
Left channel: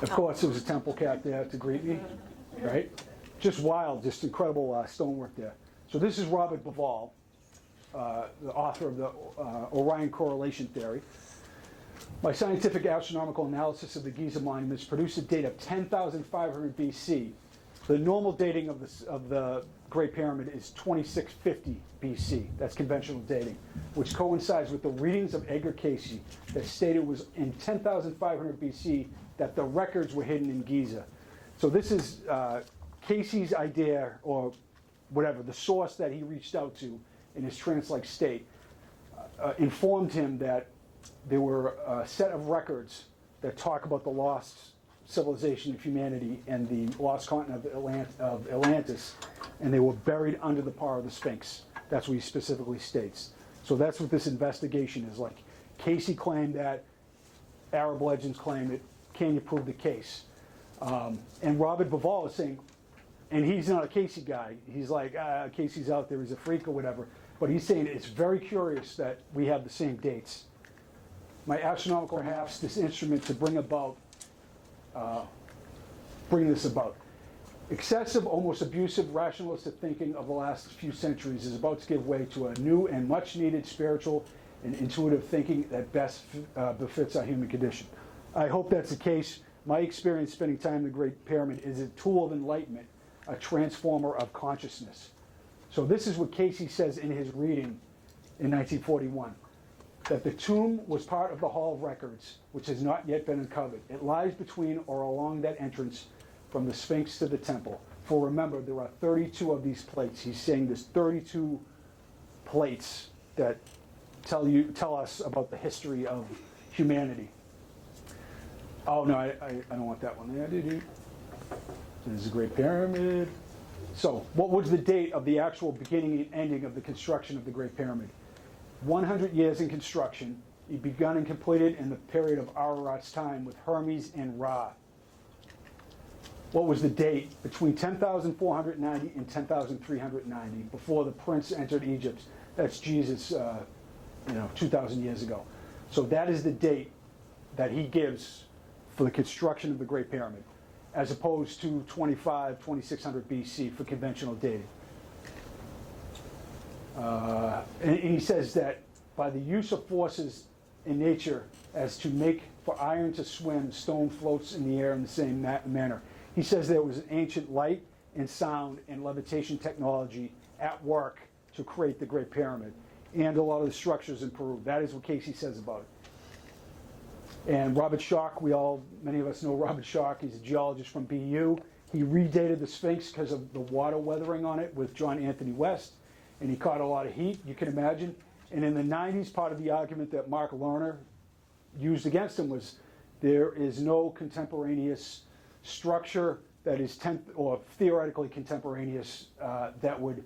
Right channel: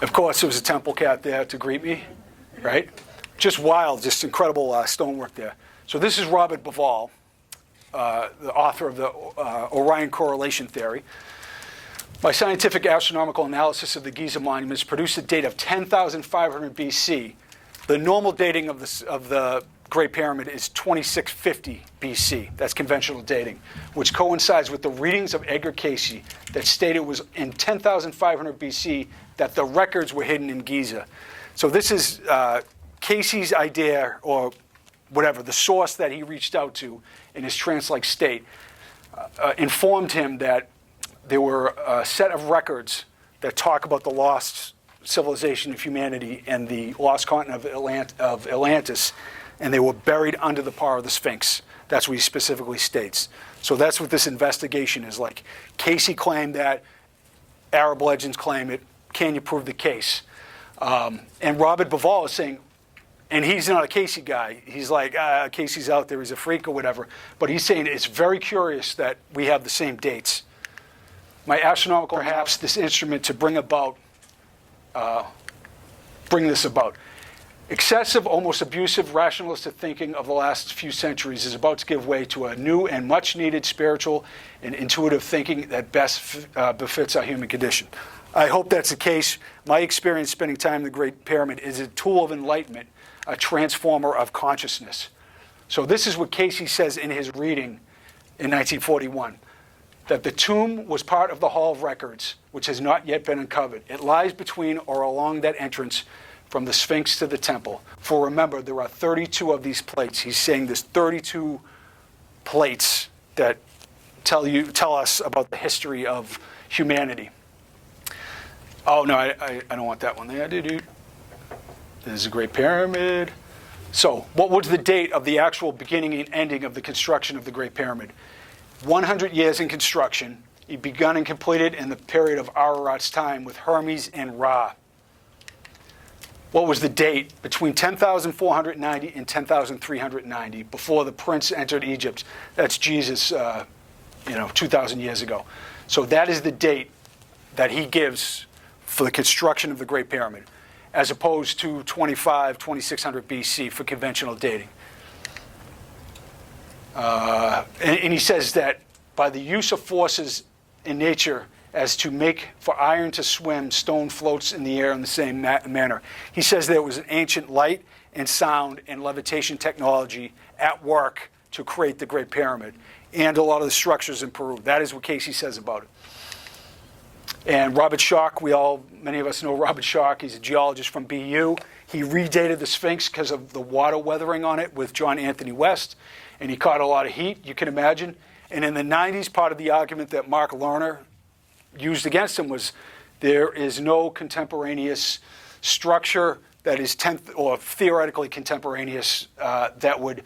Of course, there was a temple cat there to greet me, right? Just wild, just incredible stonework there. So this is Robert Bauval. the author of the Orion correlation theory. My scientific astronomical analysis of the Giza monuments produced a date of 10,500 BC. The normal dating of the Great Pyramid is 2650 BC. That's conventional dating, which coincides with the readings of Edgar Cayce that stated it was in 10,500 BC that the records were hidden in Giza. So this is Cayce's idea, or whatever, the source that he reached out to in his trance-like state, informed him that there were a set of records that talk about the lost civilization of humanity and the lost continent of Atlantis, and they were buried under the power of the Sphinx. That's what he specifically states. So that's what this investigation is like. Cayce claimed that, Arab legends claim it. Can you prove the case? And Robert Bivol is saying, and he's not a Cayce guy. He's like, Cayce's out there, he's a freak or whatever. But he's saying it's very curious that we have the same dates. My astronomical, perhaps this instrument to bring this about. Excessive, almost abusive, rationalistic thinking of the last few centuries is about to give way to a new and much-needed spiritual and intuitive thinking that best befits our human condition. I hope that's the case. My experience spending time in the Great Pyramid is a tool of enlightenment, a transformer of consciousness. So this is what Cayce says in his reading in 1941, that the tomb was part of the Hall of Records, which has not yet been uncovered. It lies between or along that entrance from the Sphinx to the temple. For remember, there are 32 of these plates. He's saying there's 32 plates that tell us about the history of humanity. Oh, no, I don't want that one there. There's a Great Pyramid. So what was the date of the actual beginning and ending of the construction of the Great Pyramid? 100 years in construction. It begun and completed in the period of Ararat's time with Hermes and Ra. What was the date between 10,490 and 10,390 before the prince entered Egypt? That's Jesus, 2,000 years ago. So that is the date that he gives for the construction of the Great Pyramid, as opposed to 2600 BC for conventional dating. And he says that by the use of forces in nature as to make for iron to swim, stone floats in the air in the same manner. He says there was an ancient light and sound and levitation technology at work to create the Great Pyramid and a lot of the structures in Peru. That is what Cayce says about it. And Robert Schoch, many of us know Robert Schoch. He's a geologist from BU. He redated the Sphinx because of the water weathering on it with John Anthony West, and he caught a lot of heat, you can imagine. And in the 90s, part of the argument that Mark Lerner used against him was there is no contemporaneous structure that is theoretically contemporaneous that would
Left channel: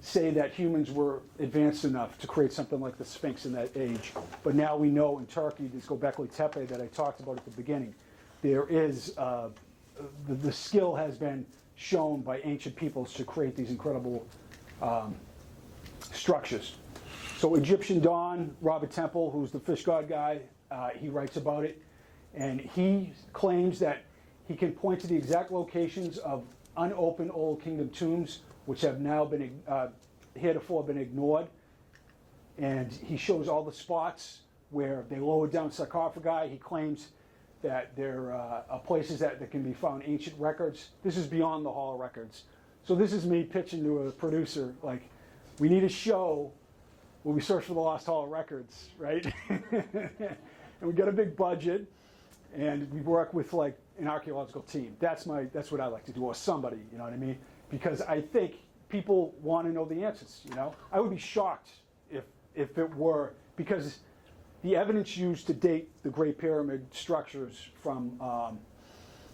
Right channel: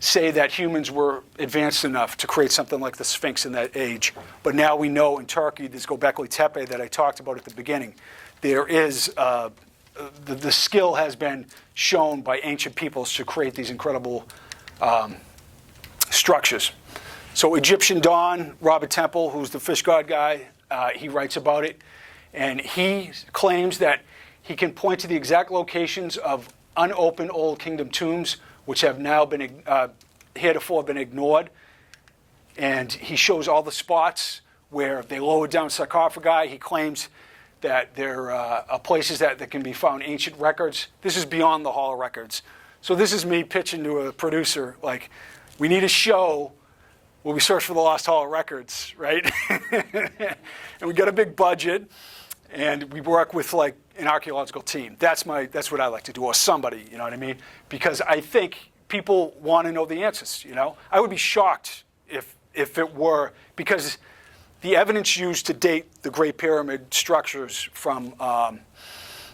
say that humans were advanced enough to create something like the Sphinx in that age. But now we know in Turkey, this Göbekli Tepe that I talked about at the beginning, there is, the skill has been shown by ancient peoples to create these incredible structures. So Egyptian Dawn, Robert Temple, who's the fish god guy, he writes about it. And he claims that he can point to the exact locations of unopened Old Kingdom tombs, which have now been heretofore been ignored. And he shows all the spots where they lowered down sarcophagi. He claims that there are places that can be found ancient records. This is beyond the Hall of Records. So this is me pitching to a producer, like, we need a show where we search for the lost Hall of Records, right? And we got a big budget, and we work with like an archaeological team. That's what I like to do, or somebody, you know what I mean? Because I think people want to know the answers, you know? I would be shocked if it were, because the evidence used to date the Great Pyramid structures from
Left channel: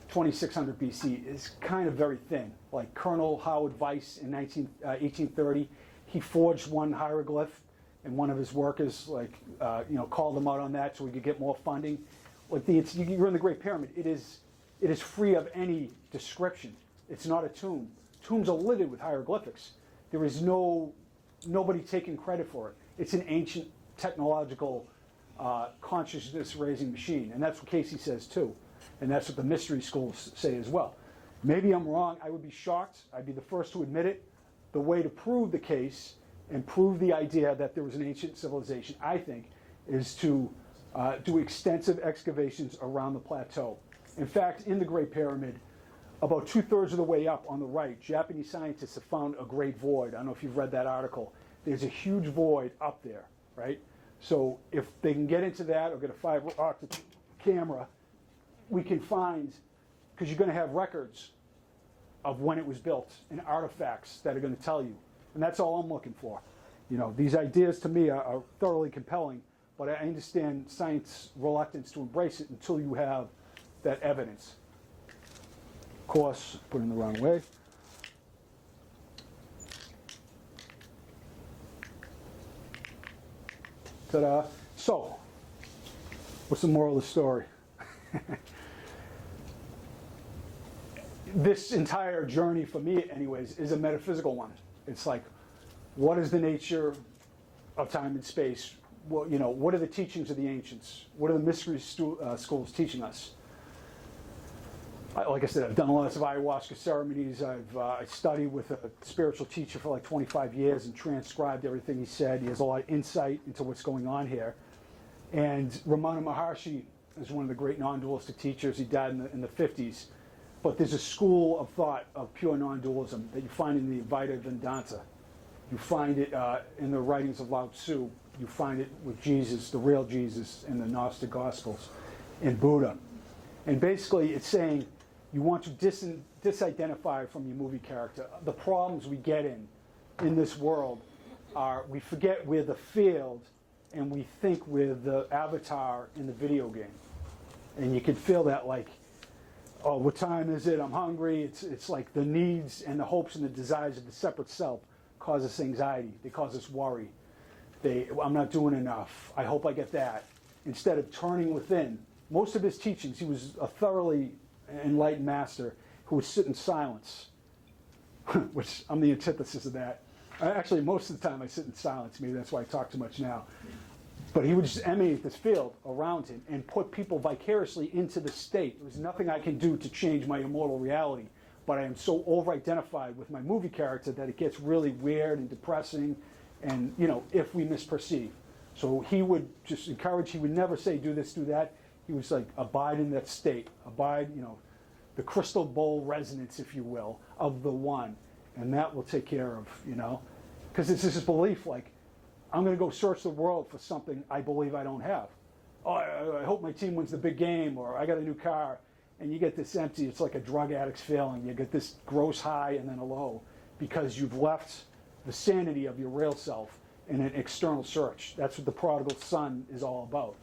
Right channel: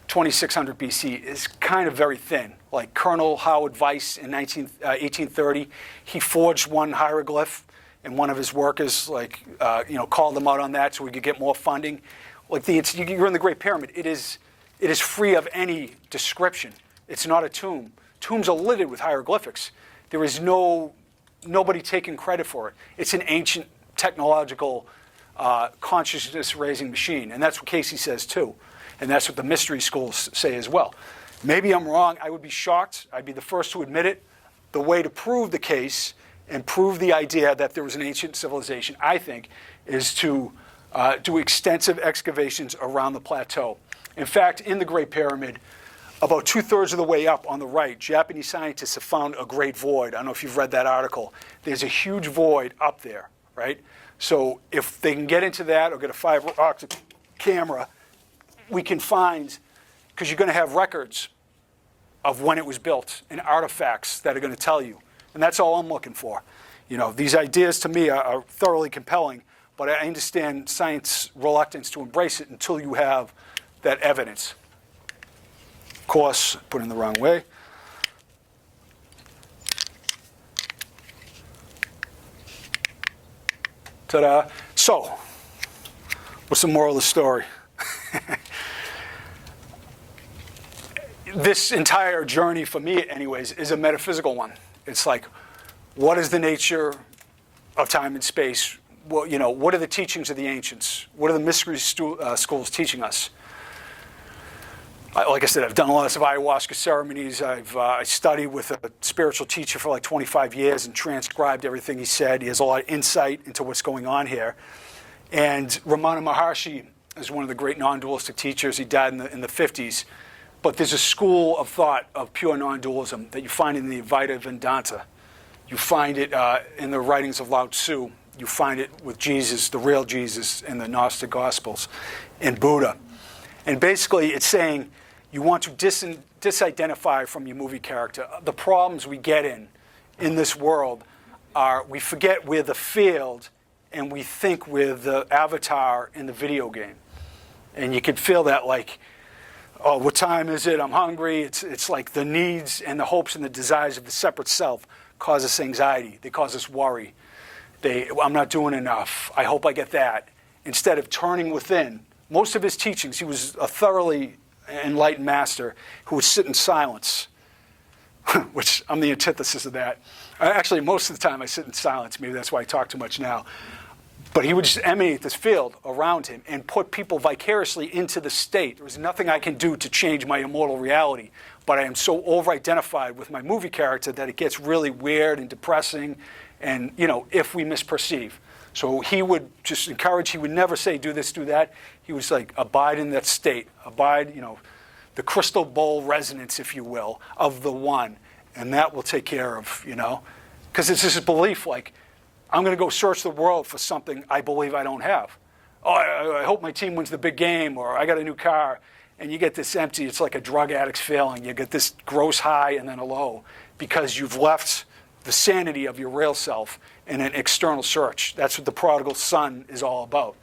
2600 BC is kind of very thin. Like Colonel Howard Weiss in 1830, he forged one hieroglyph, and one of his workers called them out on that so we could get more funding. Like you're in the Great Pyramid. It is free of any description. It's not a tomb. Tombs are littered with hieroglyphics. There is nobody taking credit for it. It's an ancient technological consciousness-raising machine, and that's what Cayce says too, and that's what the mystery schools say as well. Maybe I'm wrong. I would be shocked. I'd be the first to admit it. The way to prove the case and prove the idea that there was an ancient civilization, I think, is to do extensive excavations around the plateau. In fact, in the Great Pyramid, about 2/3 of the way up on the right, Japanese scientists have found a great void. I don't know if you've read that article. There's a huge void up there, right? So if they can get into that or get a fiber optic camera, we can find, because you're going to have records of when it was built and artifacts that are going to tell you. And that's all I'm looking for. You know, these ideas to me are thoroughly compelling, but I understand science reluctance to embrace it until you have that evidence. Of course, put in the wrong way. Ta-da. So, what's the moral of the story? This entire journey, for me anyways, is a metaphysical one. It's like, what is the nature of time and space? Well, you know, what are the teachings of the ancients? What are the mystery schools teaching us? Like I said, I've done lots of ayahuasca ceremonies. I studied with a spiritual teacher for like 25 years and transcribed everything he said. He has a lot of insight into what's going on here. And Ramana Maharshi is one of the great non-dualistic teachers. He died in the 50s. But there's a school of thought of pure non-dualism that you find in the Advaita Vedanta. You find it in the writings of Lao Tzu. You find it with Jesus, the real Jesus, in the Gnostic Gospels, and Buddha. And basically, it's saying you want to disidentify from your movie character. The problems we get in this world are we forget we're the field and we think we're the avatar in the video game. And you can feel that like, oh, what time is it? I'm hungry. It's like the needs and the hopes and the desires of the separate self cause us anxiety. They cause us worry. I'm not doing enough. I hope I get that. Instead of turning within. Most of his teachings, he was a thoroughly enlightened master who would sit in silence, which I'm the antithesis of that. Actually, most of the time I sit in silence. Maybe that's why I talk too much now. But he would just emanate this field around him and put people vicariously into the state. There was nothing I can do to change my immortal reality, but I am so over-identified with my movie character that it gets really weird and depressing, and, you know, if we misperceive. So he would just encourage, he would never say, do this, do that. He was like, abide in that state, abide, you know, the crystal bowl resonance, if you will, of the one. And that will take care of, you know, because it's this belief like, I'm going to go search the world for something I believe I don't have. Oh, I hope my team wins the big game, or I got a new car. And you get this empty, it's like a drug addict's feeling. You get this gross high and then a low because you've left the sanity of your real self in an external search. That's what the prodigal son is all about.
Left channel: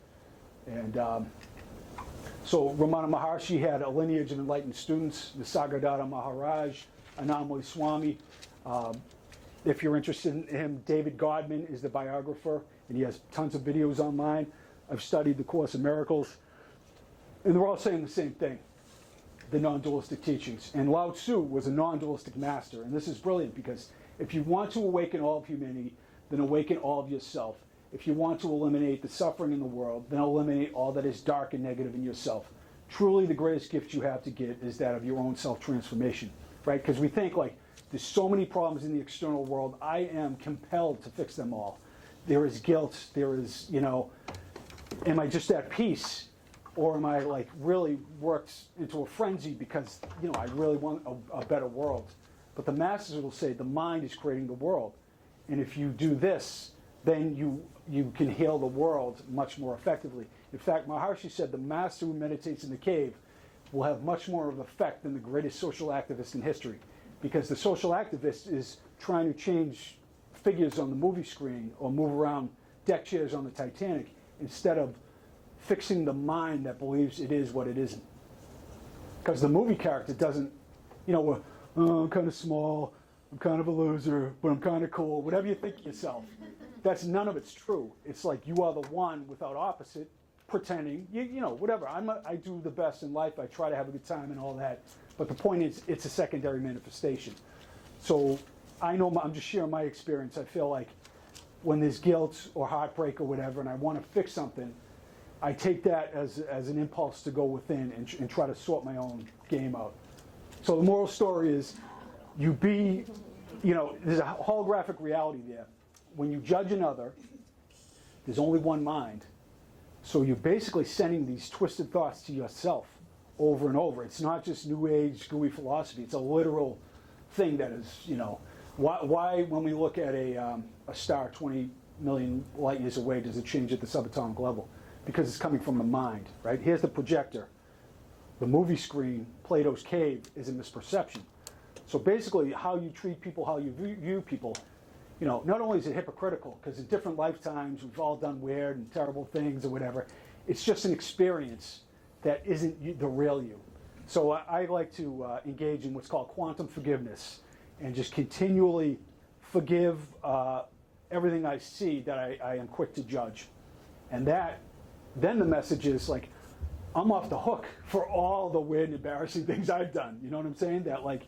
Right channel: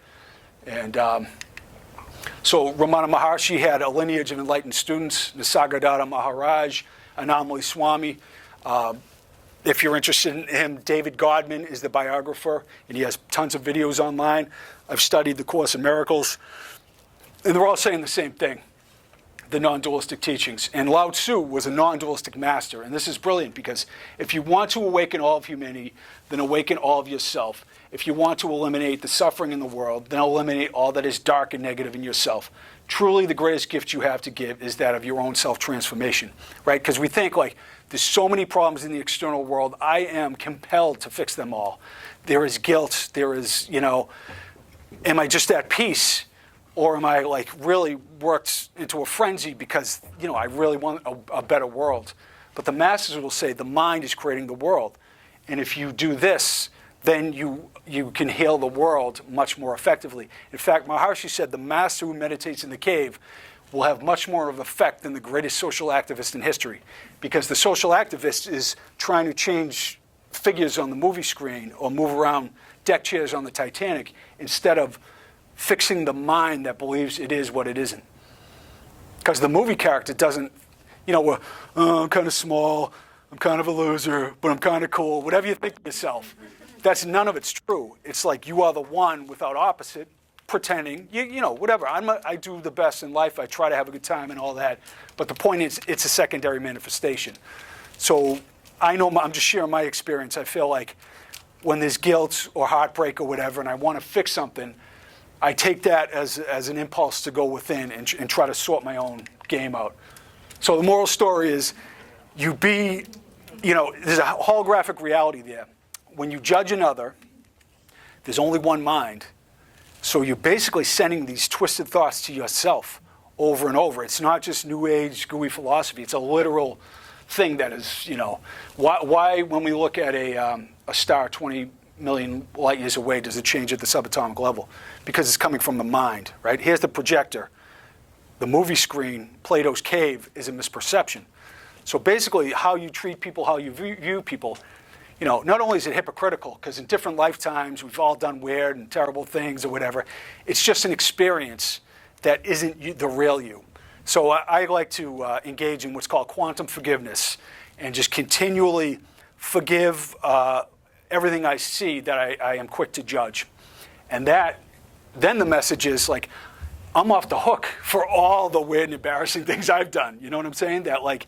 And so Ramana Maharshi had a lineage of enlightened students, Nisargadatta Maharaj, Annamalai Swami. If you're interested in him, David Godman is the biographer, and he has tons of videos online. I've studied the Course in Miracles, and they're all saying the same thing, the non-dualistic teachings. And Lao Tzu was a non-dualistic master, and this is brilliant because if you want to awaken all of humanity, then awaken all of yourself. If you want to eliminate the suffering in the world, then eliminate all that is dark and negative in yourself. Truly, the greatest gift you have to give is that of your own self-transformation, right? Because we think like, there's so many problems in the external world. I am compelled to fix them all. There is guilt. There is, you know, am I just at peace? Or am I like really worked into a frenzy because, you know, I really want a better world? But the masters will say the mind is creating the world. And if you do this, then you can heal the world much more effectively. In fact, Maharshi said the master who meditates in the cave will have much more of an effect than the greatest social activist in history. Because the social activist is trying to change figures on the movie screen or move around deck chairs on the Titanic instead of fixing the mind that believes it is what it isn't. Because the movie character doesn't, you know, I'm kind of small, I'm kind of a loser, but I'm kind of cool. Whatever you think of yourself, that's none of it's true. It's like you are the one without opposite, pretending, you know, whatever. I do the best in life. I try to have a good time and all that. But the point is, it's a secondary manifestation. So I know, I'm just sharing my experience. I feel like when there's guilt or heartbreak or whatever, and I want to fix something, I take that as an impulse to go within and try to sort my own game out. So the moral story is, you know, there's a holographic reality there. when you judge another, there's only one mind. So you're basically sending these twisted thoughts to yourself over and over. It's not just New Age gooey philosophy. It's a literal thing that is, why when we look at a star 20 million light years away, does it change at the subatomic level? Because it's coming from the mind, right? Here's the projector. The movie screen, Plato's cave, is a misperception. So basically, how you treat people, how you view people, not only is it hypocritical, because in different lifetimes we've all done weird and terrible things or whatever, it's just an experience that isn't the real you. So I like to engage in what's called quantum forgiveness and just continually forgive everything I see that I am quick to judge. And then the message is like, I'm off the hook for all the weird and embarrassing things I've done. You know what I'm saying? That like,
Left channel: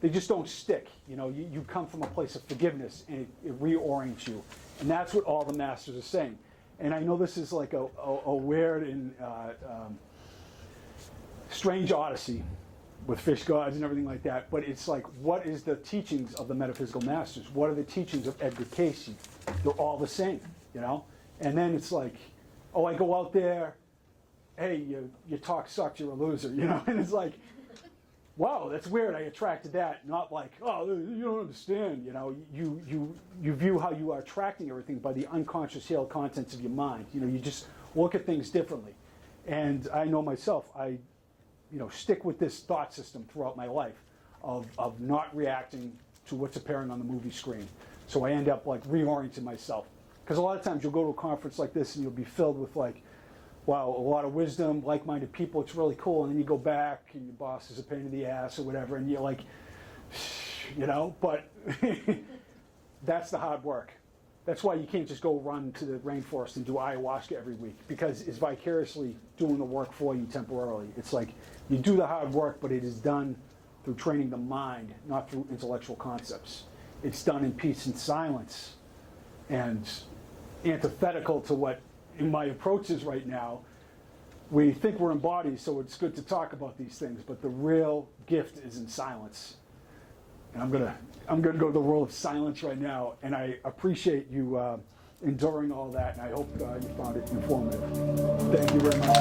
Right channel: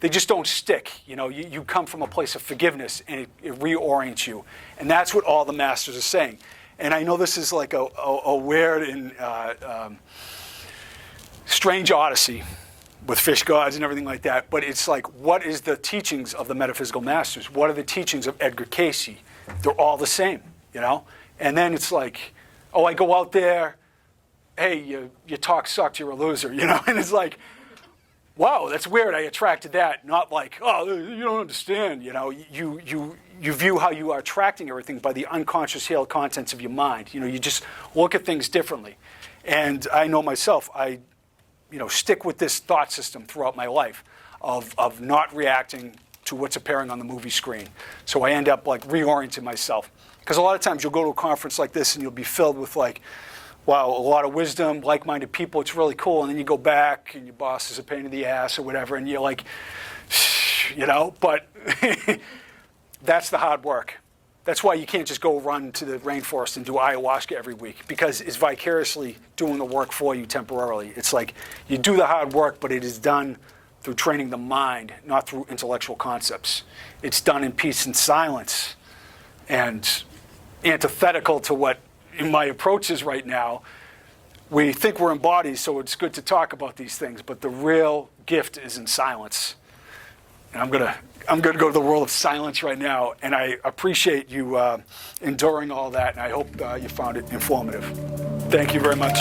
they just don't stick. You come from a place of forgiveness and it reorients you. And that's what all the masters are saying. And I know this is like a weird and strange odyssey with fish gods and everything like that. But it's like, what is the teachings of the metaphysical masters? What are the teachings of Edgar Cayce? They're all the same, And then it's like, oh, I go out there, hey, your talk sucked, you're a loser, And it's like, wow, that's weird. I attracted that. Not like, oh, you don't understand. You view how you are attracting everything by the unconscious held contents of your mind. You just look at things differently. And I know myself, I stick with this thought system throughout my life of not reacting to what's appearing on the movie screen. So I end up like reorienting myself. Because a lot of times you'll go to a conference like this and you'll be filled with like, wow, a lot of wisdom, like-minded people, it's really cool. And then you go back and your boss is a pain in the ass or whatever, and you're like, but that's the hard work. That's why you can't just go run to the rainforest and do ayahuasca every week, because it's vicariously doing the work for you temporarily. It's like you do the hard work, but it is done through training the mind, not through intellectual concepts. It's done in peace and silence, and antithetical to what in my approach is right now. We think we're in bodies, so it's good to talk about these things, but the real gift is in silence. And I'm gonna go to the world of silence right now, and I appreciate you enduring all that, and I hope you found it informative. Thank you very much.